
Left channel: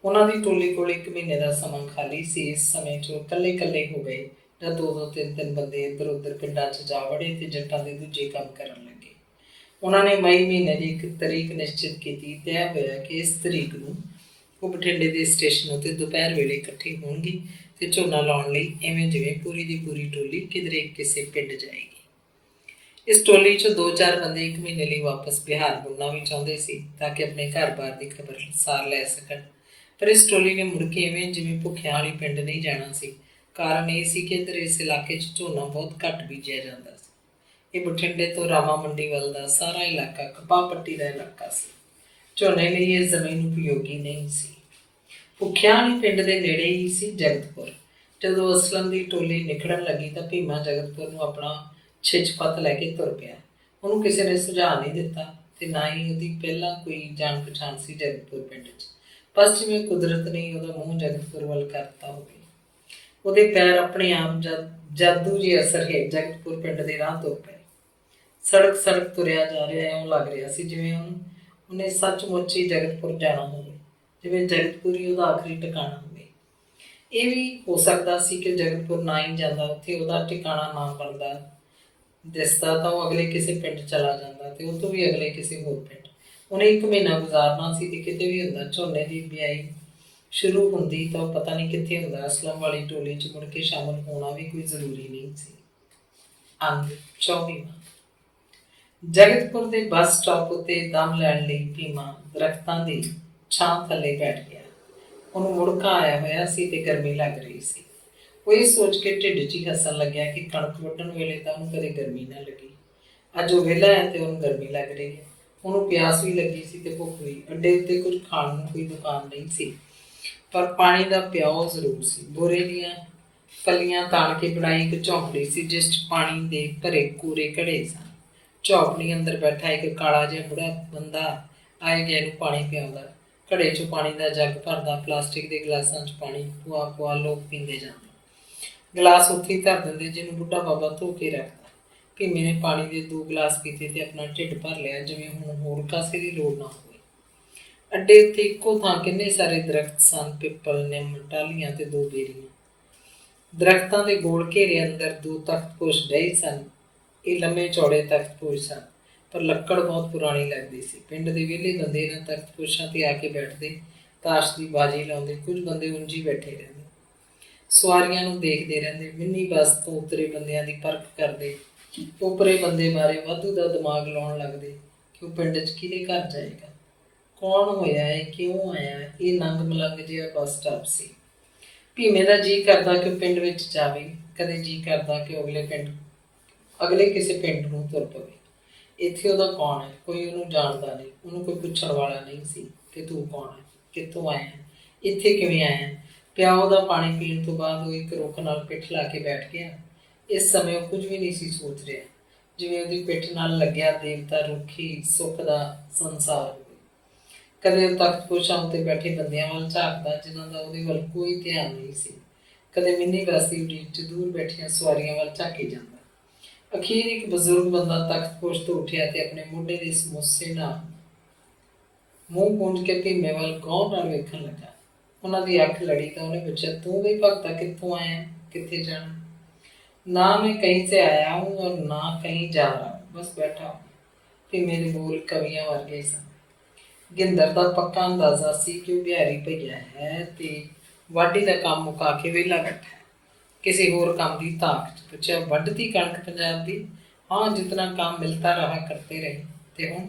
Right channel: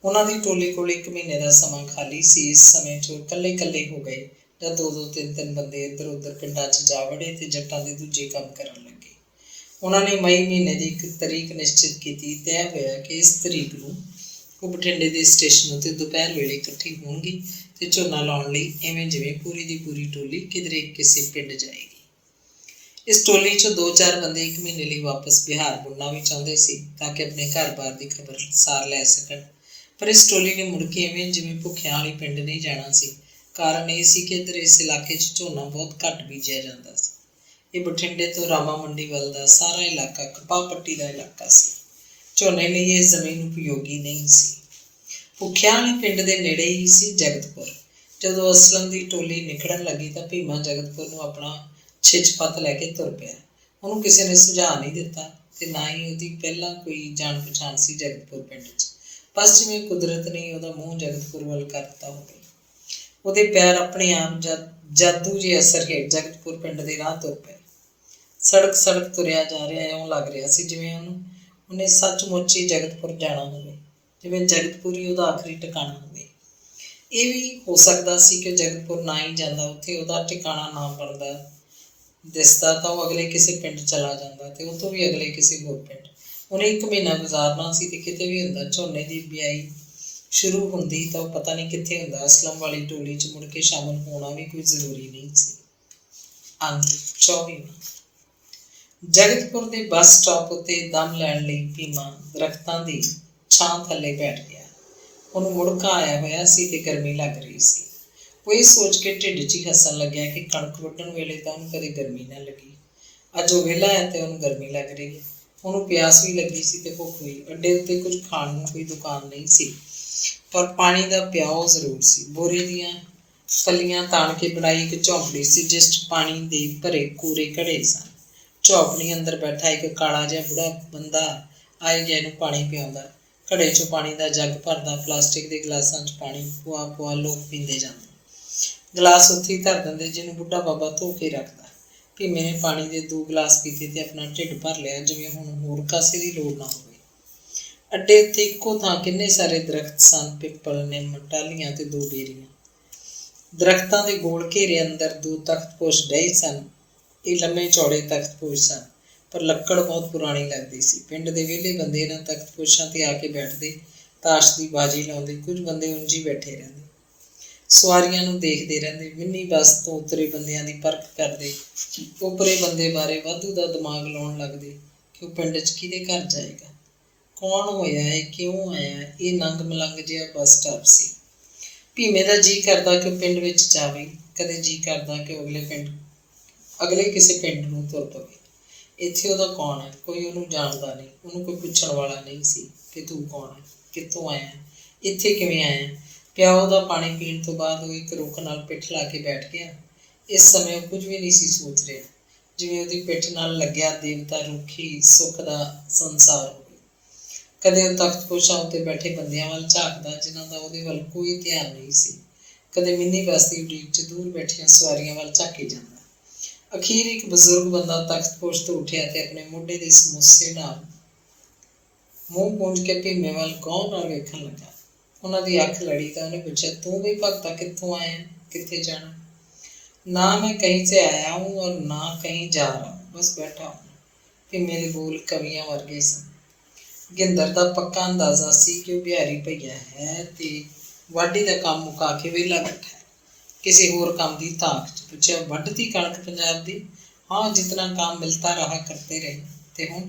ਉਹਨਾਂ ਦੀ ਟੋਲੀ ਕੋਲ 1 ਮਹੀਨੇ ਦਾ ਸਮਾਂ ਖਾਲੀ ਸੀ। ਇਸ ਸਮੇਂ 'ਚ ਉਹ ਇਕੱਲੇ ਹੋ ਗਏ ਜਾਂ 2-2, 3-3 ਬੰਦੇ ਇੱਧਰ ਉੱਧਰ ਪਿੰਡਾਂ 'ਚ ਜਾ ਵੜੇ ਤੇ ਜੱਟਾਂ ਦੇ ਦੂਜੇ ਕੰਮ ਕਰਨ ਲੱਗੇ। ਉਹਨਾਂ ਨੇ ਮਈ ਮਹੀਨੇ ਦੀ ਇੱਕ ਤਰੀਕ ਨਿਸ਼ਚਿਤ ਕੀਤੀ। ਤੈਅ ਹੋਇਆ ਕਿ ਇਸ ਤਰੀਕ ਨੂੰ ਉਹ ਬਠਿੰਡੇ ਦੇ ਸਟੇਸ਼ਨ ਉੱਤੇ ਦੁਪਹਿਰ ਵੇਲੇ ਇਕੱਠੇ ਹੋਣਗੇ ਤੇ ਝੋਨਾ ਲਾਉਣ ਲਈ ਇਵੇਂ ਜਿਵੇਂ ਪੂਰੀ ਦੀ ਪੂਰੀ ਟੋਲੀ ਕਿਧਰੇ ਕਿਸੇ ਪਿੰਡ ਜਾਏਗੀ। ਇਸ ਟੋਲੀ 'ਚੋਂ 2-4 ਬੰਦੇ 1 ਮਹੀਨੇ ਲਈ ਵਾਪਸ ਬਿਹਾਰ ਮੁੜਨਾ ਵੀ ਚਾਹੁੰਦੇ ਸੀ ਤਾਂ ਕਿ ਆਪਣੇ ਘਰ-ਬਾਰ ਦੀ ਖਬਰਸਾਰ ਲੈ ਸਕਣ। ਪਰ ਇਸ ਟੋਲੀ ਨੇ ਮੁੜ ਕੇ ਇਵੇਂ ਜਿਵੇਂ ਭੁੱਖਿਆਂ ਵਾਲੀ ਪਿੰਡ ਨਹੀਂ ਜਾਣਾ ਸੀ। ਕਾਰਨ ਇਹ ਸੀ ਕਿ ਇੱਧਰ ਇਸ ਇਲਾਕੇ 'ਚ ਝੋਨਾ ਬਹੁਤ ਘੱਟ ਬੀਜਿਆ ਜਾਂਦਾ ਸੀ। ਇਹ ਬਠਿੰਡੇ ਤੋਂ ਰਾਮਾ ਮੰਡੀ ਵੱਲ ਦਾ ਸਾਰਾ ਇਲਾਕਾ ਕਪਾਹ ਪੱਟੀ ਦਾ ਇਲਾਕਾ ਸੀ। ਝੋਨੇ ਲਈ ਇਹ ਜ਼ਮੀਨ ਉਪਯੋਗੀ ਨਹੀਂ ਸੀ। ਭੁੱਖਿਆਂ ਵਾਲੀ ਪਿੰਡ ਦੇ ਨੇੜੇ ਹੀ ਸੀ ਜਗਤਪੁਰ। ਜਦੋਂ ਅਸਲਮ ਦੀ ਟੋਲੀ ਨਿਕਲਣ ਲੱਗੀ ਤਾਂ ਭੀਮਾ ਜਗਤਪੁਰ ਨੂੰ ਆਪਣਾ ਛਿੱਛ-ਪੱਤ ਲੈ ਕੇ ਤੁਰ ਪਿਆ। ਉਹਨੂੰ ਕਿਸੇ ਨੇ ਸੁਝਾਅ ਨਹੀਂ ਦਿੱਤਾ ਤੇ ਨਾ ਹੀ ਉਹਦੀ ਪਹਿਲਾਂ ਕੋਈ ਜਾਣ ਪਛਾਣ ਸੀ ਜਗਤਪੁਰ ਪਿੰਡ 'ਚ। ਬਸ ਜਿਵੇਂ ਕੁਦਰਤ ਨੇ ਉਹਦਾ ਮੂੰਹ ਜਗਤਪੁਰ ਵੱਲ ਕਰ ਦਿੱਤਾ ਹੋਵੇ। ਉਹਦੇ ਪੈਰ ਆਪਣੇ ਆਪ ਜਾਦੂ ਜਿਹੇ ਅਸਰ ਹੇਠ ਜਗਤਪੁਰ ਪਿੰਡ ਦੇ ਰਾਹ ਤੁਰ ਪਏ। ਸੜਕ ਤੁਰਿਆ ਜਾ ਰਿਹਾ, ਇਉਂ ਲੱਗ ਰਿਹਾ ਸੀ ਜਿਵੇਂ ਉਹਨੇ ਸੱਚਮੁੱਚ ਹੀ ਜਗਤਪੁਰ ਜਾਣਾ ਹੋਵੇ, ਜਿਵੇਂ ਜਗਤਪੁਰ ਹੀ ਉਹਦਾ ਆਖਰੀ ਟਿਕਾਣਾ ਹੋਵੇ। ਇਹ ਵੀ ਹੋ ਸਕਦਾ ਸੀ ਕਿ ਜਗਤਪੁਰ ਨਾ ਹੀ ਜਾਂਦਾ, ਉੱਥੇ ਉਹਦਾ ਟਿਕਾਣਾ ਨਾ ਬਣਦਾ ਦਿਸਦਾ ਤਾਂ ਉਹ ਅਗਲੇ ਕਿਸੇ ਪਿੰਡ ਚਲਾ ਜਾਂਦਾ ਤੇ ਉਹ ਤੋਂ ਵੀ ਅਗਲੇ ਕਿਸੇ ਹੋਰ ਪਿੰਡ। ਉਹਨੇ 1 ਮਹੀਨਾ ਗੁਜ਼ਾਰਨਾ ਸੀ ਤੇ ਕਿਤੇ ਵੀ ਹੁੰਦਾ ਝੋਨੇ ਦੀ ਬਿਜਾਈ ਸ਼ੁਰੂ ਹੁੰਦੀ ਤਾਂ ਉਹ ਪਤਾ ਨਹੀਂ ਕਿੱਥੇ ਹੁੰਦਾ। ਅਸਲਮ ਵਾਲੀ ਟੋਲੀ 'ਚ ਮੁੜ ਕੇ ਸ਼ਾਮਲ ਹੋਣਾ ਵੀ ਕੋਈ ਜ਼ਰੂਰੀ ਨਹੀਂ ਸੀ। ਅੰਗ 24। ਜਗਤਪੁਰ ਦੇ ਬੱਸ ਸਟਾਪ ਉੱਤੇ ਦਮ ਲੈਣ ਲਈ ਭੀਮਾ ਦਰਖਤਾਂ ਦੀ ਛਾਂ ਥੱਲੇ ਬੈਠ ਗਿਆ। ਉਹਨੂੰ ਮੁੜਕਾ ਆਇਆ ਹੋਇਆ ਸੀ ਤੇ ਗਰਮੀ ਲੱਗ ਰਹੀ ਸੀ। ਉਹ ਇਹ ਸੋਚ ਕੇ ਢਿੱਡ 'ਚ ਹੀ ਹੱਸਣ ਲੱਗਿਆ ਕਿ ਕਣਕ ਵੱਢਣ ਵੇਲੇ ਤਾਂ ਉਹਨੂੰ ਕਦੇ ਗਰਮੀ ਨਾ ਲੱਗੀ, ਅੱਜ ਉਹ ਵਿਹਲਾ ਹੈ ਤੇ ਉਹਨੂੰ ਗਰਮੀ ਲੱਗ ਰਹੀ ਹੈ। ਉਹਨੂੰ ਪਿਆਸ ਵੀ ਲੱਗੀ ਸੀ ਤੇ ਭੁੱਖ ਵੀ। ਅੱਡੇ ਉੱਤੇ ਕੁਝ ਖਾਣ ਨੂੰ ਕੋਈ ਦੁਕਾਨ ਨਹੀਂ ਸੀ, ਪਰ ਪਾਣੀ ਦਾ ਪਿਆਓ ਜ਼ਰੂਰ ਸੀ। ਬੋਰੇ ਦੀਆਂ ਫਲੀਆਂ ਤਾਣ ਕੇ ਬਣਾਈ ਇੱਕ ਝੌਂਪੜੀ ਸੀ, ਜਿਸ 'ਚ ਪਾਣੀ ਦੇ ਭਰੇ ਕੂਰੇ ਘੜੇ ਸਨ। ਝੌਂਪੜੀ ਅੰਦਰ ਬੈਠਾ ਇੱਕ ਕਾਲਾ ਜਿਹਾ ਬੁੜਾ ਬੰਦਾ ਆਏ ਗਏ ਨੂੰ ਪਾਣੀ ਪਿਆਉਂਦਾ, ਘੜੇ 'ਚੋਂ ਪਾਣੀ ਦਾ ਜੱਗ ਭਰਦਾ। ਪਲਾਸਟਿਕ ਦੇ ਗਲਾਸਾਂ 'ਚ ਪਾਣੀ ਪੁਆ ਪੁਆ ਲੋਕ ਪੀਂਦੇ ਜਾਂਦੇ। ਗਲਾਸ ਉੱਥੇ ਹੀ ਧਰ ਦਿੰਦੇ, ਜਿਹਨੂੰ ਬੁੱਢਾ ਬਾਬਾ ਧੋ ਕੇ ਰੱਖਦਾ। ਭੀਮੇ ਨੇ ਪਾਣੀ ਦੇ 2 ਗਲਾਸ ਪੀਤੇ ਤੇ ਆਪਣਾ ਢਿੱਡ ਭਰ ਲਿਆ, ਜਿਵੇਂ ਹੁਣ ਹੋਰ ਕਾਸੇ ਦੀ ਲੋੜ ਨਾ ਹੋਵੇ। ਅੱਡੇ ਉੱਤੇ ਇੱਕੋ ਥਾਂ ਕਿੰਨੇ ਸਾਰੇ ਦਰਖਤ ਸਨ, ਪਿੱਪਲ, ਨਿੰਮ, ਟਾਹਲੀਆਂ ਤੇ 2 ਬੇਰੀਆਂ। ਦਰਖਤਾਂ ਦੇ ਗੋਲ ਘੇਰੇ ਅੰਦਰ 2 ਤਖਤਪੋਸ਼ ਡਹੇ ਸਨ। ਇਹ ਲੰਮੇ ਚੌੜੇ ਤਖਤਪੋਸ਼ ਸਨ, ਪਰ ਲੱਕੜ ਬਹੁਤ ਪੁਰਾਣੀ ਲੱਗਦੀ ਸੀ। ਪਿੰਡ ਦੇ ਵਿਹਲੇ ਬੰਦੇ ਇਹਨਾਂ ਤਖਤਪੋਸ਼ਾਂ 'ਤੇ ਆ ਕੇ ਬੈਠਦੇ, ਤਾਸ਼ ਦੀ ਬਾਜੀ ਲਾਉਂਦੇ। ਕੁਝ ਬੰਦੇ ਉਂਝ ਹੀ ਬੈਠੇ ਰਹਿੰਦੇ, ਸਵਾਰੀਆਂ ਨੂੰ ਦੇਖਦੇ ਰਹਿੰਦੇ। ਮਿੰਨੀ ਬੱਸ ਤੋਂ ਉਤਰੇ ਬੰਦਿਆਂ ਦੀ ਪਰਖ ਕਰਦੇ, ਉੱਪਰੇ ਬੰਦੇ ਬਾਰੇ ਵਾਧੂ ਦਾ ਦਿਮਾਗ ਲਾਉਣ ਲੱਗਦੇ ਕਿ ਉਹ ਪਿੰਡ 'ਚ ਕਿਹਦੇ ਘਰ ਜਾਏਗਾ, ਕੌਣ ਹੋਇਆ ਹੈ, ਕਿਉਂ ਆਇਆ। ਇਹ ਨੰਗ ਮਲੰਗ ਜਿਹਾ ਬੱਸ ਸਟਾਪ ਸੀ। ਭੀਮੇ ਦਾ ਜੀਅ ਕਰਦਾ ਕਿ ਉਹ ਪਿੰਡ ਵਿੱਚ ਜਾਵੇ, ਕਦੇ ਜੀਅ ਕਰਦਾ ਕਿ ਉਹ ਅਗਲੇ ਕਿਸੇ ਪਿੰਡ ਨੂੰ ਤੁਰ ਪਵੇ। ਇੱਥੇ ਉਹਦਾ ਕੌਣ ਹੈ? ਕੋਈ ਉਹਨੂੰ ਜਾਣਦਾ ਨਹੀਂ, ਉਹਨੂੰ ਕੋਈ ਪੁੱਛਣ ਵਾਲਾ ਨਹੀਂ ਸੀ ਕਿ ਤੂੰ ਕੌਣ ਹੈ, ਕਿੱਥੋਂ ਆਇਆ, ਇੱਥੇ ਕਿਵੇਂ ਆਇਆ। ਪਿਆਓ ਦਾ ਪਾਣੀ ਪੀਣ ਤੋਂ ਬਾਅਦ ਉਹ ਇੱਕ ਰੁੱਖ ਨਾਲ ਪਿੱਠ ਲਾ ਕੇ ਬੈਠ ਗਿਆ। ਇਸ ਸਮੇਂ ਉਹ ਕੁਝ ਵੀ ਨਹੀਂ ਸੀ ਸੋਚ ਰਿਹਾ, ਜਿਵੇਂ ਉਹਦੀ ਪਿੱਠ ਨਾਲ ਲੱਗਿਆ ਦੇਵਤਾ ਰੁੱਖ ਹੀ ਸੁੱਖ ਦਾ ਸੰਸਾਰ ਹੋਵੇ। ਕਦੇ ਉਹ ਤਖਤਪੋਸ਼ਾਂ ਉੱਤੇ ਬੈਠੇ ਬੰਦਿਆਂ ਵੱਲ ਝਾਕਦਾ, ਜਿਨ੍ਹਾਂ ਦਾ ਉਹਦੇ ਵੱਲ ਕੋਈ ਧਿਆਨ ਨਹੀਂ ਸੀ। ਕਦੇ ਮਿੰਨੀ ਬੱਸ ਦੀ ਉਡੀਕ 'ਚ ਦੂਰ ਬੈਠੀਆਂ ਸਵਾਰੀਆਂ ਵੱਲ ਝਾਕੀ ਜਾਂਦਾ। ਅਖੀਰ ਇੱਕ ਬਜ਼ੁਰਗ ਬੰਦਾ ਤਖਤਪੋਸ਼ ਤੋਂ ਉੱਠਿਆ ਤੇ ਆਪਣੇ ਮੋਢੇ ਦੇ ਸਮੋਸੇ ਨਾਲ ਮੂੰਹ ਪੂੰਝ ਕੇ ਭੀਮੇ ਵੱਲ ਗੌਰ ਨਾਲ ਵੇਖਣ ਲੱਗਾ। ਉਹਨਾਂ ਦੀ ਅੱਖ ਲੜੀ ਤਾਂ ਉਹਨੇ ਪੁੱਛਿਆ, ਤੂੰ ਵੀ ਭਗਤਾ ਕਿੱਥੋਂ ਆਇਆ, ਕਿੱਥੇ ਜਾਣਾ? ਨਾ ਮੈਂ ਕहीं से आया हूँ और ना कहीं जा रहा हूँ, बस बैठा हूँ। ਭੀਮੇ ਦੇ ਬੋਲ ਕਵੀਆਂ ਵਰਗੇ ਸਨ। ਗਿੰਦਰ ਦਾ ਪੱਕਾ ਅੰਦਾਜ਼ਾ ਸੀ ਕਿ ਉਹ ਬਿਹਾਰੀ ਭਈਆ ਹੈ ਤੇ ਵਾਢੀ ਦਾ ਕੰਮ ਮੁਕਾ ਕੇ ਵਿਹਲਾ ਬੈਠਾ ਹੈ, ਕਿਸੇ ਹੋਰ ਕੰਮ ਦੀ ਤਾਕ 'ਚ। ਪੁੱਛਿਆ, ਵੱਢਤੀ ਕਣਕ ਪੰਜਾਬ ਦੀ? हाँ, जितना काम मिलता रहा करते रहे, ते हूँ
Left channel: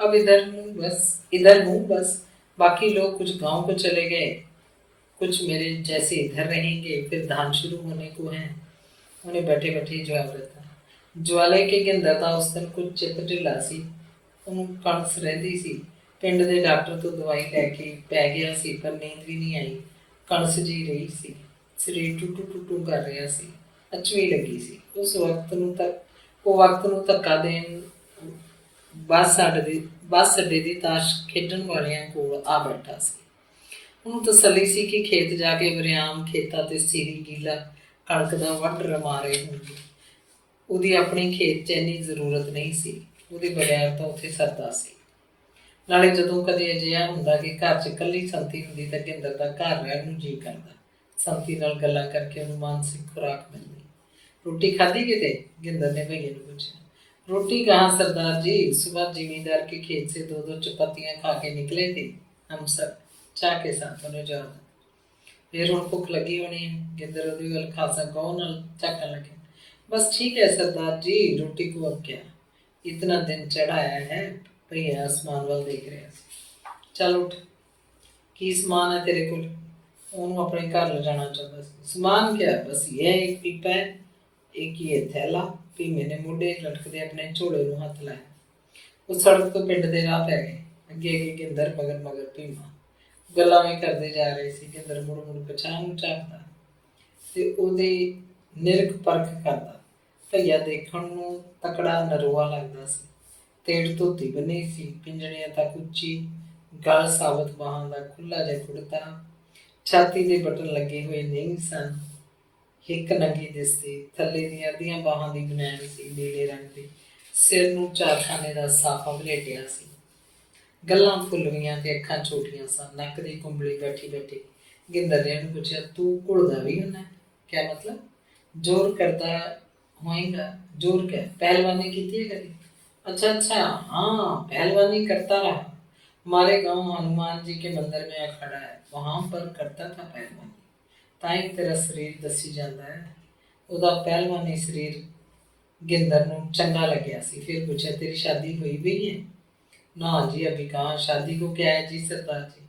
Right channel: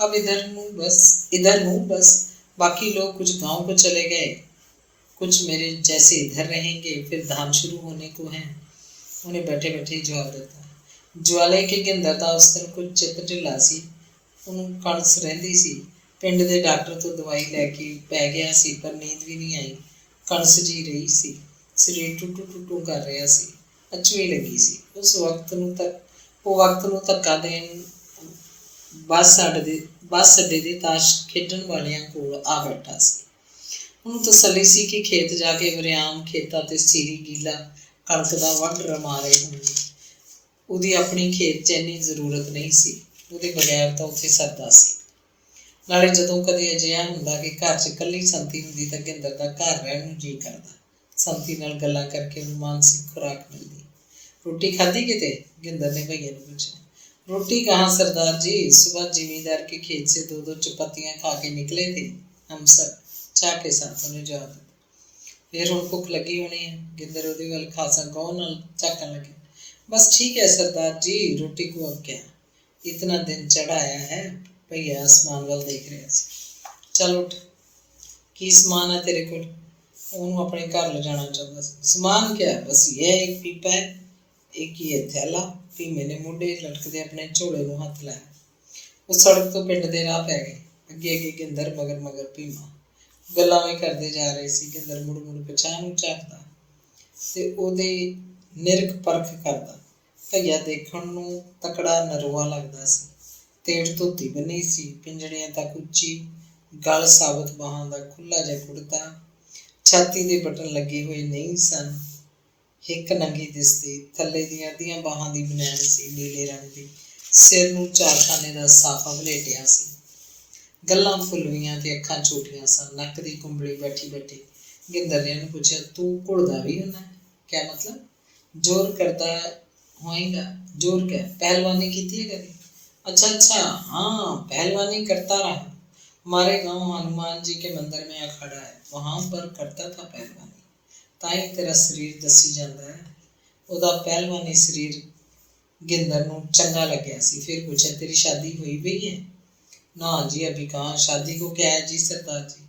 अब इधर हूँ बस। बाकी लोग कुछ गांव को चले गए, कुछ मेरे जैसे इधर रहेंगे, फिर धान शुरू होने को है। उन्हें बैठे बैठे ही जवाब दिता। ज्वाले के ਗਿੰਦਰ ਦਾ ਉਸ ਦਿਨ ਕੁਝ ਚਿੱਤ ਢਿੱਲਾ ਸੀ, ਉਹਨੂੰ ਕਣਸ ਰਹਿੰਦੀ ਸੀ। ਪਿੰਡ ਦੇ ਡਾਕਟਰ ਤੋਂ ਦਵਾਈ ਲੈ ਕੇ ਪੈ ਗਿਆ ਸੀ, ਪਰ ਨੀਂਦ ਵੀ ਨਹੀਂ ਆਈ। ਕਣਸ ਜੀ ਰਹੀ ਸੀ, ਸਰੀਰ ਟੁੱਟੂ ਟੁੱਟੂ ਕਰ ਰਿਹਾ ਸੀ, ਅਚਵੀ ਲੱਗੀ ਸੀ। ਉਹ ਵਕਤ ਨੂੰ ਧੱਕਾ ਦੇਣ ਬੱਸ ਅੱਡੇ ਦੇ ਤਾਸ਼ ਖੇਡਣ ਵਾਲਿਆਂ ਕੋਲ ਆ ਬੈਠਾ ਸੀ। ਉਹਨੂੰ ਤਸੱਲੀ ਸੀ ਕਿ ਖੇਤ ਜਾ ਕੇ ਵਰਿਆਮ ਖੇਤਾਂ ਤੇ ਸੀਰੀ ਗੀਲਾ ਕਣਕ ਦਾ ਵੱਢ ਰਮਾ ਰਹੇ ਹੋਣਗੇ। ਉਹਦੀ ਆਪਣੀ ਖੇਤ 'ਚ ਇੰਨੀ ਜ਼ਰੂਰਤ ਨਹੀਂ ਸੀ, ਉਹਦੇ ਬਗੈਰ ਤਾਂ ਉੱਥੇ ਸਰਦਾ ਸੀ। ਨਾਲੇ ਜਦੋਂ ਕਦੇ ਅਜਿਹਾ ਹੁੰਦਾ ਕਿ ਘਰ 'ਚ ਇਕੱਲੀ ਸੰਤੀ ਹੁੰਦੀ ਤਾਂ ਗਿੰਦਰ ਦਾ ਘਰ ਰਹਿਣ ਨੂੰ ਜੀਅ ਕਰਦਾ। ਸੰਤੀ ਨਾਲ ਗੱਲਾਂ ਕਰਕੇ ਉਹਨੂੰ ਮਾਨਸਿਕ ਖੁਰਾਕ ਮਿਲਦੀ। रोटी खाधी किते? गिंदर ने भैया ने पूछा। रोटी कहाँ सरदार जी, सुबह जिमींदार के खेत से 2-2 चपातियाँ खा के निकले थे हम सब, चाह के साथ, उन्हें जवाब दिया। फिर हुण भुख लगी होनी है? गिंदर उहदे वल खासा गौर नाल झाकण लगे। बस ठीक है सरदार जी, रोटी को अब क्या, इतना दिन चढ़ाया है। भैया आसमान वाल देख रहा सी। चल उठ, की समान है तेरे कोल? ਉਹਨੂੰ ਆਪਣੇ ਘਰ ਲਿਜਾਣਾ ਚਾਹੁੰਦਾ ਸੀ। ਸਮਾਨ ਕਿਆ, ਬਸ ਇਹ ਇੱਕ ਪੀਪਾ ਹੈ, ਇੱਕ ਹੀ ਥੈਲਾ। ਭੀਮੇ ਨੇ ਮੋਢੇ ਲਟਕਦੇ ਆਪਣੇ ਝੋਲੇ ਨੂੰ ਹੱਥ ਲਾਇਆ। ਉਹ ਸੜਕ ਤੋਂ ਪਿੰਡ ਦੇ ਰਾਹ ਪੈ ਗਏ। ਅੱਗੇ ਅੱਗੇ ਗਿੰਦਰ, ਮਗਰ ਮਗਰ ਭੀਮਾ। ਗੱਲਾਂ ਵੀ ਕਰਦੇ ਜਾ ਰਹੇ ਸੀ। ਗਿੰਦਰ ਮੁੜ ਮੁੜ ਪਛਾਣ ਨੂੰ ਝਾਕਦਾ ਤੇ ਉਹਦੇ ਨਿਰਖ ਪਰਖ ਕਰਦਾ। ਭਈਆ ਦੇਖਣ ਨੂੰ ਤਕੜਾ ਨਰੋਆ ਲੱਗਦਾ ਸੀ। ਤੇੜ ਧੋਤੀ ਬੰਨੀ ਸੀ, ਪਿੰਜਣੀਆਂ ਤੱਕ ਉੱਚੀ ਗਲ, ਸਾਬਤ ਬਾਹਾਂ ਦਾ ਖੁੱਲ੍ਹਾ ਜਿਹਾ ਕੁੜਤਾ, ਛਾਤੀ ਦੇ ਬਟਨ ਲੱਗੇ ਹੋਏ ਨਹੀਂ ਸਨ, ਹਿੱਕ ਨੰਗੀ ਦਿਸਦੀ, ਥੱਲੇ ਦੀਆਂ ਅੱਧੀਆਂ ਬਾਹਾਂ ਦੀ ਬਨੈਣ ਸੀ ਨੀਲੇ ਰੰਗ ਦੀ, ਸਿਰ ਨੂੰ ਚਾਰਖਾਨੇ ਦਾ ਸਾਫਾ ਵਲੇਟਿਆ ਸੀ। ਗੱਲਾਂ ਫੁੱਲਵੀਆਂ ਤੇ ਅੱਖਾਂ ਛੋਟੀਆਂ ਸਨ, ਨੱਕ ਦੀ ਕੁੰਬਲੀ ਬੈਠੀ ਬੈਠੀ। ਗਿੰਦਰ ਨੇ ਉਹਨੂੰ ਪੁੱਛਿਆ, ਤੂੰ ਘੁਲਦਾ ਵੀ ਹੁੰਦਾ? ਕਿਆ ਮਤਲਬ? ਜ਼ੋਰ ਕਰਦਾ ਹੋਏਗਾ। ਜ਼ੋਰ ਕਿਆ? ਪਹਿਲਵਾਨੀ ਕੀਤੀ ਹੈ ਕਦੀ? अच्छा, हाँ, पहलवानी करता रहा। हमारे गांव हनुमान जी के मंदिर में अखाड़ा है, वहाँ पर करता था पहलवानी। ताई तेरा शरीर दसी जाता है। ਉਹਦਾ ਪਹਿਲਵਾਨੀ ਸਰੀਰ ਗਿੰਦਰ ਨੂੰ ਚੰਗਾ ਲੱਗਿਆ ਸੀ। फिर पूछा तेरी शादी हुई भी है? ना जी अभी कहाँ, शादी को क्या है जी सरदार जी,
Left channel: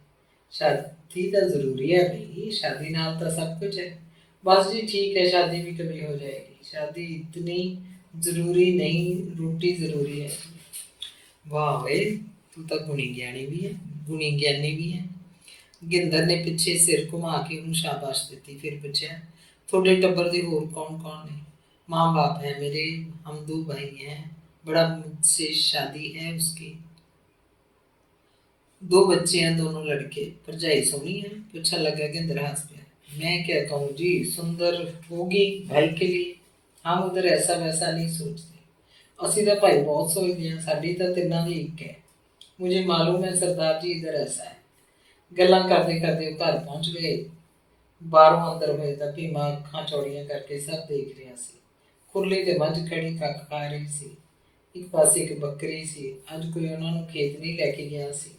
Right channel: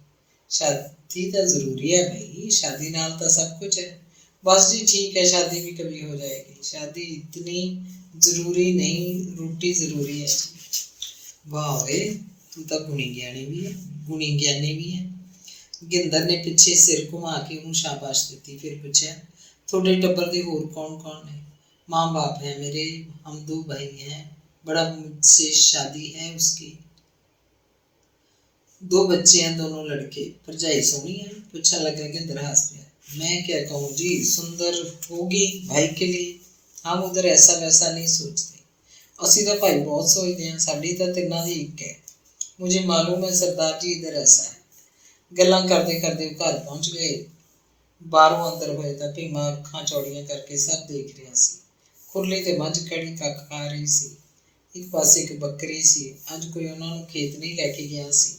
शादी तो जरूरी है भाई, शादी नाल तो सब कुछ है। बस जी ठीक है, शादी भी कभी हो जाएगी, शादी इतनी जरूरी नहीं, रोटी जरूरी है जी। वाह वे, तू तो गुणी ज्ञानी भी है, गुणी ज्ञानी भी है। ਗਿੰਦਰ ਨੇ ਪਿੱਛੇ ਸਿਰ ਘੁਮਾ ਕੇ ਉਹਨੂੰ ਸ਼ਾਬਾਸ਼ ਦਿੱਤੀ। ਫਿਰ ਪੁੱਛਿਆ ਤੁਹਾਡੇ ਟੱਬਰ ਦੇ ਹੋਰ ਕੌਣ ਕੌਣ ਨੇ? माँ बाप है मेरे, हम 2 भाई हैं, बड़ा मुझसे शादी है उसकी, 2 बच्चे हैं, दोनों लड़के, भरजाई सोहनी है। पूछने लगा गिंदर हंस गया। मैं क्या कहूँ जी, सुंदर होगी भाई के लिए, हम उधर ऐसा वैसा नहीं सोचते, असी तो भाई बहुत सोचते हैं, साड़ी तो तिना दी एक है, मुझे मालूम है सरदार जी इधर ऐसा है। गल्लां करते करते घर पहुँच गए। बाहरों अंदर होए तां भीमा अखां चौड़ियां करके सब देख रहा सी। खुरली ते मझ खड़ी कख खा रही सी, एक पासे एक बकरी सी, अज कोई उन्हां नूं खेत नहीं लैके गया सी।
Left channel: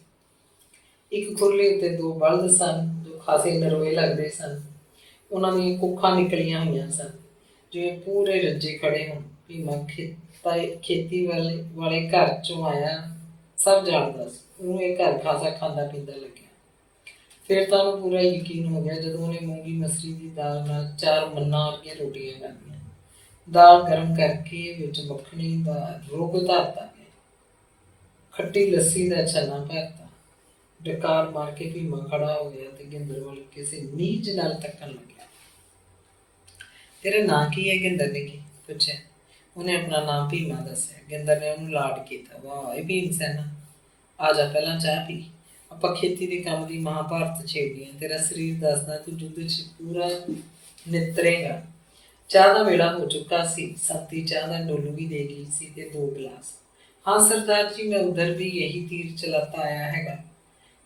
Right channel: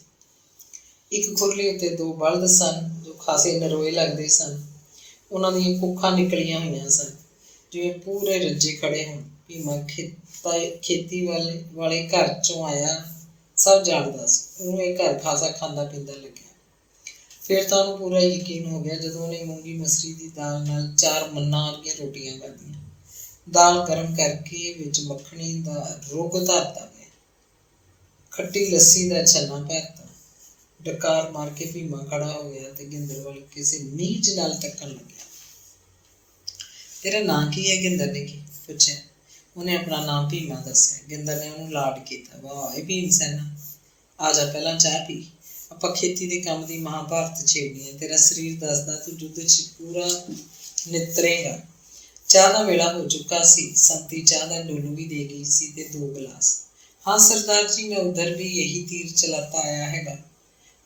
एक खुरली उत्ते 2 बलद सन जो खासे नरोए लगदे सन, उन्हां दीयां कुखां निकलियां होईयां सन जिवें पूरे रज्जे खड़े होण। भीमा खेती वाले घर चों आया, सब जाणदा सी, ਉਹਨੂੰ ਇਹ घर खासा खांदा पींदा लग्या। फिर तो ਉਹਨੂੰ पूरा यकीन हो गया ਜਦੋਂ ਉਹਨੇ मूंगी मसरी दी दाल नाल 4 मन्ना वालियां रोटियां खाधियां। दाल गर्म करके विच मक्खनी दा रुग धरता गया, खट्टी लस्सी दा छन्ना भरता। डकार मार के भीमा खड़ा हो गया ते गिंदर वाल किसी नीच नाल तकन लग्या। तेरा नाम की है? गिंदर ने की पूछा। उन्हें अपना नाम भीमा दस्या। गिंदर ने उन्हें लाड किया। वाह भीम सैना, आ जा पहला चाह पी, आपां खेती दे काम दी महाभारत छेड़नी है, तेरा शरीर दसदा तू युद्ध च पूरा नितरेगा। चाह का वेला हो चुका सी, संती चाह का डोलू भी दे गई सी ते 2 गिलास। हाँ सरदार जी, मैं उधर भी यही तीर चलाता आया हैगा,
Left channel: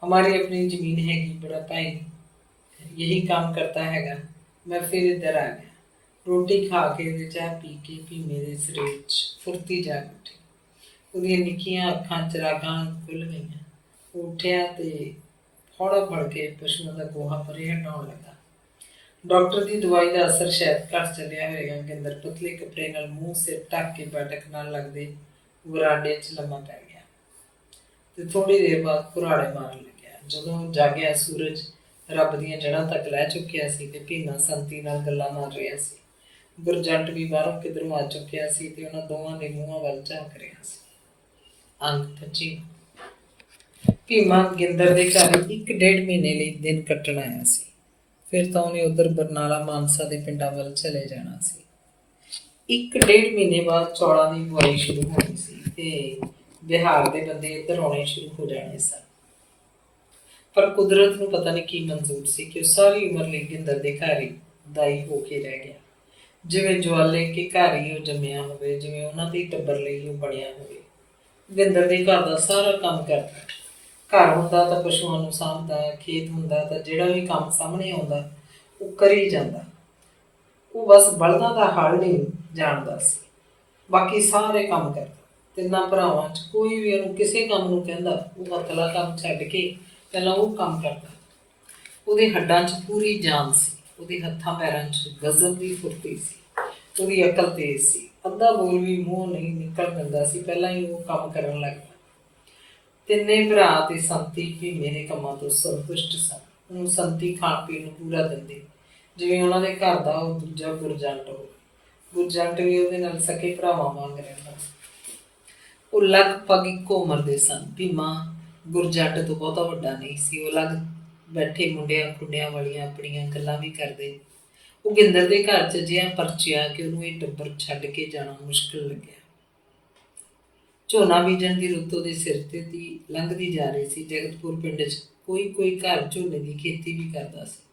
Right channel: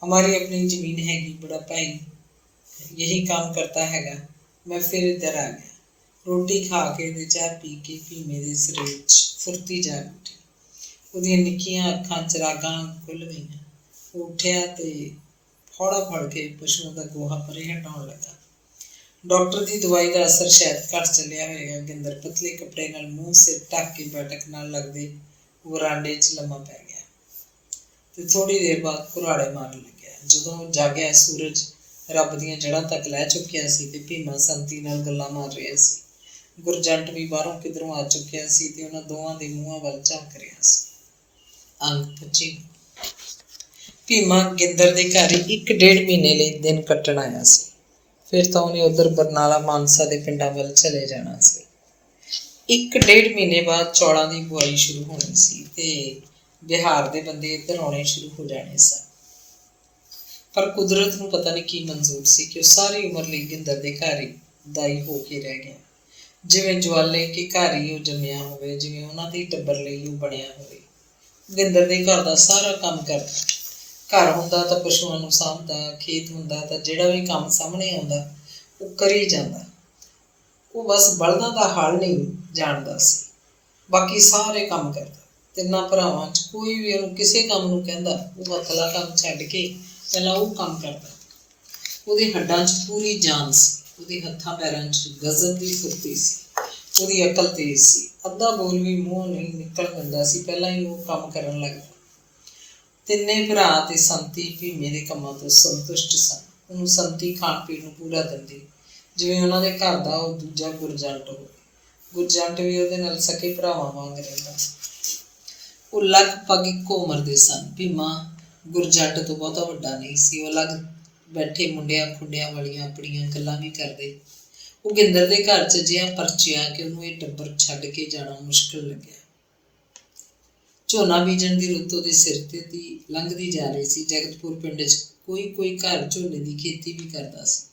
हमारी अपनी जमीन हैगी, बड़ा भाई यही काम करता हैगा। मैं फिर इधर आ गया। रोटी खा के ते चाह पी के भीमे दे शरीर च फुर्ती जाग उठी। ਉਹਦੀਆਂ ਨਿੱਕੀਆਂ ਅੱਖਾਂ ਚਰਾਗਾਂ ਖੁੱਲ ਗਈਆਂ। ਉਹ ਉੱਠਿਆ ਤੇ ਫੌੜਾ ਫੜ ਕੇ ਪਸ਼ੂਆਂ ਦਾ ਗੋਹਾ ਪਰੇ ਹਟਾਉਣ ਲੱਗਾ। डॉक्टर की दवाई का असर शायद घट चलिया होएगा। गिंदर पतले कपड़े नाल मूँह सिर ढक के बैठक नाल लगदे वरांडे च लम्मा पै गया ते थोड़ी देर बाद कुराड़े मारन लग्या। जदों जागया सूरज रब दीयां जड़ां तक लै चुकिया सी ते भीमा संती नाल गल्लां मार रहा सी। गुरजंट भी बाहरों किधरों आ चुकिया सी ते उन्हां दोवां दे मूंहां वल झांक रहा सी। अंग 25। भीमा गिंदर दे घर 1.5 महीने लई दिन कट्टण आया सी। फिर तो उन्हें उधर बरनाला मानसा के पिंडा वल चले जाना सी। 1.5 महीने बाद चौलों की बुआई शुरू होनी सी ते बिहार के बंदे इधर आने शुरू हो जाने सन। पर कुदरत नूं पता नहीं की मंजूर सी कि सारी उम्र लई गिंदर दे घर ही दाई हो के रह गया, जिवें ज्वाले के घर ही जम्मिया होवे, जिवें उन्हां दे टब्बर लई वो बनिया होवे। गिंदर दे घर दा सारा काम करदा, घर हुंदा तां पशुआं नूं साਂਭदा, खेत हुंदा तां जिहड़ा भी काम सामने आउंदा वो करी जांदा। वो बस बलदां दा हल नहीं जाणदा सी, बाकी सारे काम करदा। तिन्नां भरावां च कोई भी उहनूं किसी काम नूं कहंदा वो अगला काम छड्ड के पहिलां वो काम करदा। ਉਹਦੇ हड्डां च पूरी जान सी, ਉਹਦੇ हत्थां पैरां च गजब दी फुर्ती सी, ਉਹਦੀ अकल तेज सी, अद्धा बोल भी मूँह नहीं निकल दिंदा सी, ਪਹਿਲਾਂ ही वो काम करन लग पिया। तिन्ने भरा ते संती भीमे दे कम्मां तों संतुष्ट सन। ਉਹਨੂੰ संती खाण पीण ਨੂੰ पूरा ਦਿੰਦੀ, ਜਿਵੇਂ ਉਹਨਾਂ ਦੇ ਘਰ ਦਾ ਉਹ ਦੂਜਾ ਗੁਰਜੰਟ ਹੋਵੇ। ਗੁਰਜੰਟ ਵੀ ਉਹਦੇ ਨਾਲ ਸਕੇ ਭਰਾਵਾਂ ਵਾਂਗ ਰਹਿੰਦਾ ਸੀ। ਉਹ ਲਗਭਗ ਇੱਕੋ ਉਮਰ ਦੇ ਸਨ। ਭੀਮਾ ਗੁਰਜੰਟ ਤੋਂ ਬਹੁਤਾ ਵੱਡਾ ਨਹੀਂ ਸੀ। ਉਹ ਅਲੱਗ ਬੈਠੇ ਮੁੰਡਿਆਂ ਖੁੰਡਿਆਂ ਵਾਲੀਆਂ ਆਪਣੀਆਂ ਗੱਲਾਂ ਵੀ ਕਰਦੇ। ਉਹ ਗਿੰਦਰ ਦੇ ਘਰ 'ਚ ਅਜਿਹਾ ਪਰਚਿਆ ਕਿ ਉਹਨੂੰ ਇਹ ਟੱਬਰ ਛੱਡ ਕੇ ਜਾਣਾ ਮੁਸ਼ਕਿਲ ਲੱਗਿਆ। ਝੋਨਾ ਬੀਜਣ ਦੀ ਰੁੱਤ ਉਹਦੇ ਸਿਰ ਤੇ ਦੀ ਲੰਘਦੀ ਜਾ ਰਹੀ ਸੀ। ਜਗਤਪੁਰ ਪਿੰਡ 'ਚ ਕੋਈ ਘਰ ਝੋਨੇ ਦੀ ਖੇਤੀ ਵੀ ਕਰਦਾ ਸੀ।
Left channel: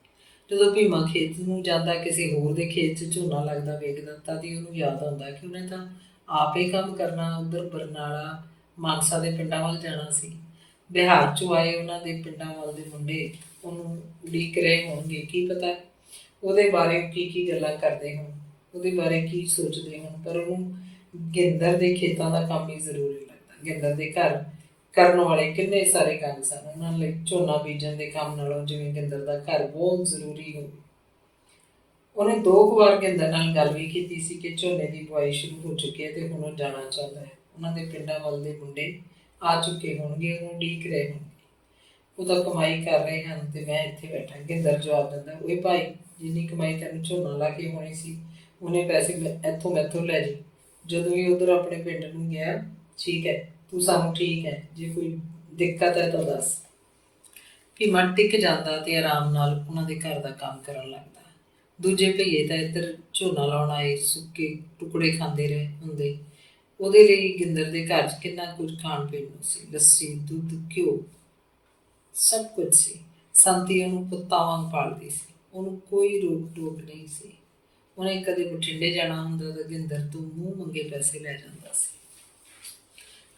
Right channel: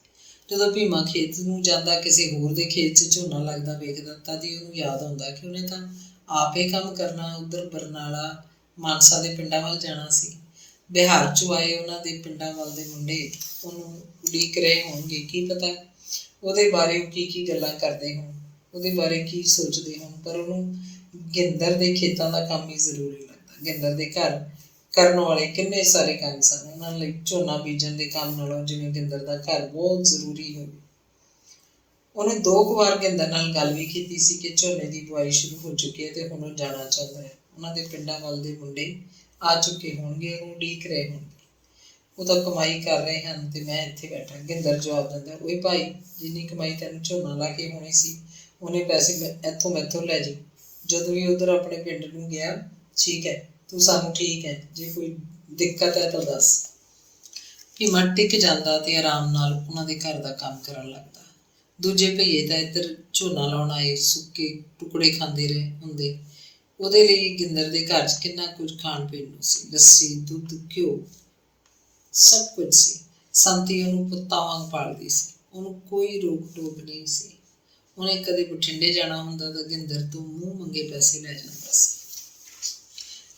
ਜਦੋਂ ਭੀਮਾ ਖੇਤ ਨੂੰ ਜਾਂਦਾ, ਕਿਸੇ ਹੋਰ ਦੇ ਖੇਤ 'ਚ ਝੋਨਾ ਲੱਗਦਾ ਵੇਖਦਾ, ਤਦ ਹੀ ਉਹਨੂੰ ਯਾਦ ਆਉਂਦਾ ਕਿ ਉਹਨੇ ਤਾਂ ਆਪ ਇਹ ਕੰਮ ਕਰਨਾ। ਉੱਧਰ ਬਰਨਾਲਾ ਮਾਨਸਾ ਦੇ ਪਿੰਡਾਂ ਵੱਲ ਜਾਣਾ ਸੀ। ਬਿਹਾਰ 'ਚੋਂ ਆਏ ਉਹਨਾਂ ਦੇ ਪਿੰਡਾਂ ਵੱਲ ਦੇ ਮੁੰਡੇ ਉਹਨੂੰ ਉਡੀਕ ਰਹੇ ਹੋਣਗੇ। ਕੀ ਪਤਾ ਉਹਦੇ ਬਾਰੇ ਕੀ ਗੱਲਾਂ ਕਰਦੇ ਹੋਣ, ਉਹਦੇ ਬਾਰੇ ਕੀ ਸੋਚਦੇ ਹੋਣ, ਪਰ ਉਹਨੂੰ ਗਿੰਦਰ ਦੇ ਖੇਤਾਂ ਦਾ ਕੰਮ ਹੀ ਜ਼ਰੂਰੀ ਲੱਗਦਾ। ਗਿੰਦਰ ਦੇ ਘਰ ਕਰਨ ਵਾਲੇ ਕਿੰਨੇ ਸਾਰੇ ਕੰਮ ਸਨ। ਉਹਨਾਂ ਲਈ ਝੋਨਾ ਬੀਜਣ ਦੇ ਕੰਮ ਨਾਲੋਂ ਜਿਵੇਂ ਗਿੰਦਰ ਦਾ ਘਰ ਬਹੁਤ ਜ਼ਰੂਰੀ ਹੋਵੇ। ਉਹਨੇ 2 ਕੁ ਵਾਰ ਗਿੰਦਰ ਨਾਲ ਗੱਲ ਵੀ ਕੀਤੀ ਸੀ ਕਿ ਝੋਨੇ ਦੀ ਬੁਆਈ ਸ਼ੁਰੂ ਹੋ ਚੁੱਕੀ ਹੈ ਤੇ ਹੁਣ ਉਹ ਜਾਣਾ ਚਾਹੁੰਦਾ ਹੈ। ਉਹਨਾਂ ਦੇ ਪਿੰਡਾਂ ਵੱਲ ਦੇ ਮੁੰਡੇ ਆ ਚੁੱਕੇ ਹੋਣਗੇ, ਉਹਨੂੰ ਉਡੀਕ ਰਹੇ ਹੋਣਗੇ। ਉਹ ਤਾਂ ਕਮਾਈ ਕਰ ਰਹੇ ਹਨ ਤੇ ਮੈਂ ਇੱਥੇ ਬੈਠਾ। ਗਿੰਦਰ ਜਵਾਬ ਦਿੰਦਾ, ਓਏ ਭਾਈ, ਜਿੰਨੀ ਕਮਾਈ ਤੈਨੂੰ ਝੋਨਾ ਲਾ ਕੇ ਹੋਣੀ ਸੀ ਉਹਨੇ ਪੈਸੇ ਇੱਥੋਂ ਮੈਥੋਂ ਲੈ ਜਾਈਂ। ਜਦੋਂ ਵੀ ਉੱਧਰ ਆਪਣੇ ਪਿੰਡ ਨੂੰ ਗਿਆ, ਠੀਕ ਹੈ, ਤੂੰ ਸਾਨੂੰ ਠੀਕ ਹੈ, ਜੇ ਕੋਈ ਦਿੱਕਤ ਹੈ ਤਾਂ ਦੱਸ। ਭੀਮਾ ਟਿਕ ਜਾਂਦਾ ਤੇ ਆਰਾਮ ਨਾਲ ਉਹਨਾਂ ਦੇ ਘਰ ਦਾ ਕੰਮ ਕਰਨ ਲੱਗਦਾ। ਦੂਜੇ ਭਈਏ ਤਾਂ ਇੱਧਰ ਝੋਨਾ ਲਾਉਣ ਆਏ ਸੁੱਕੇ ਟੁਕੜੇ ਖਾਂਦੇ ਰਹੇ ਹੁੰਦੇ। ਉਹਦੇ ਲਈ ਗਿੰਦਰ ਦੇ ਘਰ 'ਚ ਕਿੰਨਾ ਕੁਝ ਖਾਣ ਪੀਣ ਨੂੰ ਸੀ। ਲੱਸੀ, ਦੁੱਧ, ਘਿਓ, ਸਭ ਕੁਝ ਸੀ। ਸੰਤੀ ਉਹਨੂੰ ਪੁੱਤਾਂ ਵਾਂਗ ਪਾਲਦੀ ਸੀ। ਉਹਨੂੰ ਕੋਈ ਰੋਕ ਟੋਕ ਨਹੀਂ ਸੀ। ਉਹਨੇ ਕਦੇ ਬਠਿੰਡੇ ਜਾਣਾ ਹੁੰਦਾ ਤਾਂ ਗਿੰਦਰ ਤੋਂ ਮੂੰਹ ਮੰਗੇ ਪੈਸੇ ਲੈ ਜਾਂਦਾ ਸੀ।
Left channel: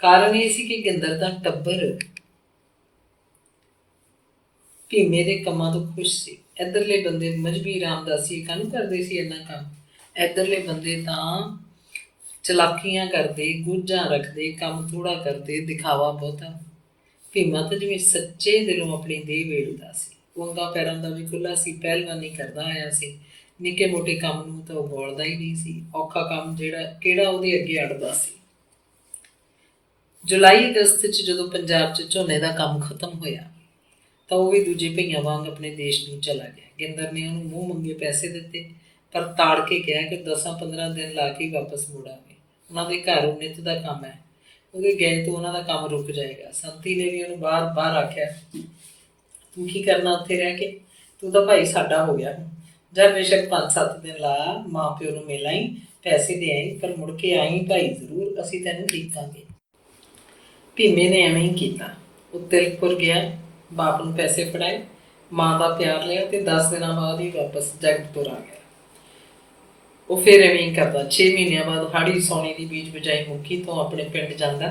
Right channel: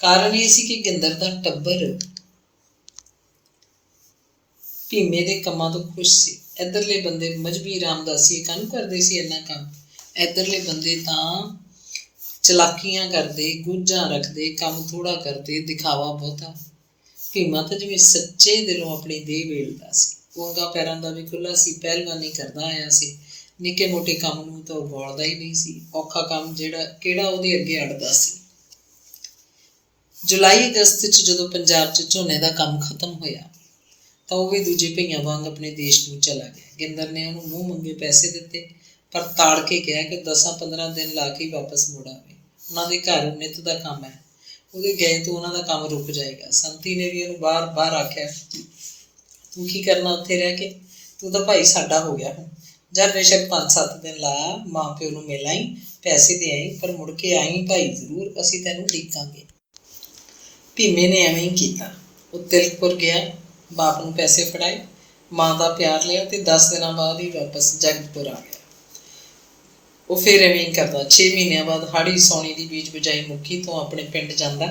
ਕਾਰਨ ਇਹ ਸੀ ਕਿ ਗਿੰਦਰ ਦਾ ਟੱਬਰ ਭੀਮੇ ਦੇ ਕੰਮਾਂ ਤੋਂ ਖੁਸ਼ ਸੀ। ਇੱਧਰਲੇ ਬੰਦੇ ਮਜ਼੍ਹਬੀ ਰਾਮਦਾਸੀ ਕਾਹਨੂੰ ਕਰਦੇ ਸੀ ਇੰਨਾ ਕੰਮ। ਇੱਧਰਲੇ ਬੰਦੇ ਤਾਂ ਚਲਾਕੀਆਂ ਕਰਦੇ, ਗੁੱਝਾਂ ਰੱਖਦੇ, ਕੰਮ ਥੋੜ੍ਹਾ ਕਰਦੇ, ਦਿਖਾਵਾ ਬਹੁਤਾ। ਭੀਮਾ ਤਾਂ ਜਿਵੇਂ ਸੱਚੇ ਦਿਲੋਂ ਆਪਣੀ ਦੇਹ ਵੇਲਦਾ ਸੀ। ਉਹ ਅੰਗਾਂ ਪੈਰਾਂ ਦਾ ਵੀ ਖੁੱਲ੍ਹਾ ਸੀ, ਪਹਿਲਵਾਨੀ ਕਰਦਾ ਆਇਆ ਸੀ। ਨਿੱਕੇ ਮੋਟੇ ਕੰਮ ਨੂੰ ਤਾਂ ਉਹ ਬੋਲਦਾ ਹੀ ਨਹੀਂ ਸੀ। ਔਖਾ ਕੰਮ ਕਿਹੜਾ ਉਹਦੇ ਅੱਗੇ ਅੜਦਾ ਸੀ। ਜੁਲਾਈ ਅਗਸਤ 'ਚ ਜਦੋਂ ਪੰਜਾਬ 'ਚ ਝੋਨੇ ਦਾ ਕੰਮ ਖਤਮ ਹੋਇਆ ਤਾਂ ਉਹ ਵੀ ਦੂਜੇ ਭਈਆਂ ਵਾਂਗ ਆਪਣੇ ਦੇਸ਼ ਨੂੰ ਚਲਾ ਗਿਆ। ਗਿੰਦਰ ਨੇ ਉਹਨੂੰ ਮੂੰਹ ਮੰਗੇ ਪੈਸੇ ਦਿੱਤੇ, ਪਰ ਤਾੜ ਕੇ ਕਿਹਾ ਕਿ 10-15 ਦਿਨ ਲਾ ਕੇ ਵਾਪਸ ਮੁੜ ਆਵੇ। ਉਹਨਾਂ ਦੇ ਘਰ ਨਿੱਤ ਦਾ ਕੰਮ ਹੈ, ਉਹਦੇ ਗਏ ਤੋਂ ਉਹਨਾਂ ਦਾ ਕੰਮ ਰੁਕ ਜਾਏਗਾ। ਸੰਤੀ ਨੇ ਵੀ ਉਹਨੂੰ ਬਾਰ ਆਖਿਆ, ਤੂੰ ਕੀ ਕਰਨਾ ਉੱਥੇ ਰਹਿ ਕੇ, ਤੂੰ ਤਾਂ ਭਾਈ ਸਾਡਾ ਹੋ ਗਿਆ ਹੁਣ। ਜਦ ਬੇਸ਼ੱਕ 5-7 ਦਿਨ ਲਾ, ਮਾਂ ਪਿਓ ਨੂੰ ਮਿਲ ਆਈ, ਪੈਸੇ ਦੇ ਆਈ, ਪਰ ਮੁੜ ਕੇ ਆਈ ਭਾਈ ਜ਼ਰੂਰ, ਅਸੀਂ ਤੈਨੂੰ ਦੇਖਾਂਗੇ। ਭੀਮੇ ਨੇ ਐਵੇਂ ਹੀ ਕੀਤਾ। ਉਹ ਤਿਲਕਪੁਰ ਗਿਆ, ਬਾਪ ਨੂੰ ਪੈਸੇ ਫੜਾਏ, ਮਾਂ ਦਾ ਪਿਆਰ ਲਿਆ ਤੇ 10 ਦਿਨਾਂ ਬਾਅਦ ਹੀ ਵਾਪਸ ਜਗਤਪੁਰ ਆ ਗਿਆ। ਉਹ ਫਿਰ ਐਵੇਂ ਹੀ ਕਰਦਾ। 6 ਮਹੀਨਿਆਂ ਬਾਅਦ ਹਾੜੀ ਸੌਣੀ ਦੀ ਬੀਜ ਬਜਾਈ ਮੁੱਕੀ ਤੋਂ ਆਪਣੇ ਪਿੰਡ ਜਾਂਦਾ,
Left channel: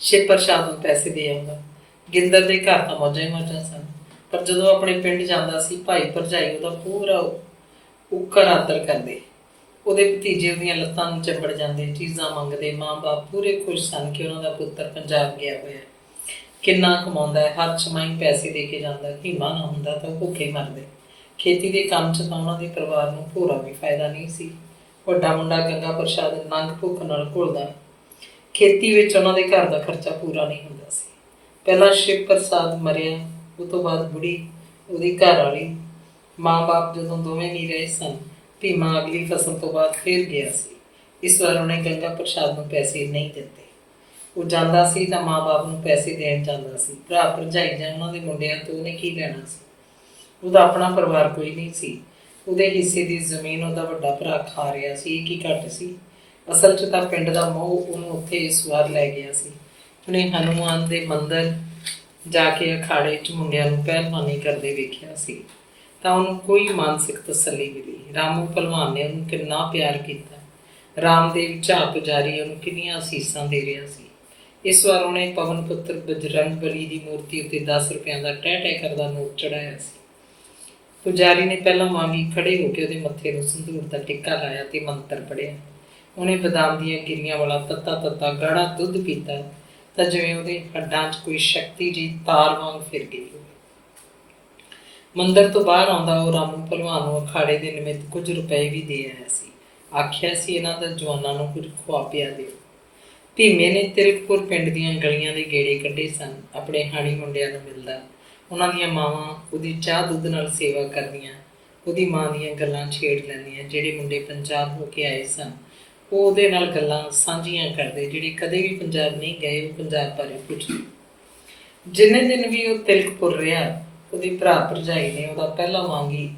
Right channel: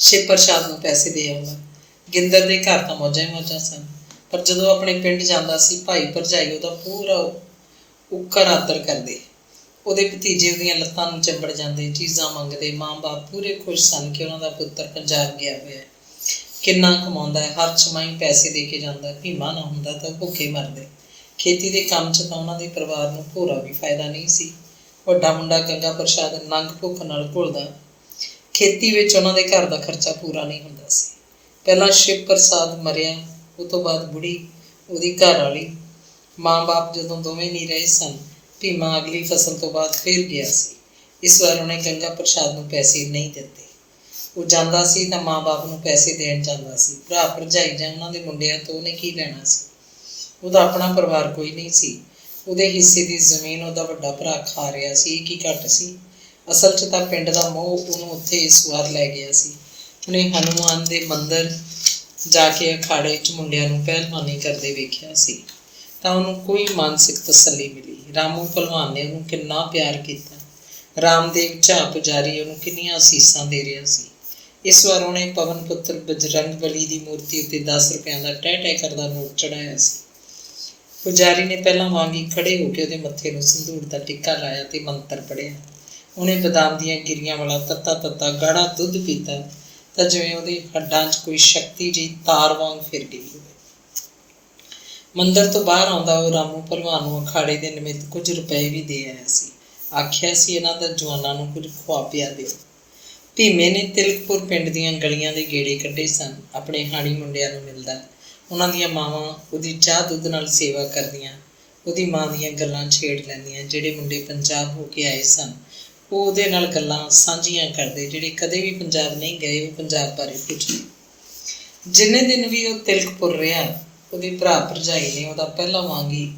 ਸ਼ਿਵ ਪ੍ਰਸ਼ਾਦ ਨੂੰ ਪੈਸੇ ਦੇ ਆਉਂਦਾ। ਗਿੰਦਰ ਦੇ ਘਰ ਤਾਂ ਮੌਜਾਂ ਹੀ ਮੌਜਾਂ ਸਨ, ਪਰ ਜਦੋਂ ਆਪਣੇ ਪਿੰਡ ਜਾਂਦਾ ਸੀ, ਭਾਈ ਭਰਜਾਈ ਉਹਦਾ ਪੂਰਾ ਉੱਕਰ ਆਦਰ ਕਰਦੇ। ਉਹਦੇ ਭਤੀਜੇ ਉਹਦੀਆਂ ਲੱਤਾਂ ਨੂੰ ਚੰਬੜ ਜਾਂਦੇ, ਚੀਜ਼ਾਂ ਮੰਗਦੇ। ਮਾਂ ਬਾਪ ਪੂਰੇ ਖੁਸ਼ ਸਨ ਕਿ ਉਹਨਾਂ ਦਾ ਪੁੱਤਰ ਪੰਜਾਬ ਗਿਆ ਹੋਇਆ। ਕਿੰਨਾ ਕਮਾਉਂਦਾ ਹੈ, ਹਰ ਛਮਾਈ ਪੈਸੇ ਦੇ ਕੇ ਜਾਂਦਾ। ਭੀਮਾ ਨਾ ਹੁੰਦਾ ਤਾਂ ਭੁੱਖੇ ਮਰਦੇ। ਖੇਤੀ ਦੇ ਕੰਮ 'ਚ ਤਾਂ ਉਹਨਾਂ ਦੇ ਪਰਿਵਾਰ ਨੂੰ ਭੋਰਾ ਵੀ ਫਾਇਦਾ ਨਹੀਂ ਸੀ। ਵੱਡਾ ਮੁੰਡਾ ਗੰਗਾ ਪ੍ਰਸ਼ਾਦ ਨੰਗ ਭੁੱਖ ਨਾਲ ਘੁਲਦਾ। ਖੇਤੀ ਵਿੱਚ ਉਹਨਾਂ ਦੇ ਘਰ ਦਾ ਖਰਚਾ ਪੂਰਾ ਨਹੀਂ ਹੁੰਦਾ ਸੀ। ਪਹਿਲਾਂ ਸ਼ਿਵ ਪ੍ਰਸਾਦ ਮਰਿਆ, ਉਹ ਤੋਂ ਬਾਅਦ ਬੁੜੀ, ਉਹਦੀ ਘਰ ਵਾਲੀ, ਮਾਂ ਬਾਪ ਜਦੋਂ ਦੋਵੇਂ ਨਹੀਂ ਰਹੇ ਸਨ, ਭੀਮਾ ਅਗਲੀ ਫਸਲ ਤੋਂ ਬਾਅਦ ਫਿਰ ਗਿਆ ਸੀ। ਇਸ ਵਾਰ ਉਹਨੇ ਗੰਗਾ ਪ੍ਰਸ਼ਾਦ ਨੂੰ ਪੈਸੇ ਨਹੀਂ ਦਿੱਤੇ। ਉਹ ਜਾਂਦਾ ਸੀ ਤਾਂ ਮਾਂ ਬਾਪ ਨੂੰ ਪੈਸੇ ਦੇਣ ਜਾਂਦਾ ਸੀ। ਭਰਾ ਭਰਜਾਈ ਜਾਂ ਉਹਨਾਂ ਦੇ ਮੁੰਡਿਆਂ ਤੋਂ ਉਹਨੇ ਕੀ ਲੈਣਾ ਸੀ। ਉਹਦਾ ਆਪਣਾ ਪਰਿਵਾਰ ਕੋਈ ਨਹੀਂ ਸੀ। ਉਹਦੇ ਹਿੱਸੇ ਦੀ ਜ਼ਮੀਨ ਉਹਦਾ ਵੱਡਾ ਭਰਾ ਖਾ ਰਿਹਾ ਸੀ। ਇਹ ਕੀ ਘੱਟ ਸੀ। ਅਸਲ 'ਚ ਤਾਂ ਪਿੰਡ ਦਾ ਮੋਹ ਉਹਨੂੰ ਉੱਥੇ ਇਸ ਵਾਰ ਲੈ ਗਿਆ ਸੀ। ਉਹਨੇ ਹਨੂੰਮਾਨ ਦੇ ਮੰਦਰ ਜਾ ਕੇ ਅਖਾੜੇ 'ਚ ਮੁੰਡਿਆਂ ਨੂੰ ਪਹਿਲਵਾਨੀ ਕਰਦੇ ਵੇਖਿਆ ਸੀ ਤਾਂ ਉਹਨੂੰ ਕੋਈ ਮਾਨਸਿਕ ਤਸੱਲੀ ਮਿਲੀ। ਰਾਮੂ ਭਲਵਾਨ ਨੇ ਉਹਨੂੰ ਕਿੰਨਾ ਪਿਆਰ ਕੀਤਾ। ਰਾਮਦੇਵ ਝਾਅ ਪੁਜਾਰੀ ਉਹਨੂੰ ਕਿੰਨੀਆਂ ਅਸੀਸਾਂ ਦੇ ਰਿਹਾ ਸੀ। ਇਸ ਵਾਰ ਉਹਨੇ ਪਵਨ ਪੁੱਤਰ ਬਜਰੰਗ ਬਲੀ ਦੀ ਮੂਰਤੀ ਉੱਤੇ 10 ਰੁਪਇਆਂ ਦਾ ਟਹਿ ਕਰਦਾ ਨੋਟ ਚੜਾਇਆ ਸੀ। ਪੁਜਾਰੀ ਨੇ ਪਹਿਲਾਂ ਵਾਂਗ ਹੀ ਖੜੇ ਹੋ ਕੇ ਉਹਦੇ ਮੱਥੇ ਨੂੰ ਸੰਧੂਰ ਦਾ ਟਿੱਕਾ ਲਾਇਆ ਤੇ ਮੰਤਰ ਪੜ੍ਹਿਆ। ਉਹਨੇ ਬਦਾਮ ਦੀਆਂ ਗਿਰੀਆਂ ਵਾਲਾ ਤੱਤਾ ਗਾੜਾ ਦੁੱਧ ਪੀਤਾ ਤਾਂ ਜਿਵੇਂ ਉਹਦੇ ਹੱਡਾਂ 'ਚ ਕੋਈ ਸ਼ਕਤੀ ਜਿਹੀ ਤਾਰ ਵਾਂਗ ਫਿਰ ਗਈ ਹੋਵੇ। ਮੰਦਰ ਤੋਂ ਬਾਹਰ ਆਉਂਦਾ ਉਹ ਰਾਮੂ ਭਲਵਾਨ ਨੂੰ ਅਖਾੜੇ ਦੇ ਨਿਮਿਤ ਕੁਝ ਰੁਪਏ ਵੀ ਦੇ ਆਇਆ ਸੀ। ਆਖਿਆ ਸੀ ਇਹਨਾਂ ਦਾ ਜਵਾਨਾਂ ਨੂੰ ਕੁਝ ਖਵਾ ਪਿਆ ਦਿਓ। ਭੀਮੇ ਨੇ ਤਿਲਕਪੁਰ ਪਿੰਡ ਦੀਆਂ ਗਲੀਆਂ ਦੇ ਗੇੜੇ ਕੱਢੇ ਸਨ। ਆਪਣੇ ਹਾਣੀ ਮੁੰਡਿਆਂ ਨੂੰ ਮਿਲਦਾ, ਉਹਨਾਂ ਦੀਆਂ ਮਾਵਾਂ ਉਹਦੀ ਚਾਹ ਦੁੱਧ ਨਾਲ ਸੇਵਾ ਕਰਦੀਆਂ, ਉਹਦੀ ਮਾਂ ਦੀਆਂ ਗੱਲਾਂ ਛੇੜ ਲੈਂਦੀਆਂ। ਜਿਹੜੇ ਮੁੰਡੇ ਪੰਜਾਬ ਹੋ ਕੇ ਆਏ ਸਨ ਉਹ ਉਹਦੇ ਨਾਲ ਗੱਲਾਂ ਸਾਂਝੀਆਂ ਕਰਦੇ। ਜਿਹੜੇ ਕਦੇ ਵੀ ਪੰਜਾਬ ਨਹੀਂ ਗਏ ਉਹ ਪੰਜਾਬ ਬਾਰੇ ਪੁੱਛਦੇ। ਜਿੰਨੇ ਦਿਨ ਵੀ ਉਹ ਤਿਲਕਪੁਰ ਰਿਹਾ, ਉਹਦੀ ਭਰਾ ਭਰਜਾਈ ਨੇ ਉਹਦਾ ਪਹਿਲਾਂ ਵਾਂਗ ਹੀ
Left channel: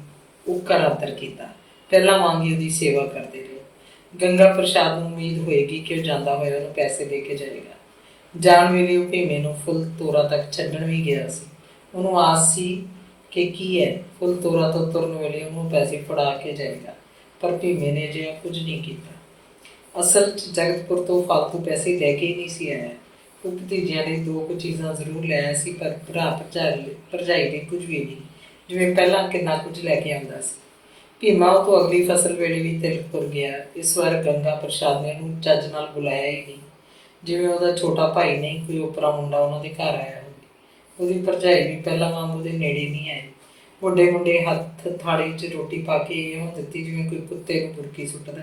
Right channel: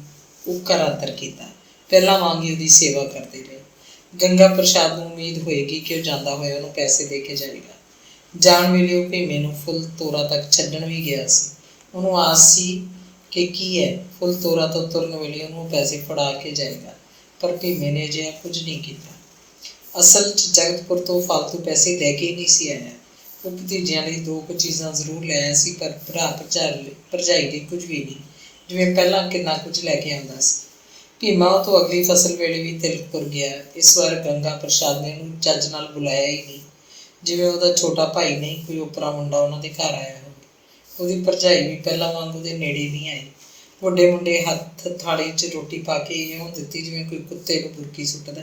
ਉੱਕਰ ਆਦਰ ਕੀਤਾ, ਪਹਿਲਾਂ ਵਾਂਗ ਹੀ ਉਹਦੀ ਸੇਵਾ ਕਰਦੇ ਰਹੇ। ਗੰਗਾ ਪ੍ਰਸ਼ਾਦ ਨੂੰ ਉਮੀਦ ਹੋਏਗੀ ਕਿ ਉਹ ਜਾਂਦਾ ਹੋਇਆ ਉਹਨੂੰ ਪੈਸੇ ਦੇ ਕੇ ਜਾਏਗਾ। ਜਾਣ ਵੇਲੇ ਉਹ ਭੀਮੇ ਨੂੰ ਫੁੱਲ ਤੋਰਾ ਤੱਕ ਛੱਡਣ ਵੀ ਗਿਆ ਸੀ। ਉਹਨੂੰ ਆਸ ਸੀ ਕਿ ਕੀ ਹੈ, ਫੁੱਲ ਤੋਰਾ ਤੋਂ ਤੁਰਨ ਵੇਲੇ ਉਹਨੂੰ ਪੈਸੇ ਫੜਾ ਕੇ ਜਾਏਗਾ, ਪਰ ਭੀਮੇ ਨੇ ਅਜਿਹਾ ਕੁਝ ਨਹੀਂ ਕੀਤਾ। ਅਸਲ 'ਚ ਜਗਤਪੁਰ ਤੋਂ ਫਾਲਤੂ ਪੈਸੇ ਲੈ ਕੇ ਨਹੀਂ ਸੀ ਆਇਆ। ਉਹ ਭਤੀਜਿਆਂ ਲਈ 2 ਕੁ ਚੀਜ਼ਾਂ ਜ਼ਰੂਰ ਲੈ ਆਇਆ ਸੀ, ਪਰ ਭਰਾ ਭਰਜਾਈ ਲਈ ਕੁਝ ਵੀ ਨਹੀਂ, ਜਿਵੇਂ ਪਹਿਲਾਂ ਕਿੰਨਾ ਕੁਝ ਲੈ ਕੇ ਆਉਂਦਾ ਸੀ। ਭੀਮਾ ਉਹ ਤੋਂ ਅਗਲੀ ਫਸਲ ਵੇਲੇ ਵੀ ਤਿਲਕਪੁਰ ਗਿਆ। ਇਸ ਵਾਰ ਗੰਗਾ ਪ੍ਰਸ਼ਾਦ ਨੇ ਉਹਨੂੰ ਚੱਜ ਨਾਲ ਬੁਲਾਇਆ ਹੀ ਨਹੀਂ, ਜਿਵੇਂ ਉਹਦਾ ਛੋਟਾ ਭਾਈ ਨਹੀਂ ਕੋਈ ਓਪਰਾ ਮੁੰਡਾ ਉਹਨਾਂ ਦੇ ਘਰ ਆਇਆ ਹੋਵੇ। ਉਹਦੀ ਭਰਜਾਈ ਵੀ ਪਹਿਲਾਂ ਵਾਂਗ ਉਹਦੇ ਨੇੜੇ ਨਹੀਂ ਆਈ। ਵੱਡੇ ਮੁੰਡੇ ਹੱਥ ਥਾਲੀ 'ਚ ਰੋਟੀ ਪਾ ਕੇ ਇਉਂ ਦਿੱਤੀ ਜਿਵੇਂ ਕੋਈ ਕੁੱਤੇ ਨੂੰ ਬੁਰਕੀ ਸੁੱਟਦਾ।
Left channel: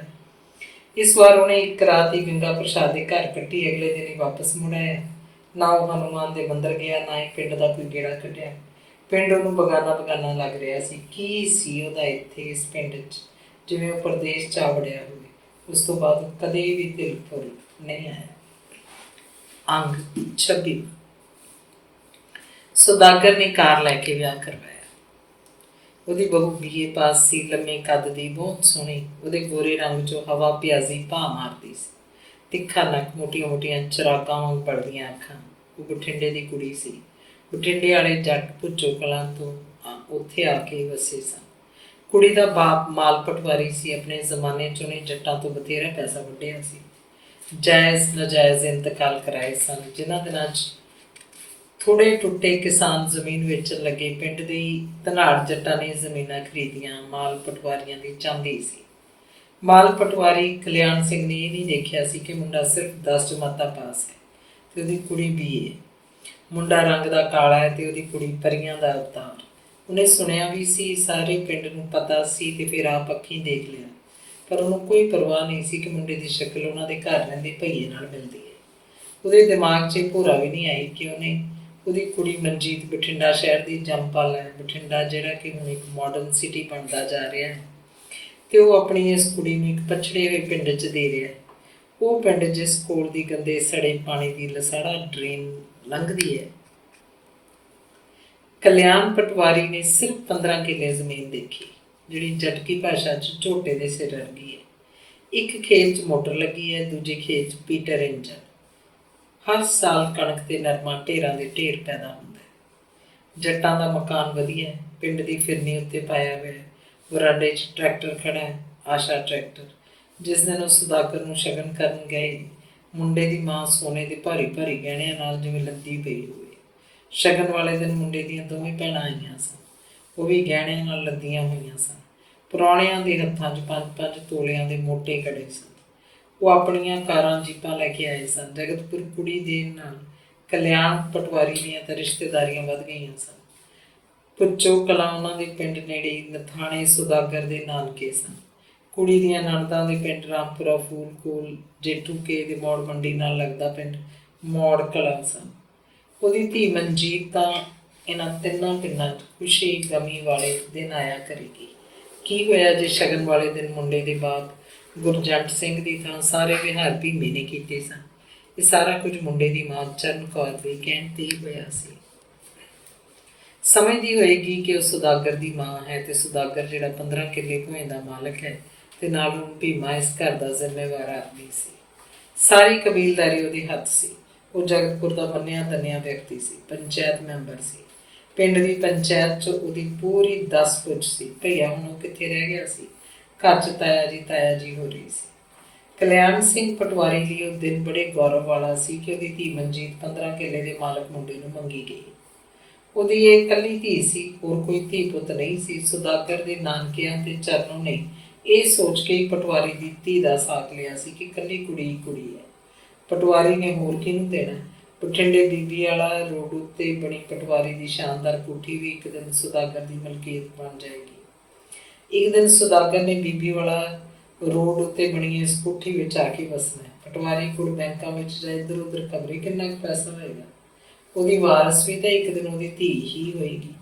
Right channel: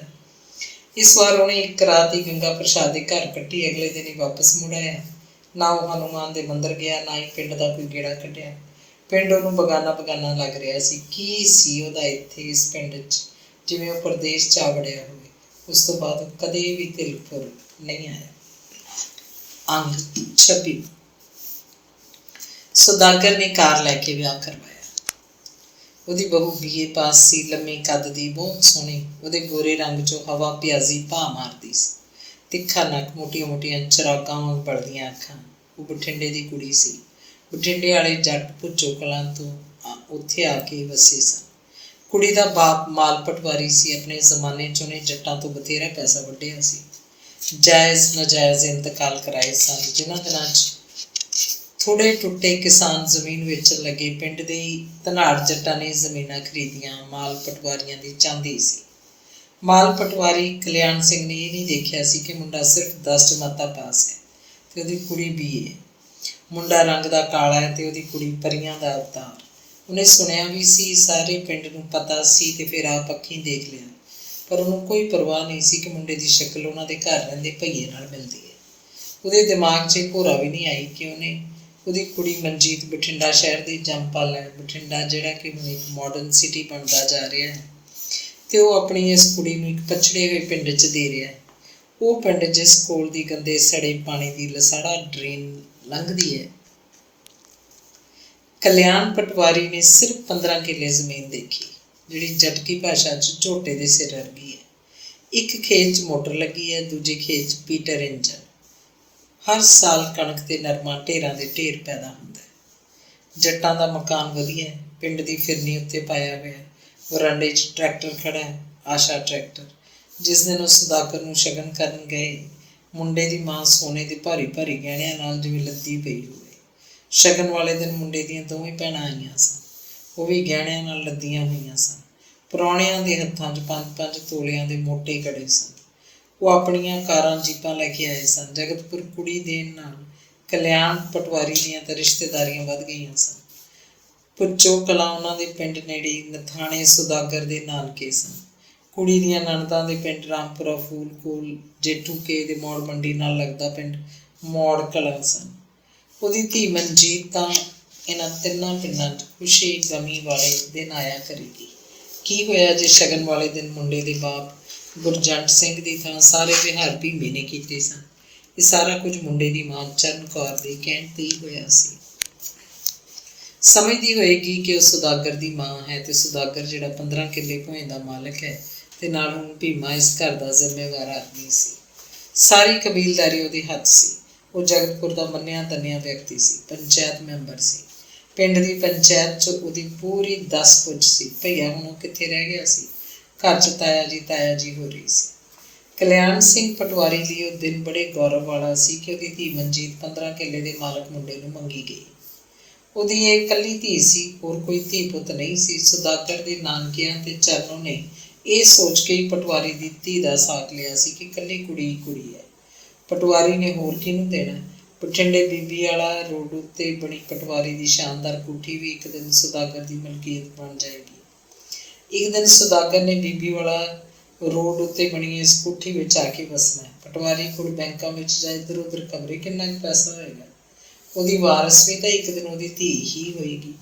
ਇਸ ਵਾਰ ਉਹਨੇ ਇੱਕ ਰਾਤ ਹੀ ਗੰਗਾ ਪ੍ਰਸਾਦ ਦੇ ਘਰ ਕੱਟੀ, ਅਗਲੇ ਦਿਨ ਹੀ ਵਾਪਸ ਮੁੜ ਆਇਆ। ਨਾ ਉਹ ਹਨੂੰਮਾਨ ਦੇ ਮੰਦਰ ਗਿਆ, ਨਾ ਹੀ ਪਿੰਡ ਦਾ ਕੋਈ ਗੇੜਾ ਕੱਢਿਆ। ਪਿੰਡ ਉਹਨੂੰ ਬਗਾਨਾ ਬਗਾਨਾ ਲੱਗ ਰਿਹਾ ਸੀ। ਕੀ ਸੀ ਉਹਦਾ ਇੱਥੇ ਇਸ ਪਿੰਡ 'ਚ, ਜਿਵੇਂ ਉਹ ਪਰਦੇਸ 'ਚ ਆ ਵੜਿਆ ਹੋਵੇ। ਉਸ ਤੋਂ ਬਾਅਦ ਉਹ ਕਦੇ ਵੀ ਦਿਲਪੁਰ ਨਹੀਂ ਆਇਆ। ਅੰਗ 26। ਸੁਦਾਗਰ ਨੇ ਕਾਰ ਲੈ ਕੇ ਵਿਆਹ ਕਰਵਾਇਆ। ਉਹਦੀ ਬਹੂ BA ਪਾਸ ਸੀ, ਲੰਮੇ ਕੱਦ ਦੀ, ਬਹੁਤ ਸੋਹਣੀ। ਉਹਦੇ ਗੋਰੇ ਰੰਗ 'ਚੋਂ ਹਵਾ ਪਿਆਜ਼ੀ ਭਾਅ ਮਾਰਦੀ ਸੀ। ਤਿੱਖਾ ਨੱਕ, ਮੋਟੀਆਂ ਮੋਟੀਆਂ ਚਰਾਗਾਂ ਵਾਂਗ ਬਲਦੀਆਂ ਅੱਖਾਂ। ਉਹ ਬਠਿੰਡੇ ਦੀ ਕੁੜੀ ਸੀ। ਬਠਿੰਡੇ ਵਾਲੇ ਜੱਟ ਭੁੱਚੋ ਕਲਾਂ ਤੋਂ ਉੱਥੇ ਆ ਕੇ ਵਸੇ ਸਨ। ਕੁੜੀ ਦਾ ਬਾਪ ਮਾਲ ਪਟਵਾਰੀ ਸੀ। ਆਪਣੇ ਜ਼ਮਾਨੇ 'ਚ ਉਹਨੇ ਜੱਟਾਂ ਤੋਂ ਬਥੇਰਾ ਪੈਸਾ ਵੱਢਿਆ ਸੀ। ਜਾਇਜ਼ ਨਾਜਾਇਜ਼ ਇੰਤਕਾਲ ਕਰਾਏ ਸਨ। ਜਿਨ੍ਹਾਂ ਦਿਨਾਂ 'ਚ ਥੋੜ੍ਹੇ ਟੁੱਟੇ ਕਿਸਾਨ ਜ਼ਮੀਨ ਵੇਚਣ ਲੱਗੇ। ਪਿੰਡ ਦੇ ਧਨਾੜ ਜੱਟਾਂ ਨੇ ਜ਼ਮੀਨਾਂ ਖਰੀਦੀਆਂ। ਮਾਲ ਪਟਵਾਰੀਆਂ ਦੀ ਚਾਂਦੀ ਸੀ। ਮਾਲ ਪਟਵਾਰੀ ਕਲਿਆਣ ਸਿੰਘ ਨੇ ਇਹ ਨਹੀਂ ਦੇਖਿਆ ਸੀ ਕਿ ਮੁੰਡਾ ਸਿਰਫ 10 ਜਮਾਤਾਂ ਪਾਸ ਹੈ ਅਤੇ ਉਹਦੀ ਕੁੜੀ BA। ਮੁੰਡਾ ਰੰਗ ਦਾ ਕਾਲਾ ਹੈ ਅਤੇ ਉਹਦੀ ਕੁੜੀ ਪਰੀਆਂ ਦਾ ਅਵਤਾਰ। ਉਹਨੇ ਸੁਣਿਆ ਵੀ ਸੀ, ਸਾਰੇ ਪਿੰਡ ਨੂੰ ਪਤਾ ਸੀ ਅਤੇ ਫਿਰ ਆਪ ਅੱਖੀਂ ਦੇਖ ਲਿਆ। ਪਰ ਉਹਨੂੰ ਕੋਈ ਪਰਵਾਹ ਨਹੀਂ ਸੀ ਕਿ ਮੁੰਡੇ ਦੀ ਸ਼ਕਲ ਉਹਨਾਂ ਦੇ ਘਰ ਰਹਿੰਦੇ ਭਈਏ ਨਾਲ ਮਿਲਦੀ ਹੈ। ਉਹਦੇ ਦਿਮਾਗ 'ਚ ਇਹ ਭੋਰਾ ਵੀ ਨਹੀਂ ਆਈ ਕਿ ਉਹਦੀ ਕੁੜੀ ਮਨਜੀਤ ਬਠਿੰਡਾ ਸ਼ਹਿਰ ਦੀ ਜੰਮਪਲ ਹੈ। ਬਠਿੰਡਾ ਜਿਹੜਾ ਕਿ ਹੁਣ ਇੱਕ ਮਾਡਰਨ ਸਿਟੀ ਬਣਦਾ ਜਾ ਰਿਹਾ ਹੈ ਅਤੇ ਉਹ ਆਪਣੀ ਇਸ ਕੁੜੀ ਨੂੰ ਇੱਕ ਪਛੜੇ ਹੋਏ ਪਿੰਡ 'ਚ ਦੇ ਰਿਹਾ ਹੈ। ਉਹ ਪਿੰਡ ਜਿਸ ਕੋਲ ਦੀ ਗੰਦੇ ਸੜੇ ਪਾਣੀ ਦੀ ਲਸਾੜਾ ਡਰੇਨ ਲੰਘਦੀ ਹੈ। ਕਲਿਆਣ ਪਟਵਾਰੀ ਨੇ ਸਿਰਫ 15 ਕਿੱਲੇ ਜ਼ਮੀਨ ਦੇਖੀ, ਜਿਹੜੀ ਜਟਕੀ ਭਾਸ਼ਾ 'ਚ ਝੋਟੇ ਦੇ ਸਿਰ ਵਰਗੀ ਹੈ। ਇੱਕ ਖੇਤ 'ਚ ਮੋਟਰ ਲੱਗੀ ਹੈ, ਦੂਜੇ ਖੇਤ 'ਚ ਪੀਟਰ ਇੰਜਨ। ਹਰ ਸਾਲ ਕਣਕ ਤੇ ਨਰਮਾ ਢੇਰਾਂ ਦੇ ਢੇਰ ਪੈਦਾ ਹੁੰਦਾ ਹੈ। ਜੱਟਾਂ ਦਾ ਮਕਾਨ ਵਧੀਆ, ਪਿੰਡ ਦੀ ਫਿਰਨੀ ਉੱਤੇ ਪਾਇਆ ਹੋਇਆ। ਵਰਾਂਡੇ 'ਚ ਟਰੈਕਟਰ ਖੜ੍ਹਾ ਹੈ, ਆਸ਼ਾ ਟਰੈਕਟਰ। ਜਿਸ ਦਿਨ ਉਹ ਸੁਦਾਗਰ ਨੂੰ ਸ਼ਗਨ ਕਰਨ ਗਏ, ਮੁੰਡੇ ਦੀ ਮਾਂ ਸੋਨੇ ਦੇ ਭਾਰੀ ਭਾਰੀ ਗਹਿਣਿਆਂ ਨਾਲ ਜਿਵੇਂ ਲੱਦੀ ਪਈ ਹੋਵੇ। ਸ਼ਗਨ ਵਾਲੇ ਦਿਨ ਮੁੰਡੇ ਦੀਆਂ ਦੋਵੇਂ ਭੈਣਾਂ ਆਈਆਂ ਸਨ। ਉਹ ਵੀ ਗਹਿਣਿਆਂ ਨਾਲ ਲੱਦੀਆਂ ਹੋਈਆਂ ਸਨ। ਪ੍ਰਾਹੁਣਿਆਂ ਦੇ ਹੱਥਾਂ 'ਚ 5-5 ਤੋਲਿਆਂ ਦੇ ਮੋਟੇ ਕੜੇ ਸਨ। ਉਹ ਆਪਣੀਆਂ ਕਾਰਾਂ ਜੀਪਾਂ ਲੈ ਕੇ ਆਏ ਸਨ। ਜਗਤਪੁਰ ਕੁੜੀ ਦੇਣ ਨਾਲ ਕਲਿਆਣ ਪਟਵਾਰੀ ਦੀਆਂ ਤਾਂ ਰਿਸ਼ਤੇਦਾਰੀਆਂ ਵੱਧ ਗਈਆਂ ਸਨ। ਭੁੱਚੋ ਕਲਾਂ ਉਹਨਾਂ ਦੇ ਪਿੰਡ ਨੇੜੇ ਨਥਾਣੇ ਸੁਦਾਗਰ ਦੇ ਨਾਨਕੇ ਸਨ। ਕੁੜੀ ਦੀਆਂ ਨਣਦਾਂ ਦੇ ਪਿੰਡ ਰਾਮਪੁਰਾ ਫੂਲ ਕੋਲ ਜੇਠੂ ਕੇ ਦੇ ਮੌੜ ਮੰਡੀ ਨਾਲ ਲੱਗਦਾ ਪਿੰਡ ਮੌੜ ਕਲਾਂ ਸਨ। ਉਹਦੀ ਧੀ ਮਨਜੀਤ ਤਾਂ ਇਹਨਾਂ ਤਿੰਨਾਂ ਪਿੰਡਾਂ 'ਚ ਖੁਸ਼ੀ ਗਮੀ ਵਾਲੇ ਦਿਨ ਆਇਆ ਕਰੇਗੀ। ਕੀ ਹੋਇਆ ਜੇ ਸ਼ਗਨ ਵਾਲੇ ਦਿਨ ਮੁੰਡੇ ਦੇ ਬਾਪ ਗੁਰਜੰਟ ਸਿੰਘ ਦੀ ਥਾਂ ਸਾਰੇ ਵਿਹਾਰ ਭੀਮੇ ਨੇ ਕੀਤੇ ਸਨ। ਇਹ ਸਾਰਾ ਕੁਝ ਮੁੰਡੇ ਦੀ ਮਾਂ ਚਰਨ ਕੌਰ ਦੇ ਕਹਿਣ 'ਤੇ ਹੀ ਹੋਇਆ ਸੀ। ਸਮਝਦੀ ਹੋਏਗੀ ਕਿ ਉਹ ਸੁਦਾਗਰ ਦੀ ਮਾਂ ਹੈ ਅਤੇ ਸੁਦਾਗਰ ਜਿਹੜਾ 15 ਕਿੱਲੇ ਭੋਏ ਦਾ ਮਾਲਕ ਹੈ ਅਤੇ ਨਾਲ ਹੁਣ ਭੀਮਾ ਇਸ ਘਰ ਦਾ ਜ਼ਿੰਮੇਵਾਰ ਆਦਮੀ ਸੀ। ਸਾਰੀ ਕਬੀਲਦਾਰੀ ਉਹਦੇ ਹੱਥ ਸੀ। ਉਹ ਜਗਤਪੁਰ ਦਾ ਮੰਨਿਆ ਤੰਨਿਆ ਵਿਅਕਤੀ ਸੀ, ਪੰਚਾਇਤ ਮੈਂਬਰ ਸੀ। ਪਿੰਡ ਦੀ ਪੰਚਾਇਤ 'ਚ ਉਹਦੀ ਪੂਰੀ 10 ਪੁੱਛ ਸੀ। ਭਈਆ ਹੁਣ ਉਹ ਕਿੱਥੇ ਰਹਿ ਗਿਆ ਸੀ। ਘਰ 'ਚ ਤਾਇਆ ਜੀ ਹੋ ਰਹੀ ਸੀ। ਕਲਿਆਣ ਸਿੰਘ ਪਟਵਾਰੀ ਲਈ ਉਹ ਦਿਨ ਬੜੇ ਗੌਰਵ ਵਾਲਾ ਸੀ ਕਿ ਉਹਦੀ ਧੀ ਮਨਜੀਤ 15 ਕਿੱਲੇ ਦੇ ਮਾਲਕ ਮੁੰਡੇ ਨੂੰ ਮੰਗੀ ਗਈ। ਉਹਦੀ ਇਹ ਇਕੱਲੀ ਧੀ ਸੀ, ਹੋਰ ਕੋਈ ਧੀ ਪੁੱਤ ਨਹੀਂ ਸੀ। ਸੁਦਾਗਰ ਦੇ ਨਾਨਕਿਆਂ ਤੇ ਚਰਨੋਂ ਨੇ ਇਹ ਸੋਚ ਕੇ ਹੀ ਪਟਵਾਰੀ ਦੀ ਧੀ ਦਾ ਸਾਕ ਲਿਆ ਸੀ ਕਿ ਇਕੱਲੀ ਕੁੜੀ ਹੈ। ਪਟਵਾਰੀ ਨੇ ਹੋਰ ਕਿਹਨੂੰ ਦੇਣਾ। ਬਠਿੰਡੇ ਬੀਬੀ ਵਾਲਾ ਰੋਡ ਉੱਤੇ ਬਣੀ ਪਟਵਾਰੀ ਦੀ ਸ਼ਾਨਦਾਰ ਕੋਠੀ ਵੀ ਇੱਕ ਦਿਨ ਸੁਦਾਗਰ ਦੀ ਮਲਕੀਅਤ ਬਣ ਜਾਏਗੀ। ਇੱਕ ਦਿਨ ਸੁਦਾਗਰ ਨੇ ਬੀਬੀ ਵਾਲਾ ਰੋਡ ਉੱਤੇ ਬਣੀ ਇਸ ਕੋਠੀ ਵਿੱਚ ਆ ਕੇ ਵਸਣਾ। ਪਟਵਾਰੀ ਕੋਲ ਬੈਂਕਾਂ ਵਿੱਚ ਜਾਂ ਇੱਧਰ ਉੱਧਰ ਖਬਰੇ ਕਿੰਨਾ ਕੁ ਪੈਸਾ ਹੋਏਗਾ। ਉਹਦੀ ਵਾਰਸ ਵੀ ਤਾਂ ਇੱਕ ਦਿਨ ਉਹਦੀ ਧੀ ਹੀ ਹੋਏਗੀ।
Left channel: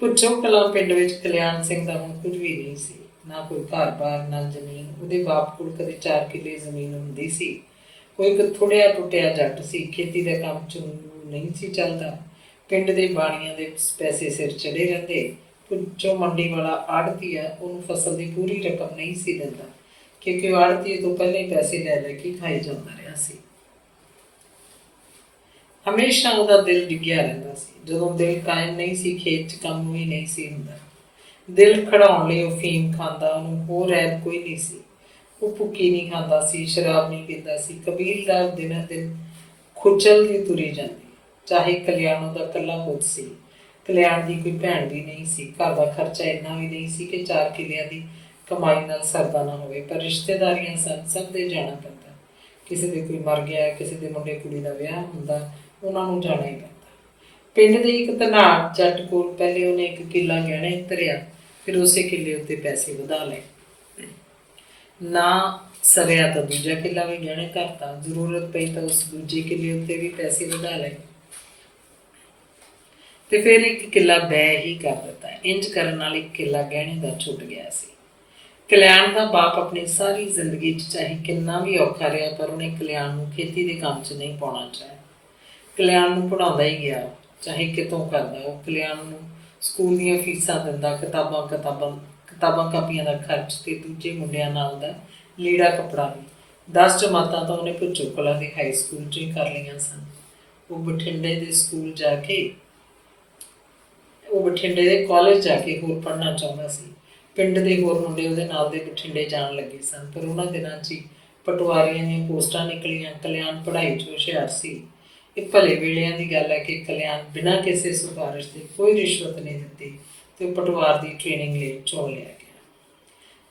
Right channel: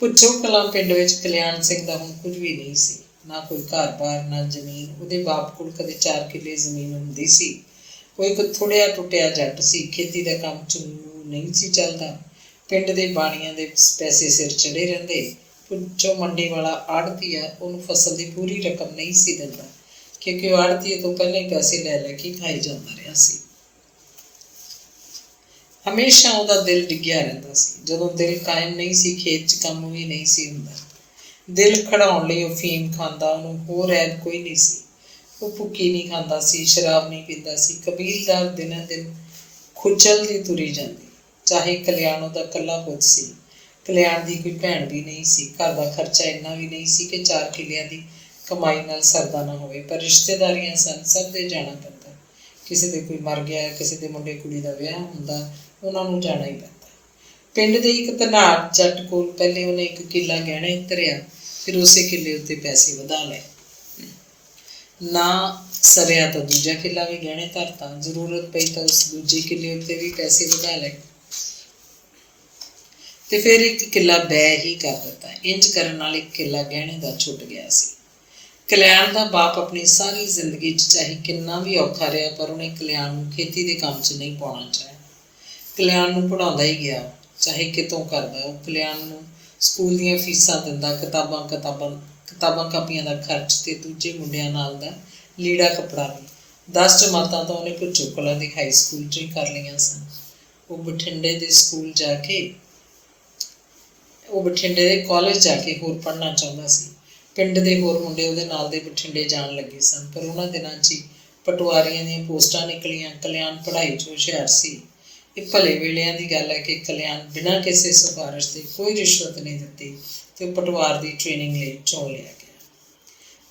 ਭੁੱਚੋ ਕਲਾਂ ਪਿੰਡ ਵਿੱਚ ਕਲਿਆਣ ਸਿੰਘ ਦਾ ਹੁਣ ਕੁਝ ਵੀ ਨਹੀਂ ਸੀ, ਨਾ ਕੋਈ ਘਰ-ਬਾਰ, ਨਾ ਜ਼ਮੀਨ। ਉਹਦੇ ਬਾਪ ਕੋਲ ਕਦੇ 4 ਕਿੱਲੇ ਜ਼ਮੀਨ ਹੁੰਦੀ ਸੀ। ਉਹ ਇੱਕ ਥੋੜ੍ਹਿਆ ਟੁੱਟਿਆ ਜੱਟ ਸੀ। ਖੇਤੀ ਦਾ ਕੰਮ 'ਚ ਨਹੀਂ ਸੀ ਚੱਲਦਾ। ਪਿੰਡ ਦੇ ਬਾਣੀਆਂ ਦੇ ਪੈਸੇ ਸਿਰ ਚੜ੍ਹੇ ਰਹਿੰਦੇ। ਭੁੱਚੋ ਮੰਡੀ ਵਾਲਾ ਆੜ੍ਹਤੀਆ ਉਹਨੂੰ ਫਸਲ ਦੀ ਪੂਰੀ ਰਕਮ ਨਹੀਂ ਸੀ ਦਿੰਦਾ, ਕਿਉਂਕਿ ਉਹ ਆੜ੍ਹਤੀਏ ਤੋਂ ਪਹਿਲਾਂ ਹੀ ਪੈਸੇ ਲੈ ਕੇ ਖਾਈ ਜਾਂਦਾ ਰਿਹਾ ਸੀ। ਹਮੇਸ਼ਾ ਉਹਦਾ ਦਿਲ ਡਿੱਗਿਆ ਰਹਿੰਦਾ ਸੀ। ਜਦੋਂ ਦਿਲ ਕਾਇਮ ਨਹੀਂ ਸੀ, ਖੇਤ 'ਚ ਕੰਮ ਵੀ ਨਹੀਂ ਸੀ ਹੁੰਦਾ। ਦਿਲ ਖੜਾਉਣ ਲਈ ਉਹ ਫੀਮ ਖਾਂਦਾ, ਉਹਨੂੰ ਹੋਰ ਐਬ ਕੋਈ ਨਹੀਂ ਸੀ। ਉਹ ਭੁੱਕੀ ਨਹੀਂ ਖਾਂਦਾ ਸੀ, ਸ਼ਰਾਬ ਨਹੀਂ ਪੀਂਦਾ ਸੀ। ਕਬੀਲਦਾਰ ਦਿਨੋਂ ਦਿਨ ਖੁਚਲਦੀ ਤੁਰੀ ਜਾਂਦੀ। ਚਾਹੇ ਕਲਿਆਣ ਉਹਦਾ ਇਕੱਲਾ ਪੁੱਤ ਸੀ। ਕਲਿਆਣ ਦੀ ਕੋਈ ਭੈਣ ਵੀ ਨਹੀਂ ਸੀ। ਘਰ ਦਾ ਖਰਚਾ ਇੰਨਾ ਵੀ ਨਹੀਂ ਸੀ ਕਿ 4 ਕਿੱਲਿਆਂ ਦੀ ਕਮਾਈ ਨਾਲ ਸਰਦਾ ਨਾ ਹੋਵੇ। ਪਰ ਰਿਸ਼ਤੇਦਾਰੀਆਂ ਸਨ, ਸਭ ਦੇ ਜਾਣਾ ਪੈਂਦਾ। ਕਿਸੇ ਦੇ ਕੋਈ ਮਰ ਗਿਆ, ਕਿਸੇ ਦੇ ਮੁੰਡੇ ਕੁੜੀ ਦਾ ਵਿਆਹ ਹੁੰਦਾ, ਉਹਨਾਂ ਨੂੰ ਜਾਣਾ ਹੀ ਪੈਂਦਾ। ਪਿੰਡ ਦੇ ਇੱਕ ਧਨਾੜ ਜੱਟ ਕੋਲ ਪਹਿਲੇ ਉਹਨੇ ਇੱਕ ਕਿੱਲਾ ਗਹਿਣੇ ਧਰਿਆ, ਫਿਰ ਉਸੇ ਕਿੱਲੇ ਉੱਤੇ ਪੈਸੇ ਵਧਾ ਲਏ। ਨਾ ਸਰਿਆ ਤਾਂ ਦੂਜਾ ਕਿੱਲਾ ਵੀ ਗਹਿਣੇ ਧਰਤਾ, ਜ਼ਰੂਰਤ ਪਈ ਤਾਂ ਉਸ ਦੂਜੇ ਕਿੱਲੇ ਉੱਤੇ ਵੀ ਪੈਸੇ ਵਧਾ ਲਏ ਤੇ ਫਿਰ ਇੱਕ ਕਿੱਲਾ ਬੈ ਹੀ ਕਰ ਦਿੱਤਾ। ਇੰਜ ਕਰਨ ਨਾਲ ਇੱਕ ਕਿੱਲਾ ਗਹਿਣੇ ਦਾ ਛੁੱਟ ਗਿਆ ਸੀ। ਕਲਿਆਣ ਦਾ ਬਾਪ ਆਪਣੀ ਸਾਰੀ ਜ਼ਿੰਦਗੀ 'ਚ ਚਾਹੇ ਕਿੰਨਾ ਵੀ ਔਖਾ ਰਿਹਾ, ਪਰ ਉਹਨੇ ਕਲਿਆਣ ਨੂੰ ਖੇਤੀ ਦੇ ਕੰਮ 'ਚ ਨਹੀਂ ਪਾਉਣਾ ਚਾਹਿਆ। ਕਲਿਆਣ ਨੂੰ ਪੜ੍ਹਾਉਂਦਾ ਹੀ ਗਿਆ, ਚਾਹੇ ਕਿਤੋਂ ਕਰਦਾ। ਉਹ ਕਲਿਆਣ ਨੂੰ ਸਕੂਲ ਦੀਆਂ ਫੀਸਾਂ ਦਿੰਦਾ, ਕਿਤਾਬਾਂ ਕਾਪੀਆਂ ਦਾ ਖਰਚ ਤੇ ਦੂਜੇ ਮੁੰਡਿਆਂ ਨਾਲ ਦਾ ਲੀੜਾ ਕੱਪੜਾ ਵੀ। 10 ਜਮਾਤਾਂ ਤਾਂ ਉਹਨੇ ਭੁੱਚੋ ਕਲਾਂ ਦੀ ਹਾਈ ਸਕੂਲ 'ਚ ਹੀ ਕਰ ਲਈਆਂ ਸਨ। ਉਹ ਬਠਿੰਡੇ ਦੇ ਕਾਲਜ ਜਾ ਕੇ ਹੋਰ ਪੜ੍ਹਨਾ ਚਾਹੁੰਦਾ ਸੀ। ਪਿੰਡ ਦੇ ਹੋਰ ਮੁੰਡੇ ਉਹਦੇ ਨਾਲ ਦੇ ਬਠਿੰਡੇ ਜਾਣ ਲੱਗੇ ਸਨ, ਪਰ ਉਹਨਾਂ ਦਿਨਾਂ 'ਚ ਹੀ ਪਟਵਾਰੀਆਂ ਦੀਆਂ ਪੋਸਟਾਂ ਨਿਕਲੀਆਂ। ਕਲਿਆਣ ਪੜ੍ਹਾਈ 'ਚ ਹੁਸ਼ਿਆਰ ਸੀ। ਇਹ ਭਲੇ ਵੇਲਿਆਂ ਦੀ ਗੱਲ ਹੈ ਕਿ ਕਲਿਆਣ ਬਿਨਾਂ ਕਿਸੇ ਸਿਫਾਰਿਸ਼ ਦੇ, ਕੋਈ ਰਿਸ਼ਵਤ ਨਹੀਂ ਦਿੱਤੀ ਤੇ ਉਹ ਪਟਵਾਰ ਦੀ ਟ੍ਰੇਨਿੰਗ ਲਈ ਚੁਣ ਲਿਆ ਗਿਆ।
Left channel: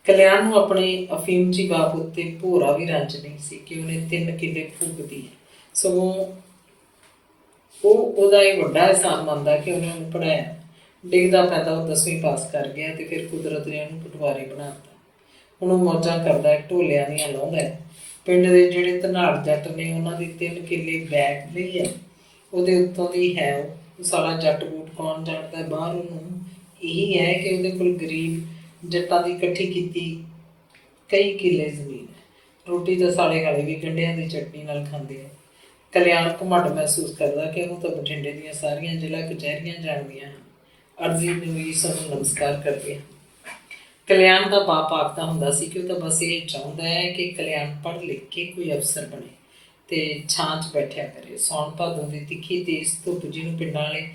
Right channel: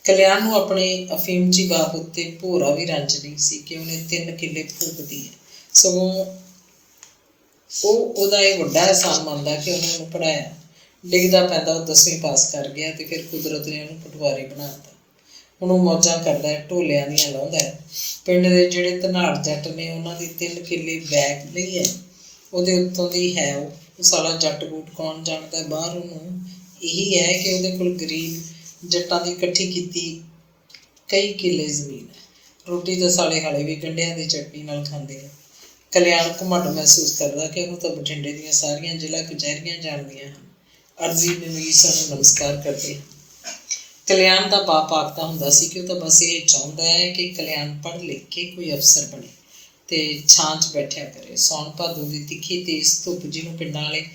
ਕਲਿਆਣ ਨੂੰ ਆਪਣੇ ਅਫੀਮਚੀ ਬਾਪ ਉੱਤੇ ਭੋਰਾ ਵੀ ਰੰਜ ਨਹੀਂ ਸੀ ਕਿ ਉਹਨੇ 3 ਕਿੱਲੇ ਫੂਕਦੀ ਹੈ, ਸਗੋਂ ਉਹ ਉਹਦਾ ਇਹ ਵੱਡਾ ਅਹਿਸਾਨ ਮੰਨਦਾ ਕਿ ਉਹਨੇ ਉਹਨੂੰ ਪੜ੍ਹਾਇਆ। ਡਿੱਗਦਾ ਪੈਂਦਾ ਉਹ 10ਵੀਂ ਪਾਸ ਕਰ ਗਿਆ ਤੇ ਫਿਰ ਕੁਦਰਤ ਨੇ ਉਹਨੂੰ ਪਟਵਾਰੀ ਬਣਾ ਦਿੱਤਾ। ਹੁਣ ਉਹ ਮੌਜਾਂ ਕਰਦਾ ਹੈ, ਢੋਲਿਆਂ ਦੀਆਂ ਲਾਉਂਦਾ ਹੈ। ਪਿੰਡ ਦੇ ਜਿਹੜੇ ਧਨਾੜ ਜੱਟ ਨੇ ਉਹਨਾਂ ਦੀ 3 ਕਿੱਲੇ ਬੈਗ ਲਈ ਹੈ, ਉਹਦੇ ਉੱਤੋਂ ਦੀ ਹੈ ਉਹ ਸਾਲਾ ਜੱਟ ਬੂਟ ਕੌਣ ਜਾਣਦਾ ਬਾਹਰ। ਉਹਨੂੰ ਇਹੀ ਹੈ ਕਿ ਉਹਦੇ ਕੋਲ ਗਰੀਬ ਜੱਟਾਂ ਦੀ ਇਕੱਠੀ ਕੀਤੀ ਕਈ ਕਿੱਲੇ ਜ਼ਮੀਨ ਹੈ। ਰੋਟੀ ਤਾਂ ਸਾਲੇ ਹਾਲੇ ਵੀ ਗੰਢਿਆਂ ਦੀ ਚਟਨੀ ਨਾਲ ਖਾਂਦੇ ਆ। ਕਲਿਆਣ ਘਮੰਡ ਮਹਿਸੂਸ ਕਰਦਾ ਕਿ ਉਹਨੂੰ ਤਾਂ ਬਠਿੰਡੇ ਦੀਆਂ ਸਾਰੀਆਂ ਜ਼ਿਲ੍ਹਾ ਕਚਹਿਰੀਆਂ ਜਾਣਦੀਆਂ ਹਨ। ਅਰਜ਼ੀ ਨਵੀਸ ਨੂੰ ਨਮਸਕਾਰ ਕਰਦੇ ਹਨ। ਕਲਿਆਣ ਦਾ ਬਾਪ ਆਖਦਾ ਹੁੰਦਾ ਸੀ ਕਿ ਉਹ ਤਾਂ ਬਸ ਇਹ ਚਾਹੁੰਦਾ ਹੈ ਕਿ ਕਲਿਆਣ ਪੜ੍ਹ ਲਿਖ ਕੇ ਕੋਈ ਅਫਸਰ ਬਣੇ ਤੇ ਛਾਂ 'ਚ ਬੈਠਿਆ ਕਰੇ। ਸਾਉਣ ਭਾਦੋਂ ਦੀ ਤਿੱਖੀ ਤੇਜ਼ ਧੁੱਪ, ਜਿਹਨੂੰ ਪਿੰਡਾਂ ਵਾਲੇ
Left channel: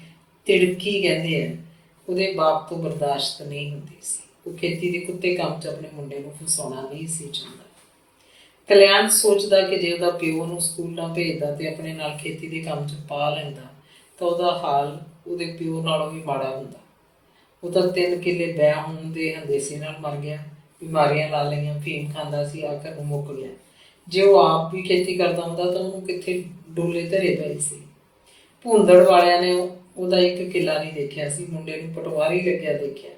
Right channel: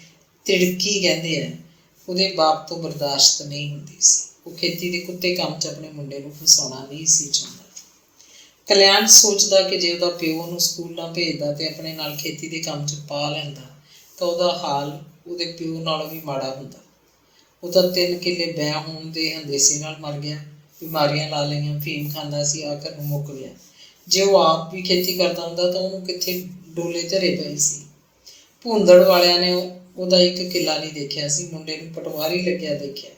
ਤਿੜਕੀ ਕਹਿੰਦੇ ਆ, ਉਹਦੇ ਬਾਪ ਤੋਂ ਬਰਦਾਸ਼ਤ ਨਹੀਂ ਹੁੰਦੀ ਸੀ। ਉਹ ਖੇਤੀ ਦੇ ਕੁੱਤੇ ਕੰਮ 'ਚ ਆਪਣੇ ਮੁੰਡੇ ਨੂੰ ਫਸਾਉਣਾ ਨਹੀਂ ਸੀ ਚਾਹੁੰਦਾ। ਕਲਿਆਣ ਸੋਚਦਾ ਕਿ ਜੇ ਉਹਦਾ ਪਿਓ ਉਹਨੂੰ ਸਕੂਲ ਨਾ ਭੇਜਦਾ ਤੇ ਆਪਣੇ ਨਾਲ ਖੇਤੀ ਦੇ ਕੰਮ 'ਚ ਪਾ ਲੈਂਦਾ ਤਾਂ ਉਹਦਾ ਹਾਲ ਉਹਦੇ ਪਿਓ ਨਾਲੋਂ ਵੀ ਮਾੜਾ ਹੁੰਦਾ। ਉਹ ਤਾਂ 3 ਕਿੱਲੇ ਬੈ ਹੋਣ ਦੇ ਹੰਦੇਸੇ ਨਾਲ ਮਰ ਗਿਆ, ਬਿਮਾਰੀਆਂ ਲਾ ਲਈਆਂ, ਫੀਮ ਖਾਂਦਾ ਸੀ, ਆਖਰ ਨੂੰ ਮੁੱਕ ਗਿਆ। ਜੇ ਉਹ ਆਪ ਵੀ ਖੇਤੀ ਕਰਦਾ ਹੁੰਦਾ ਤਾਂ ਉਹਨੂੰ ਕਿੱਥੇ ਡੋਲੇ ਧਰੇ ਪਏ ਸੀ। ਭੂੰਦੜ ਵਾਲਿਆਂ ਨੇ ਉਹਦਾ 1 ਕਿੱਲਾ ਨਹੀਂ ਦੇਖਿਆ ਸੀ, ਮੁੰਡੇ ਨੂੰ ਪਟਵਾਰੀ ਲੱਗਿਆ ਦੇਖਿਆ।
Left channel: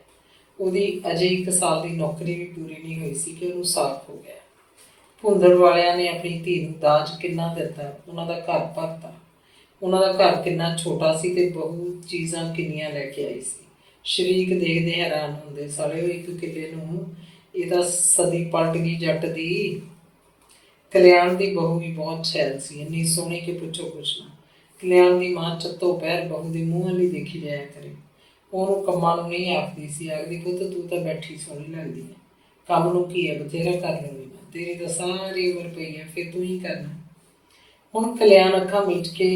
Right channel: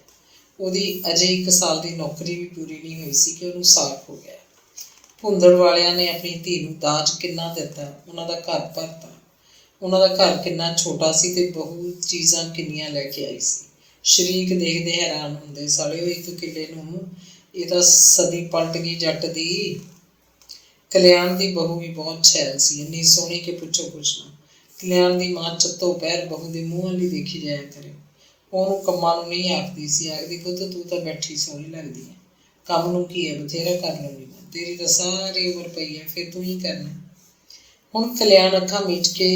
ਉਹਦੀ ਅਜੇ 1 ਸਾਲ ਦੀ ਨੌਕਰੀ ਵੀ ਪੂਰੀ ਨਹੀਂ ਹੋਈ ਸੀ ਕਿ ਉਹਨੂੰ ਸਾਕ ਹੋ ਗਿਆ। ਭੂੰਦੜ ਵਾਲਿਆਂ ਨੇ ਆਪਣੀ ਧੀ ਨੂੰ ਦਾਜ ਕਿੰਨਾ ਦਿੱਤਾ, ਉਹਨਾਂ ਦਾ ਘਰ ਭਰਤਾ। ਉਹਨਾਂ ਦਾ ਘਰ ਕਿੰਨਾ ਛੋਟਾ ਸੀ ਤੇ ਬਹੂ ਚੀਜ਼ਾਂ ਕਿੰਨੀਆਂ ਲੈ ਕੇ ਆਈ ਸੀ। ਸ਼ਰੀਕ ਦੇਖਦੇ ਹੈਰਾਨ ਹੁੰਦੇ, ਸਾਲੇ ਉਹ 1 ਕਿੱਲੇ ਨੂੰ, ਇਹ ਤਾਂ ਸਦੀ ਪਲਟ ਗਈ ਜੱਟ ਦੀ। ਕਲਿਆਣ ਦੀ ਬਹੂ ਵੀ ਬਹੁਤ ਛੈਲ ਸੀ, ਇੰਨੀ ਸੋਹਣੀ ਕਿ ਪੁੱਛੋ ਕੁਛ ਨਾ। ਕਲਿਆਣ ਦੀ ਮਾਂ ਚੱਤੋ ਪੈਰ ਬਹੂ ਦੇ ਮੂੰਹ ਵਾਲੀ ਦੇਖੀ ਜਾਇਆ ਕਰੇ। ਉਹਨੂੰ ਕੰਮਾਂ ਨੂੰ ਨਹੀਂ ਆਖਦੀ ਸੀ, ਆਖਦੀ ਪੁੱਤ ਤੂੰ ਤਾਂ ਬੈਠੀ ਸੋਹਣੀ ਲੱਗਦੀ ਹੈ, ਕੰਮ ਨੂੰ ਕੀ ਹੈ, ਬਥੇਰਾ ਕਰ ਲਊਂਗੀ ਮੈਂ, ਤੇਰੀ ਤਾਂ ਸਾਰੀ ਉਮਰ ਪਈ ਹੈ, ਫਿਰ ਤੂੰ ਹੀ ਕਰਨਾ। ਹੁਣ ਕਲਿਆਣ ਅੱਖਾਂ ਮੀਚ ਕੇ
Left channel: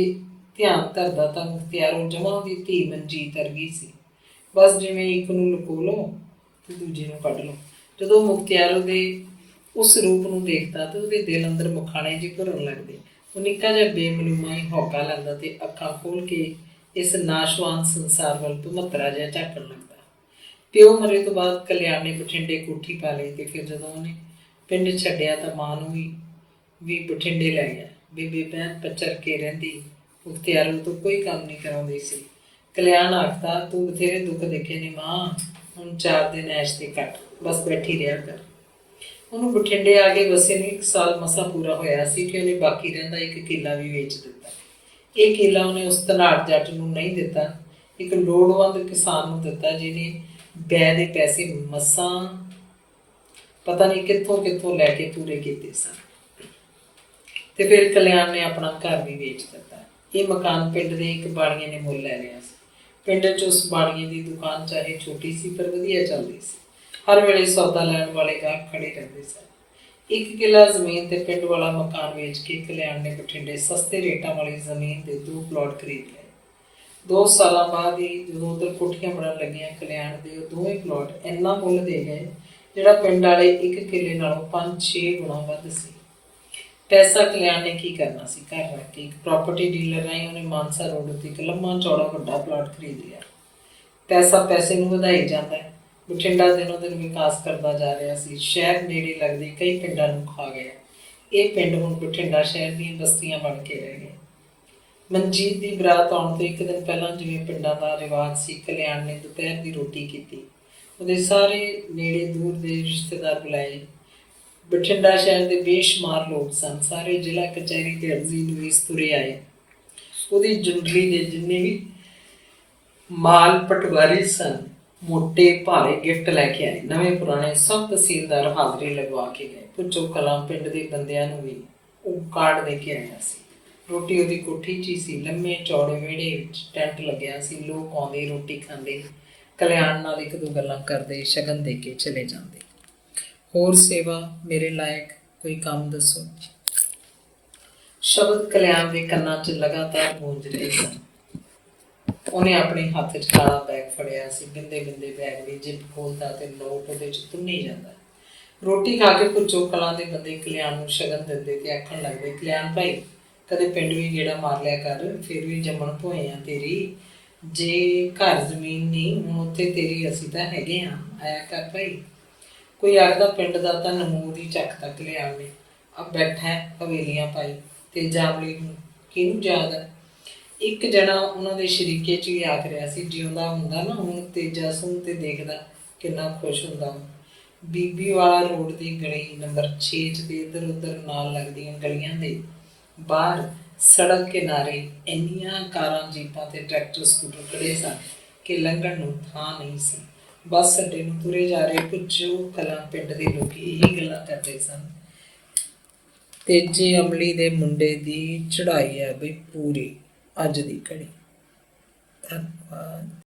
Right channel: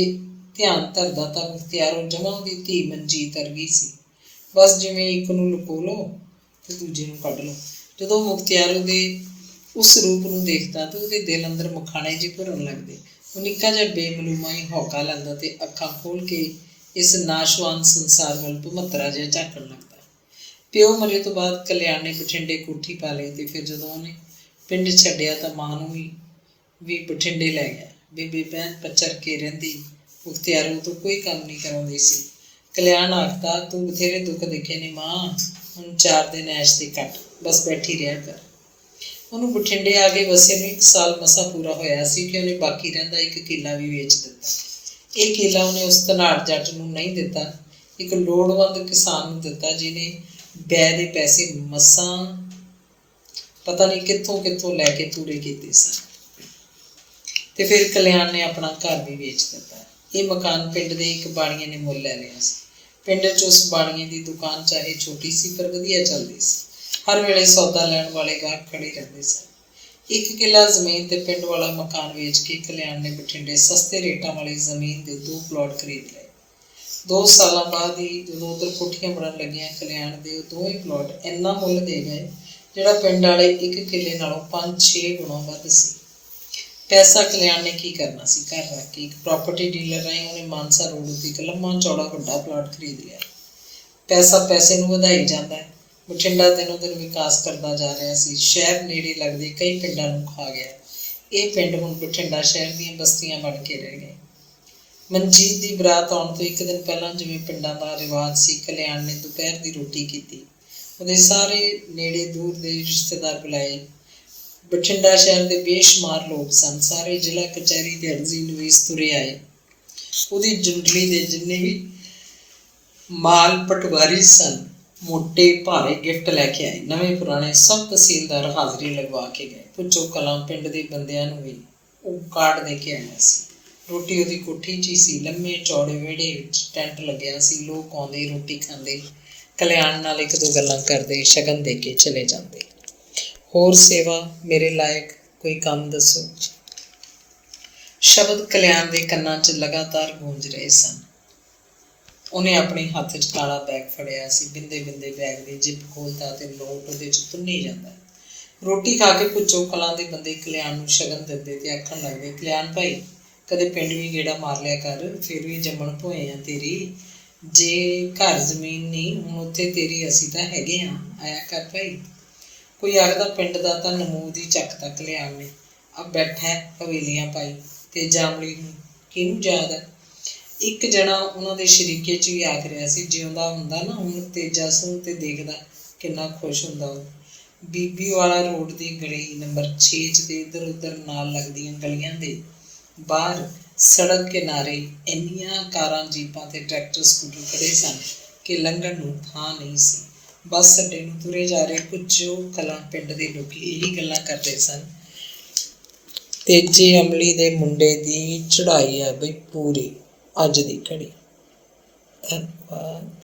ਧਿਆਨ ਧਰਦਾ ਤਾਂ ਮੁਖਤਿਆਰੋਂ ਜਮਾਂ ਉਹਦੀ ਧੀ ਮਨਜੀਤ ਵਰਗੀ ਸੀ। ਬਸ ਜਿਵੇਂ ਇੱਕ ਨੂੰ ਲੁਕੋ ਲਓ ਤੇ ਦੂਜੇ ਨੂੰ ਕੱਢ ਲਓ। ਜਦੋਂ ਮੁਖਤਿਆਰੋ ਦੇ ਉਸ ਰੂਪ ਨੂੰ ਦੇਖਦਾ ਤੇ ਉਹਦੇ ਦਿਲ ਅੰਦਰ ਮੁਖਾਣੇ ਜਿਹੇ ਭਰਨ ਲੱਗਦੇ। ਉਹ ਨਿੱਕਾ ਜਿਹਾ ਬੇਮਲੂਮਾ ਹੀ ਹੌਕਾ ਲੈਂਦਾ ਤੇ ਅੱਖਾਂ ਖੋਲ੍ਹ ਕੇ ਇਸ ਨਾਸ਼ਵਾਨ ਸੰਸਾਰ ਵੱਲ ਭਮੱਤਰਾ ਜਿਹਾ ਝਾਕਣ ਲੱਗਦਾ। ਪਿਓ ਮਰੇ ਤੋਂ ਬਾਅਦ ਕਲਿਆਣ ਨੇ ਬਠਿੰਡੇ ਕੋਠੀ ਪਾ ਲਈ ਤੇ ਫਿਰ ਜਦੋਂ ਉਹਨੇ ਪਿੰਡ ਛੱਡਿਆ ਤਾਂ ਮਾਂ ਨੂੰ ਵੀ ਬਠਿੰਡੇ ਲੈ ਗਿਆ। ਬੇਬੇ ਭੈਣ ਪੱਚਰ ਕੇ ਰਹਿੰਦੀ, ਮੁਖਤਿਆਰੋ ਤੋਂ ਕੋਈ ਕੰਮ ਨਹੀਂ ਕਰਾਉਂਦੀ ਸੀ। ਕਲਿਆਣ ਆਖਦਾ, ਤੂੰ ਬਥੇਰੇ ਦੁੱਖ ਦੇਖੇ ਨੇ ਮਾਂ, ਹੁਣ 4 ਦਿਨ ਐਸ਼ ਦੇ ਕੱਟ, ਬਸ ਬੈਠੀ ਰਿਹਾ ਕਰ। ਉਹਨੂੰ ਬਠਿੰਡੇ ਆ ਕੇ ਵਸੇ ਨੂੰ 1 ਸਾਲ ਮਸਾਂ ਪੂਰਾ ਹੋਇਆ ਸੀ ਕਿ ਉਹਨੇ ਬਾਕੀ ਰਹਿੰਦਾ 1 ਕਿੱਲਾ ਵੀ ਵੇਚ ਦਿੱਤਾ। ਇਹ ਕਿੱਲਾ ਉਹਨੇ ਉਸ ਧਨਾੜ ਜੱਟ ਨੂੰ ਨਹੀਂ ਦਿੱਤਾ, ਇੱਕ ਲੋੜਵੰਦ ਕਿਸਾਨ ਨੂੰ ਦਿੱਤਾ, ਜਿਹਨੇ ਬੈ ਦੇ ਪੈਸੇ ਮਸਾਂ ਪਤਾ ਨਹੀਂ ਕਿੱਥੋਂ ਲੈ ਕੇ ਪੂਰੇ ਕੀਤੇ ਸਨ। ਤੇ ਫਿਰ ਕਲਿਆਣ ਨੇ ਆਪਣਾ ਘਰ ਵੀ ਵੇਚ ਦਿੱਤਾ। ਇਹ ਮਕਾਨ ਪਿੰਡ ਦੇ ਇੱਕ ਬਾਣੀਏ ਨੇ ਮੁੱਲ ਲੈ ਲਿਆ ਸੀ। ਪਿੰਡ 'ਚ ਉਸ ਬਾਣੀਏ ਦੀ ਦੁਕਾਨ ਚਾਹੇ ਛੋਟੀ ਸੀ ਪਰ ਵਧੀਆ ਚੱਲਦੀ ਸੀ। ਹਰ ਵੇਲੇ ਸੌਦਾ ਲੈਣ ਵਾਲੇ ਗਾਹਕ ਖੜੇ ਰਹਿੰਦੇ ਸਨ। 1 ਕਿੱਲਾ ਜ਼ਮੀਨ ਤੇ ਪਿੰਡ ਵਾਲਾ ਮਕਾਨ ਵੇਚ ਕੇ ਕਲਿਆਣ ਨੇ ਬਠਿੰਡੇ ਸਸਤੇ ਰੇਟਾਂ ਵਾਲੀ ਜ਼ਮੀਨ ਦੇ 2 ਪਲਾਟ ਖਰੀਦ ਲਏ। 2 ਸਾਲਾਂ ਬਾਅਦ ਹੀ ਜਦੋਂ ਉੱਧਰ ਕੋਠੀਆਂ ਬਣਨ ਲੱਗੀਆਂ, ਕਲਿਆਣ ਦੇ ਉਹ ਦੋਵੇਂ ਪਲਾਟ ਇੰਨਾ ਮੁੱਲ ਦੇ ਗਏ ਜਿਹੜਾ ਪਿੰਡ ਵਾਲੇ 1 ਕਿੱਲੇ ਨਾਲੋਂ 5-6 ਗੁਣਾ ਵੱਧ ਸੀ। ਪੈਸਾ ਕਲਿਆਣ ਨੇ ਕੀ ਕਰਨਾ ਸੀ, ਘਰ ਰੱਖ ਕੇ ਇੱਕ ਪ੍ਰਾਪਰਟੀ ਡੀਲਰ ਰਾਹੀਂ ਉਹਨੇ ਮਾਨਸਾ ਰੋਡ ਉੱਤੇ ਇੱਕ ਲੰਮਾ ਚੌੜਾ ਵੱਡਾ ਪਲਾਟ ਖਰੀਦ ਲਿਆ। ਪੈਸਾ ਪੈਸੇ ਨੂੰ ਵਧਾਈ ਜਾਂਦਾ ਹੈ। ਬਠਿੰਡਾ ਦਿਨੋਂ ਦਿਨ ਵਿਕਾਸ ਕਰਦਾ ਜਾ ਰਿਹਾ ਸੀ। ਸ਼ਹਿਰ ਨੇੜੇ ਲੱਗਦੇ ਕਈ ਪਿੰਡਾਂ ਨੂੰ ਖਾ ਗਿਆ। ਇਹ ਪਿੰਡ ਹੁਣ ਬਠਿੰਡਾ ਸ਼ਹਿਰ ਦੀਆਂ ਬਸਤੀਆਂ ਬਣ ਕੇ ਰਹਿ ਗਏ। ਮਨਜੀਤ ਦੀ ਬਰਾਤ ਆਉਣ ਤੋਂ ਇੱਕ ਦਿਨ ਪਹਿਲਾਂ ਜਿਵੇਂ ਪਿੰਡਾਂ ਦਾ ਰਿਵਾਜ ਸੀ, ਕਲਿਆਣ ਨੇ ਦੁਪਹਿਰ ਦੀ ਰੋਟੀ ਕੀਤੀ। ਉਹਦੇ ਸਾਰੇ ਨੇੜੇ ਦੂਰ ਦੇ ਰਿਸ਼ਤੇਦਾਰ ਬੁਲਾਏ। ਬਠਿੰਡਾ ਸ਼ਹਿਰ ਦੇ ਬੇਸ਼ੁਮਾਰ ਲੋਕ ਸਨ। ਸਾਰੇ ਜ਼ਿਲ੍ਹਾ ਕਚਹਿਰੀ ਦੇ ਅਰਜ਼ੀ ਨਵੀਸ ਤੁਰੇ ਆਏ। ਉਹਦੀ ਜੁੰਡਲੀ ਦੇ ਜਿੰਨੇ ਵੀ ਮਾਲ ਪਟਵਾਰੀ ਸਨ, ਮੋਟੇ ਭਾਰੇ ਗਿਫਟ ਲੈ ਕੇ ਆਏ। ਨਵੇਂ ਪੁਰਾਣੇ ਸਭ ਤਹਿਸੀਲਦਾਰ ਹਾਜ਼ਰੀ ਲਗਵਾ ਕੇ ਗਏ। ਭੁੱਚੋ ਕਲਾਂ ਪਿੰਡ ਦੇ ਬੰਦਿਆਂ ਨੂੰ ਵੀ ਉਹ ਕਾਰਡ ਦੇ ਕੇ ਆਇਆ ਸੀ। ਰੋਟੀ ਉਹਦੀ ਕੋਠੀ 'ਚ ਹੀ ਸੀ। ਲੰਮੇ ਚੌੜੇ ਵਿਹੜੇ ਵਿੱਚ ਟੈਂਟ ਲੱਗਿਆ ਸੀ। ਲੋਕ ਆਉਂਦੇ, ਰੋਟੀ ਖਾਂਦੇ, ਕਲਿਆਣ ਨਾਲ ਇੱਕ ਦੋ ਗੱਲਾਂ ਕਰਦੇ, ਸ਼ਗਨ ਦੇ ਕੇ ਚਲੇ ਜਾਂਦੇ। ਹੋਰ ਸੇਵਾ ਮੇਰੇ ਲਾਇਕ ਕੋਈ ਕੰਮ ਦੱਸੋ। ਸ਼ਬਦ ਕਲਿਆਣ ਦੇ ਕੰਨਾਂ 'ਚ ਲਗਾਤਾਰ ਗੂੰਜ ਰਹੇ ਸਨ। ਉਹਨੇ ਆਪਣੇ ਹੱਥ 'ਚ ਕਾਲਾ ਬੈਗ ਫੜਿਆ ਸੀ। ਬਿੰਦੇ ਬਿੰਦੇ ਬੈਗ ਦੀ ਜਿੱਪ ਖੋਲ੍ਹਦਾ ਤੇ ਨੋਟ ਉਹਦੇ 'ਚ ਤੁੰਨੀ ਜਾਂਦਾ। ਰੋਟੀ ਖਾ ਕੇ ਭੁੱਚੋ ਕਲਾਂ ਦੇ ਬੰਦੇ ਕਲਿਆਣ ਨੂੰ ਸ਼ਗਨ ਦਿੰਦੇ ਤੇ ਆਖਣ ਲੱਗਦੇ, ਕਲਿਆਣ ਭਾਈ ਕਦੇ ਪਿੰਡ ਵੀ ਗੇੜਾ ਮਾਰ ਲਿਆ ਕਰ, ਫਿਰ ਵੀ ਜੰਮਣ ਭੋਏ ਆ ਤੇਰੀ। ਜੇ ਘਰ ਜ਼ਮੀਨ ਨਹੀਂ, ਹੁਣ ਉੱਥੇ ਤੇਰੀ ਅਸੀਂ ਤਾਂ ਹੈਗੇ ਹਾਂ, ਆਇਆ ਕਰ ਭਾਈ। ਕੋਈ ਆਖਦਾ ਪਿੰਡ ਦਾ ਤਾਂ ਨਮੂਦ ਹੀ ਚੱਕਦਾ ਕਲਿਆਣ ਨੇ। ਅਬ ਬੈਠਾ ਹਵੇਲੀਆਂ ਪਾਈ ਤੇ ਜਾਮਲੀ ਨੂੰ ਕਿਹਨੂੰ ਯਾਦ ਹੈ। ਇੱਕ ਜਣਾ ਉਹਨਾਂ ਦੇ ਸ਼ਰੀਕੇ 'ਚ ਵੀ ਆਖ ਰਿਹਾ ਸੀ, ਜਿਉਂਦਾ ਹੁੰਦਾ ਨਾ ਹੁਣ ਤੇਜਾ ਸੂਹ ਤੇ ਦੇਖਦਾ ਕਿੰਨਾ ਖੁਸ਼ ਹੁੰਦਾ ਉਹ। ਬੀਬੀ ਵਾਲਾ ਰੋਡ ਦੀ ਗਲੀ ਨੰਬਰ 6 'ਚ ਦੇ ਇੱਧਰ ਉੱਧਰ ਨਾਲ ਲੱਗਦੀਆਂ ਗਲੀਆਂ ਦੇ ਬਾਹਰ ਸੜਕ ਕਿਨਾਰੇ ਇੰਨੀਆਂ ਕਾਰਾਂ, ਜੀਪਾਂ ਤੇ ਟਰੈਕਟਰ, ਸਕੂਟਰ ਖੜ੍ਹੇ ਸਨ ਕਿ ਲੰਘਣ ਨੂੰ ਥਾਂ ਨਹੀਂ ਸੀ। ਬੱਸ ਅੱਡੇ ਨੂੰ ਤੁਰੇ ਜਾ ਰਹੇ ਭੁੱਚੋ ਕਲਾਂ ਪਿੰਡ ਦੇ ਲੋਕ ਇਹੀ ਗੱਲਾਂ ਕਰਦੇ ਸਨ। ਤੇਜੇ ਅਮਲੀ ਦੇ ਮੁੰਡੇ ਦੀ ਚੜ੍ਹਾਈ ਹੈ ਬਈ ਪੂਰੀ ਅੱਜ ਦੀ ਘੜੀ। ਧੰਨਵਾਦ।